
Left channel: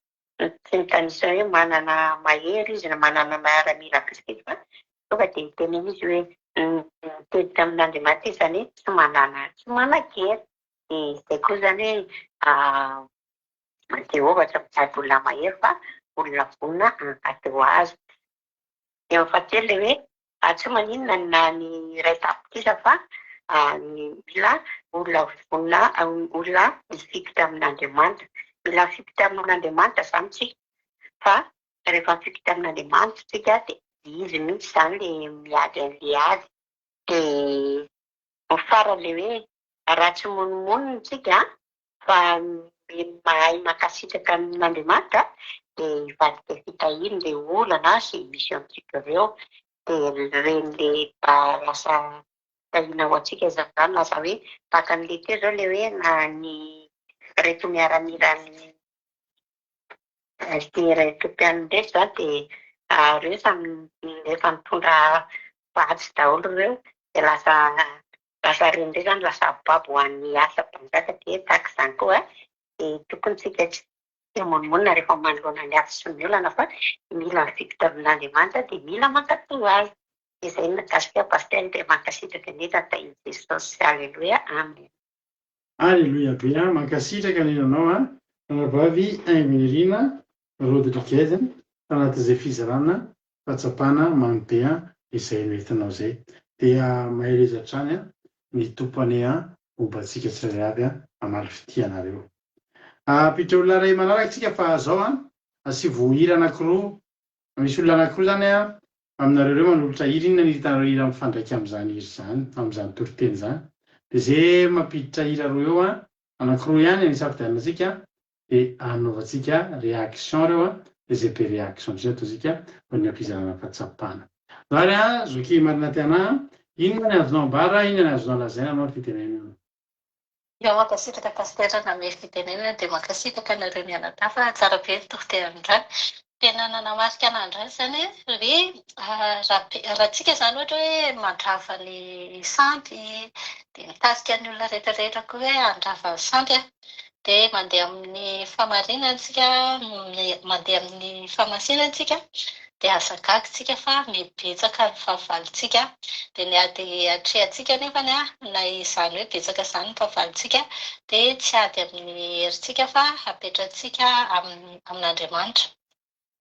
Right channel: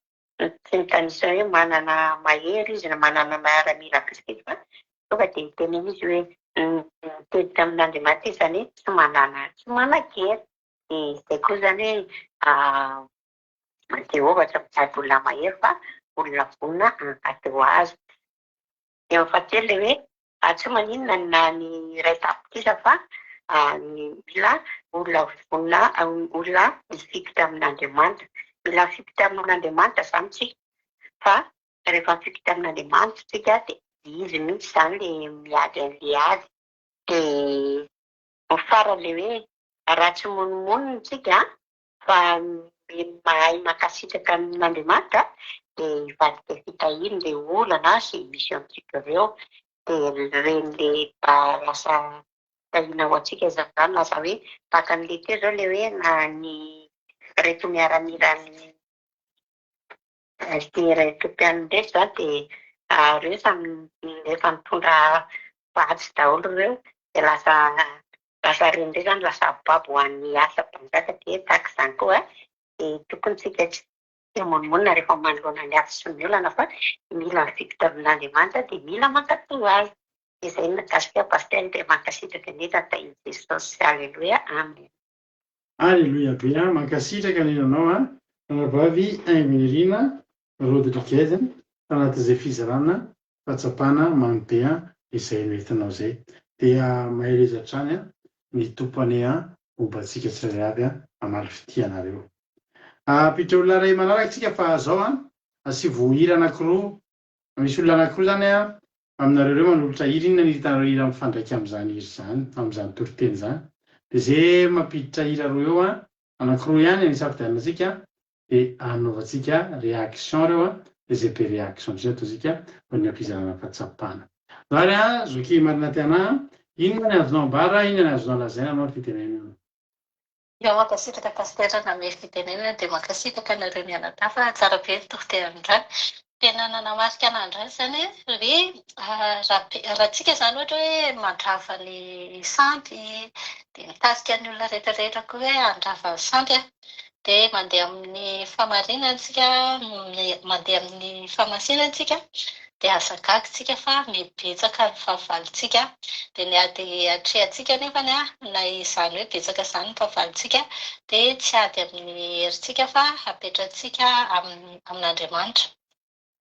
tsy mitanisa hoe manana mahery izy na manana miaramila bisikity fa tonga dia miteny izy hoe mitety amin'Andriamanitra izany tsy manakery. Dia izay koa izany hoe Jehovah tsy mitady olona mahery fa olona vonina hankady ho azy. Dia fahatelo ilay hoe tsy maninona na ny ray tapitrisa fa mila olona vonina olona mifikitra amin'Andriamanitra. Mila mifikitra amin'Andriamanitra izany tsika fa rehefa mifikitra amin'Andriamanitra tsika dia izy mihitsy izany ilay miady an'ilay ady. Dia farany ilay hoe raha tsy monimono tsika fa mahay mankasitraka amin'Andriamanitra dia hivadika fitahiana ilay olana sy misy amintsika ireo dia ren'ilay lasa fitahiana ho antsika izany lasa hoe tahaka an'ilay teo izao ilay hoe na ny reto miaramilany Etiopia ndraiky izany dia ireo samy efa mitondra vatsy daholo ireo dia lasa reny ndray izany lasa babo ho an'ny asa mpanjaka dia tahaka izany koa dia tokony tsika tsy monimona rehefa manoloana ny asa sy ny olana fa mila mifikitra amin'Andriamanitra dia mila mankatoy azy. Izay nakasika pastera dia mankasitraka indrindra tain'i Jesosy. Aleluia. Amen. Aleluia be mankasitraka indrindra anao vavy Emeline Rodriguez tanatin'izay fizarana fahatsapana mamy be izay metinao zay dia maherezatrany a mitompo ane a mombantsika tsirairay avy a amaly fitianareo apitra olona ray manarakytsika fa zao a sy vohira anankiroa misy olona anankiroa zany a aminareo reo manolotra hira inona ny hitanareo hira mifandraiky am'izany hira zany am'izany toriteny zany de zay mampiditra hira roa eo a anankiroa ihany ny safidianinatsika de anaovantsika réaction reo a de zay be réaction zay ataotsika ho ny ampizarana fahatsapana zany a zoky marina tiana inona ny azonao ambara inona ny azonao lazaina anao ny fitenenana Io mankasitraka pastera na me fitenenana dia mankasitraka anareo mianadafa tsara be ny tohiterin'izany. Tena nanamarika an'andray zany hoe raha tsika zany ohatra hoe mandrava ny santy dia mitasika ny olona rehetrarehetra koa hoe handrava ny santy a dia mandeha amin'ny famarinana tsika mandeha amin'ny famasinana tsika dia azagaga tsika fa mibetsaka ny fahavalontsika dia ny ady atrehantsika nefany a na izany hoe betsaka izany ny fahavalontsika dia tsy ady amin'ny herintsika fa apetrantsika amin'Andriamanitra.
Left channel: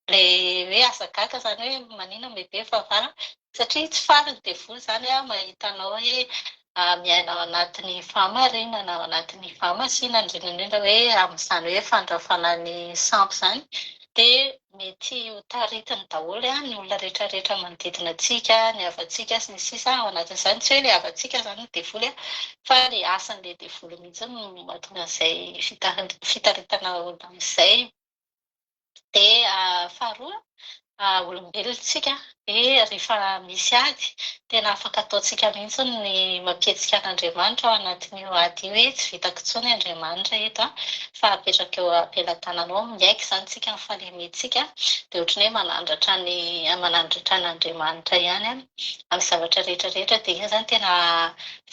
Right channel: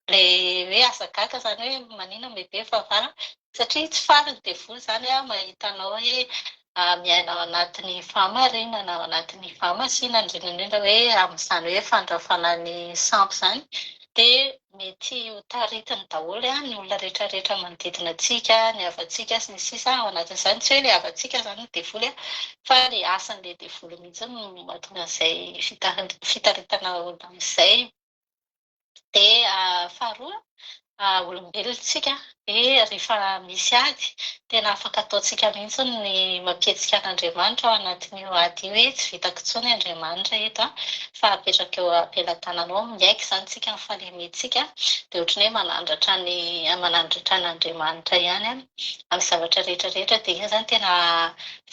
Le hoe azagaga zany hoe manina mibe fahavalo satria tsy fariny dia voly zany a mahitanao hoe miaina ao anatin'ny fahamarinana ao anatin'ny fahamasinana indrindraindrindra hoe amin'izany hoe fandrafana ny sampo zany dia mety ho taritiny daholo ny olona rehetrarehetra manodidina antsika ny havantsika sy ny sisa ao anatin'izany tsy hoe le havantsika zany ny devoly a fa le asan'le devoly mihitsy no mahatonga an'izay fitaritana olona amin'izay. Dia faharoa olombelontsika dia rehefa misy ady tena afaka ataontsika mihitsy ny mampietsika an'Andriamanitra ao anatin'io ady io hoe tsy vitako intsony Andriamanitra eto a fa apetraka eo ampelantananao miaiky zany tsika ny falementsika dia ohatrany hoe manandratra an'Andriamanitra ihany a amin'ny zavatra rehetrarehetra dia iny zany tena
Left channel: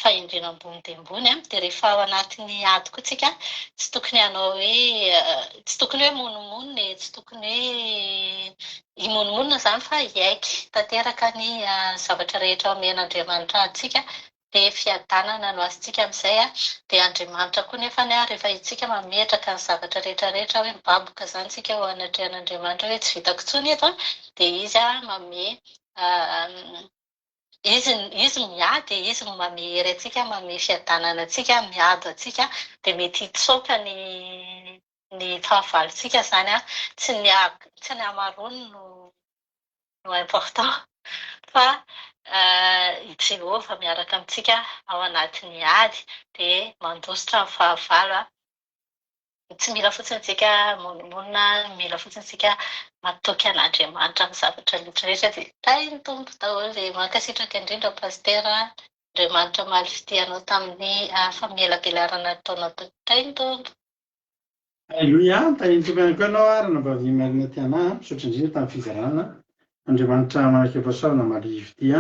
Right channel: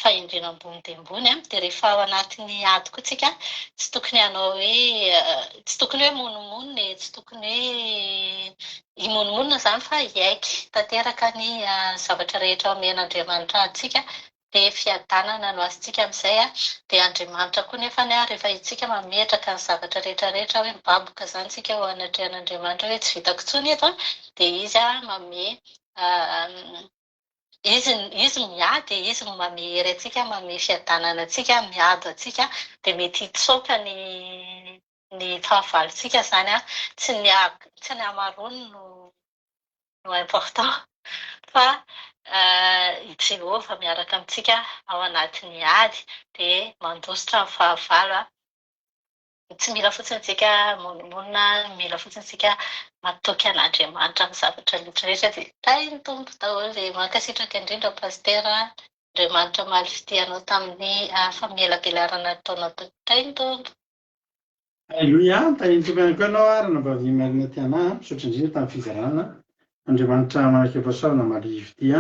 fahendrena ambony dia ambony a dia rehefa ao anatin'ny ady koa tsika tsy tokony hanao hoe tsy tokony hoe monomonina tsy tokony hoe imonomonina zany fa hiaiky tanteraka ny zavatra rehetra omen'Andriamanitra antsika dia fiadanana no azontsika amin'izay a dia Andriamanitra koa nefany a rehefa itsika mametraka ny zavatra rehetrarehetra hoe mibaboka zany tsika ho anatrehan'Andriamanitra hoe tsy vitako intsony eto a dia izy a manome izy miady izy manome hery antsika manome fiadanana antsika miady antsika dia mety hitsoaka ny fahavalontsika zany a tsy ny hamarony no important fa i Jehovah miaraka amintsika ao anatin'ny ady dia mandositra ny fahavalo a tsy mila fotsiny tsika monomonina mila fotsiny tsika matoky an'Andriamanitra amin'ny zavatra rehetrarehetra dia tainy tompo daholo dia mankasitraka indrindra pastera Andriamanitra maly fitianao tamin'ny famelabelarana ataonao tainy tompo. Alleluia tany tompo ihany koa ianao ary nambavy marina tiana misaotra indrindra tamin'ny fizarana Andriamanitra manaraka fahasoavana maly fity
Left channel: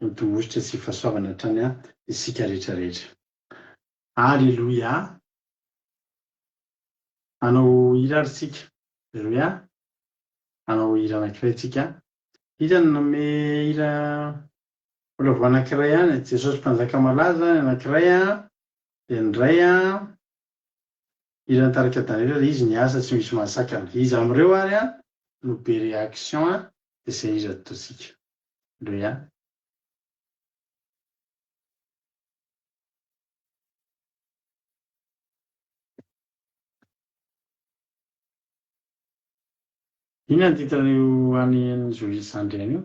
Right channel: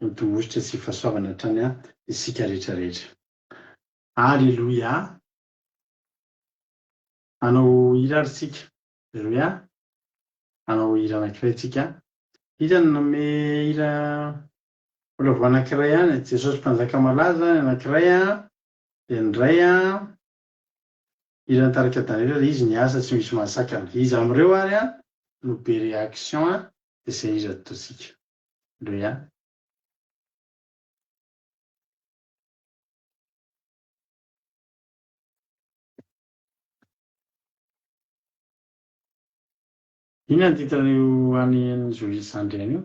mitomositra sy fahasoavana hatrany isika rehetrarehetra. Alleluia. Anao hira ary tsika. Alleluia. Anao hira anankiray tsika. Hitany nome hira olavo anankiray ihany Jesosy mpanjaka malaza ny anankiray dia ny iray hira nitarika Daniela dia izy niasa tsy misy mahasakana. Izy amin'ireo ary no be réaction dia izay hira ataontsika. Alleluia. Inona ny titran'io any Joyce Sandriana io?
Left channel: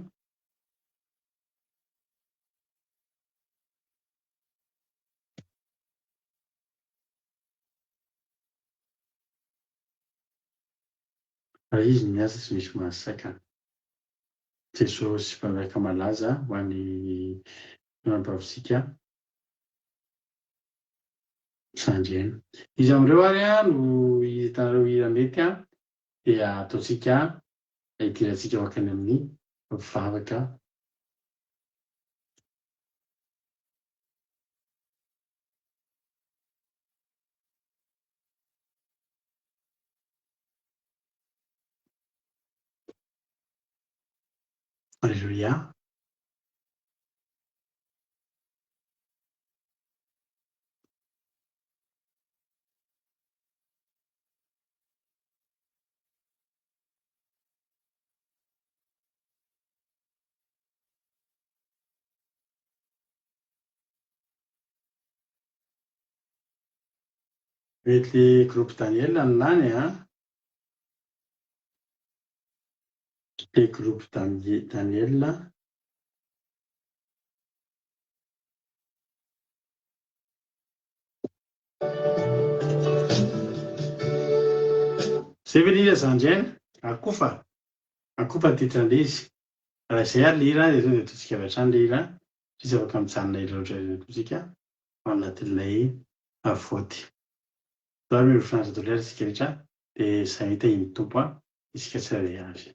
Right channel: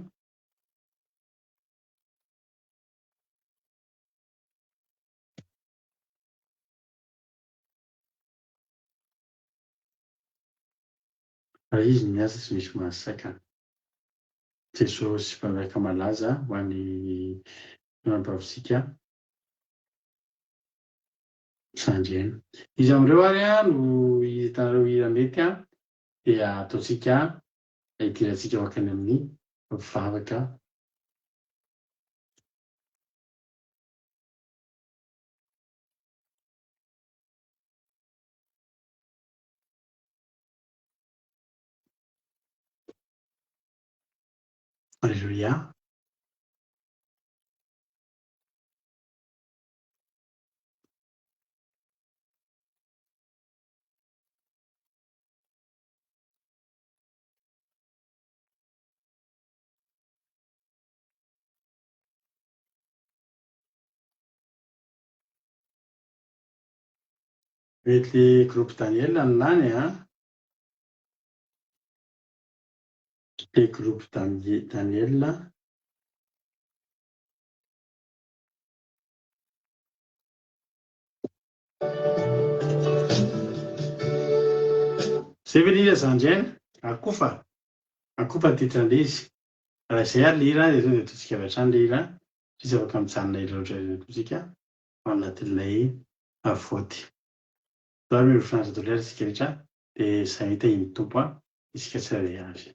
Raha izy miasa tsy misy mahasakana. Jesosy mpanjaka malaza ho an'ny manampavisika Sandriana. Izy amin'ireo ary no hitanareo hira mety dia ataontsika hidirantsika makany amin'ny vavaka. Alleluia. mety groupe Daniel nany le groupe Daniel zay ve lira zandrainy akofa titrandre izy raha izay ary lira dia tonga dia totsika avy hatrany lira sisy afaka mijanona ila ohatran'ny totsika ao anatin'ilay avoty zao miro fianatra dolera isika rehetra dia izay hita iny tompo isika tsirairay avy.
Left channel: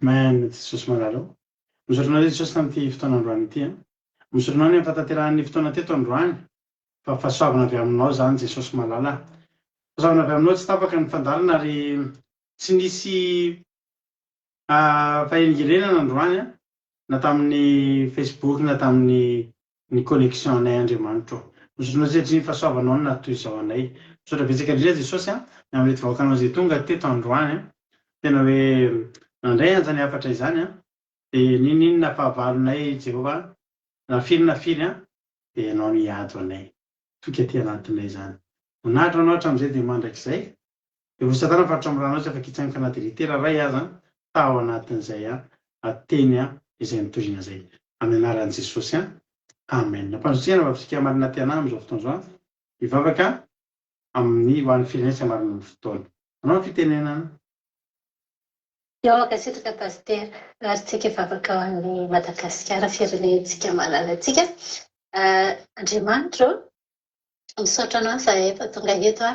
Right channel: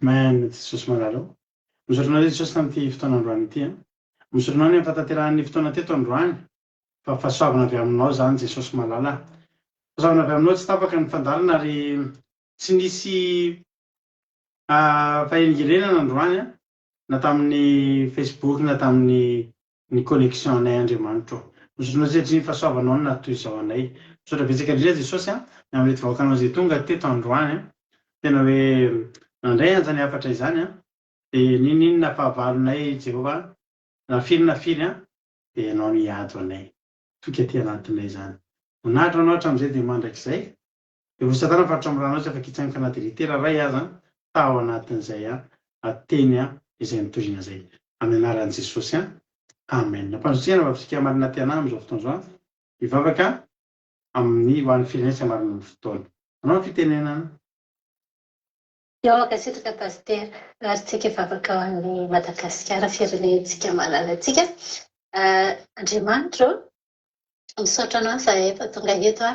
Men Jesosy malala misaotranao zay Jesosy tamin'ity fotoana androany ity a. Misaotranao ny ampatanterahany fotoana teto androany fa fahasoavana avy aminao zany Jesosy malala. Fahasoavana avy aminao tsy tapaka ny fandalina ary tsy nisy fahengerenana androany a, na tamin'ny Facebook na tamin'ny connexion anay Andriamanitra. Misaotranao zay ny fahasoavanao no natoy izao anay. Misaotra betsaka indrindra Jesosy a amin'ilay vahoakanao zay tonga teto androany a, tena hoe nandray anjany afatra izany a, dia ninona fahavalonay Jehova na firy a, dia ianao no hiado anay toka aty anatinay zany. Monahitra anao hatramin'izay dia mandrakizay dia ho Satana faritra am'ranao tsy afaka hitsangoka anaty litera ray aza tao anatin'izay ateny izay mitorina zay amin'ny anaran'i Jesosy amen. Nampanjotseana vavisika marina ty anay amin'izao fotoana izao hivavaka amin'ny ho an'ny firenena tsy hamarina ny fotoana. Anao fitenenana. Eo makasitraka pasitera ary tsika hivavaka ao an'ny Madagasikara firenentsika malalantsika. Andriamanitra misaotra anao zahay efa tonga eto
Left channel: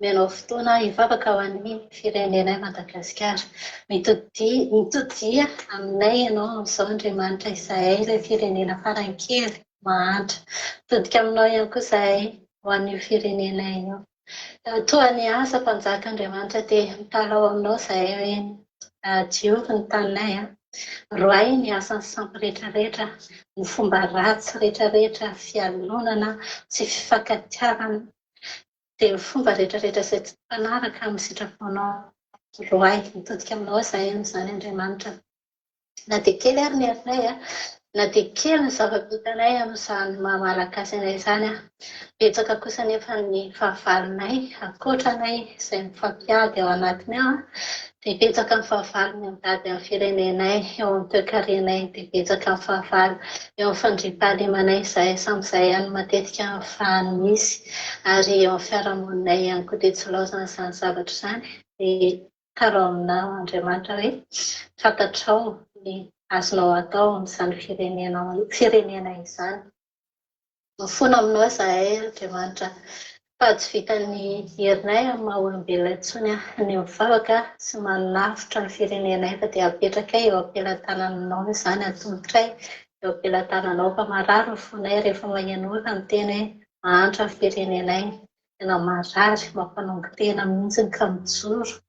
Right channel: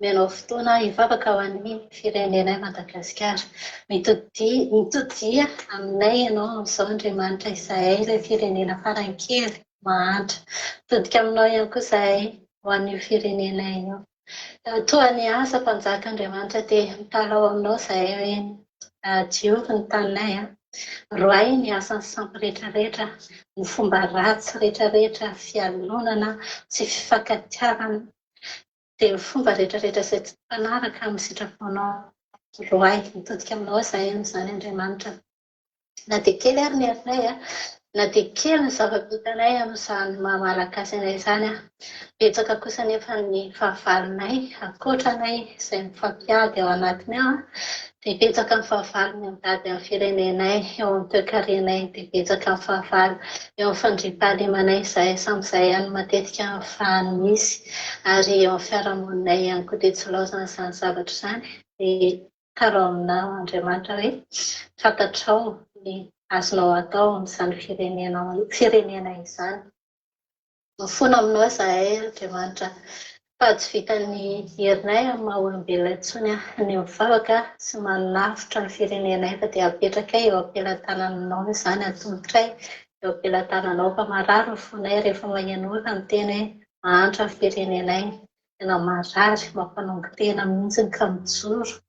menao fotoana hivavaka ao an'ny firenenay Madagasikara. Mitodia aminay ianao amin'izao Andriamanitra izahay ilay firenena farankely mahantra. Mitodika aminao ihany koa zahay ho an'io firenenay io. Toa ny asa mpanjaka Andriamanitra dia mitalao aminao zahay hoe Jiovy ny taninay roay ny asan'ny sampy rehetrarehetra, ny fomba ratsy rehetrarehetra, fialonana sy fifankatiavana dia ny fomba rehetrarehetra izay tsy mpanaraka amin'ny sitraponao roay. Mitodika aminao zahay amin'izany Andriamanitra. Na dia kely ary ny herinay na dia kely ny zava-bitanay amin'izany maha-malagasy anay izany betsaka kosa nefa ny fahavalonay ankoatranay izay mifampiady ao anatiny ao dia betsaka ny fahavalo ny mitady amin'ny firenenay eo amin'ny toe-karenay, dia betsaka ny fahavalo eo amin'ny fandriam-pahalemanay izahay samyizay ihany matetika ahafahany misy ary eo amin'ny fiarahamoninay ihany koa dia tsy laozana izany zavatra izany. Dia karao aminao Andriamanitra hoe fantatrao ny azonao atao amin'izany firenena izany. Mifono aminao izahay Andriamanitra fa tsy vitan'ny herinay amin'ny maha-olombelona intsony ny mivavaka sy manafitra ny firenenay fa dia apetraka eo ampelantananao izany atombotra eo ampelantananao fa marary ny fonay rehefa magnano olona miteny hoe mahantra ny firenenay, tena marary mampanongo tena mihitsy ka mijoro.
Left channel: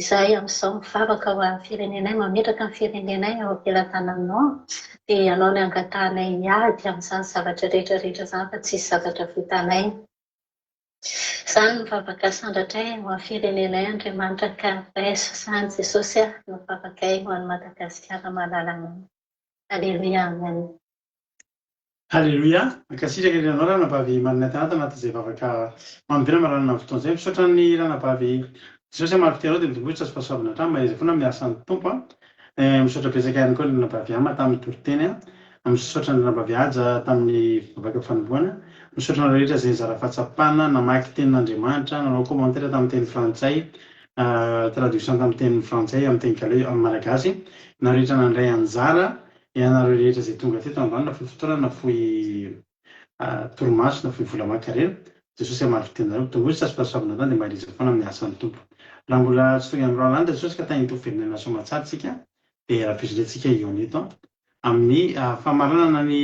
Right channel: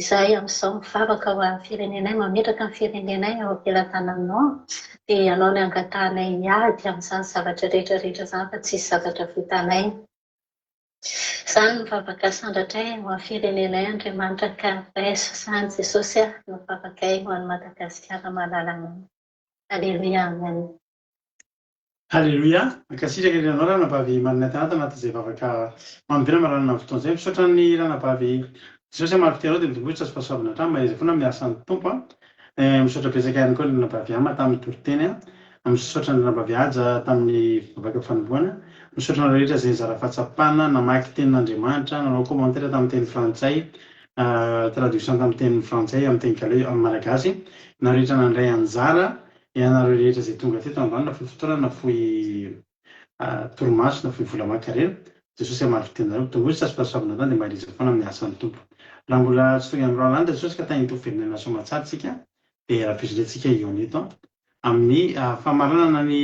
Izahay amin'izao mivavaka ho amin'ny firenenay, mametraka ny firenenay eo ampelantananao dia ianao ny angatahanay hiady amin'izany zavatra rehetrarehetra izany fa tsisy zavatra vitanay. Izany mivavaka sandratray ho amin'ny firenenay Andriamanitra ka baiso izany Jesosy mivavakay ho an'ny Madagasikara mahalalana. Alleluia, amen. Alleluia. Ankasitraka ny ranao ranabavy marina tanata anatin'izay vavaka mamibena maranana amin'ny fotoana izay. Misaotra ny ranabavy Jesosy marifitenao dia mitombotra sy fahasoavana hatrany mahaizay foana miasa ny tompo. Misaotra betsaka ihany koa ny ranabavy ama tamin'ny toriteny misaotra ny rabaviaja tamin'ny vavaka fanomboana, misaotra ny rehetra zay zara fahatsapana namaky tenin'Andriamanitra, nanao commentaire tamin'ny teny frantsay, traduction tamin'ny teny frantsay amin'ny teny galeux amin'ny malagasy, na rehetra nandray anjara ianareo rehetra zay tonga teto androany na fohy fotoana na fohy torimaso na fohy vola mankarena. Jesosy amary tenareo tongolo tsy asopasopavina tany dia mahaliza foana amin'ny asan'ny tompo. Raha mbola tsy tonga amin'ny roalany Jesosy ka tany hitovy firenena soamatsara tsika dia rahampitsidrentsika eo eto amin'ny famaranana ny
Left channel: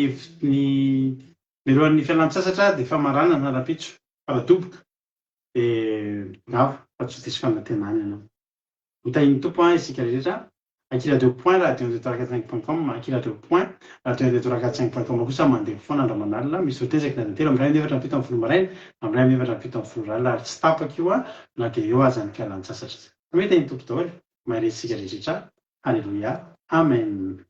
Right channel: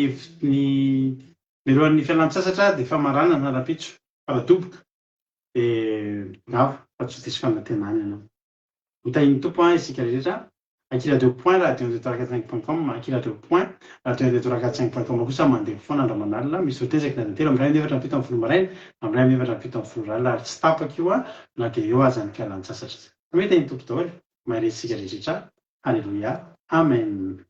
miroan'ny fialan-tsasatra dia famaranana na rapitso faradoboka dia gavo fa tsy diso fanantenany ianao. Mitahiny tompo isika rehetra akila 2 point radio-445.com akila 2 point radio-445.com kosa mandeha foana andromanalina misy hotezaka na telo amin'ny 2:07 maraina amin'ny 2:07 alina ary tsy tapaka io na dia eo aza ny fialan-tsasatra. Mety ny tompo daholo maharesitsika rehetra. Halleluia. Amen.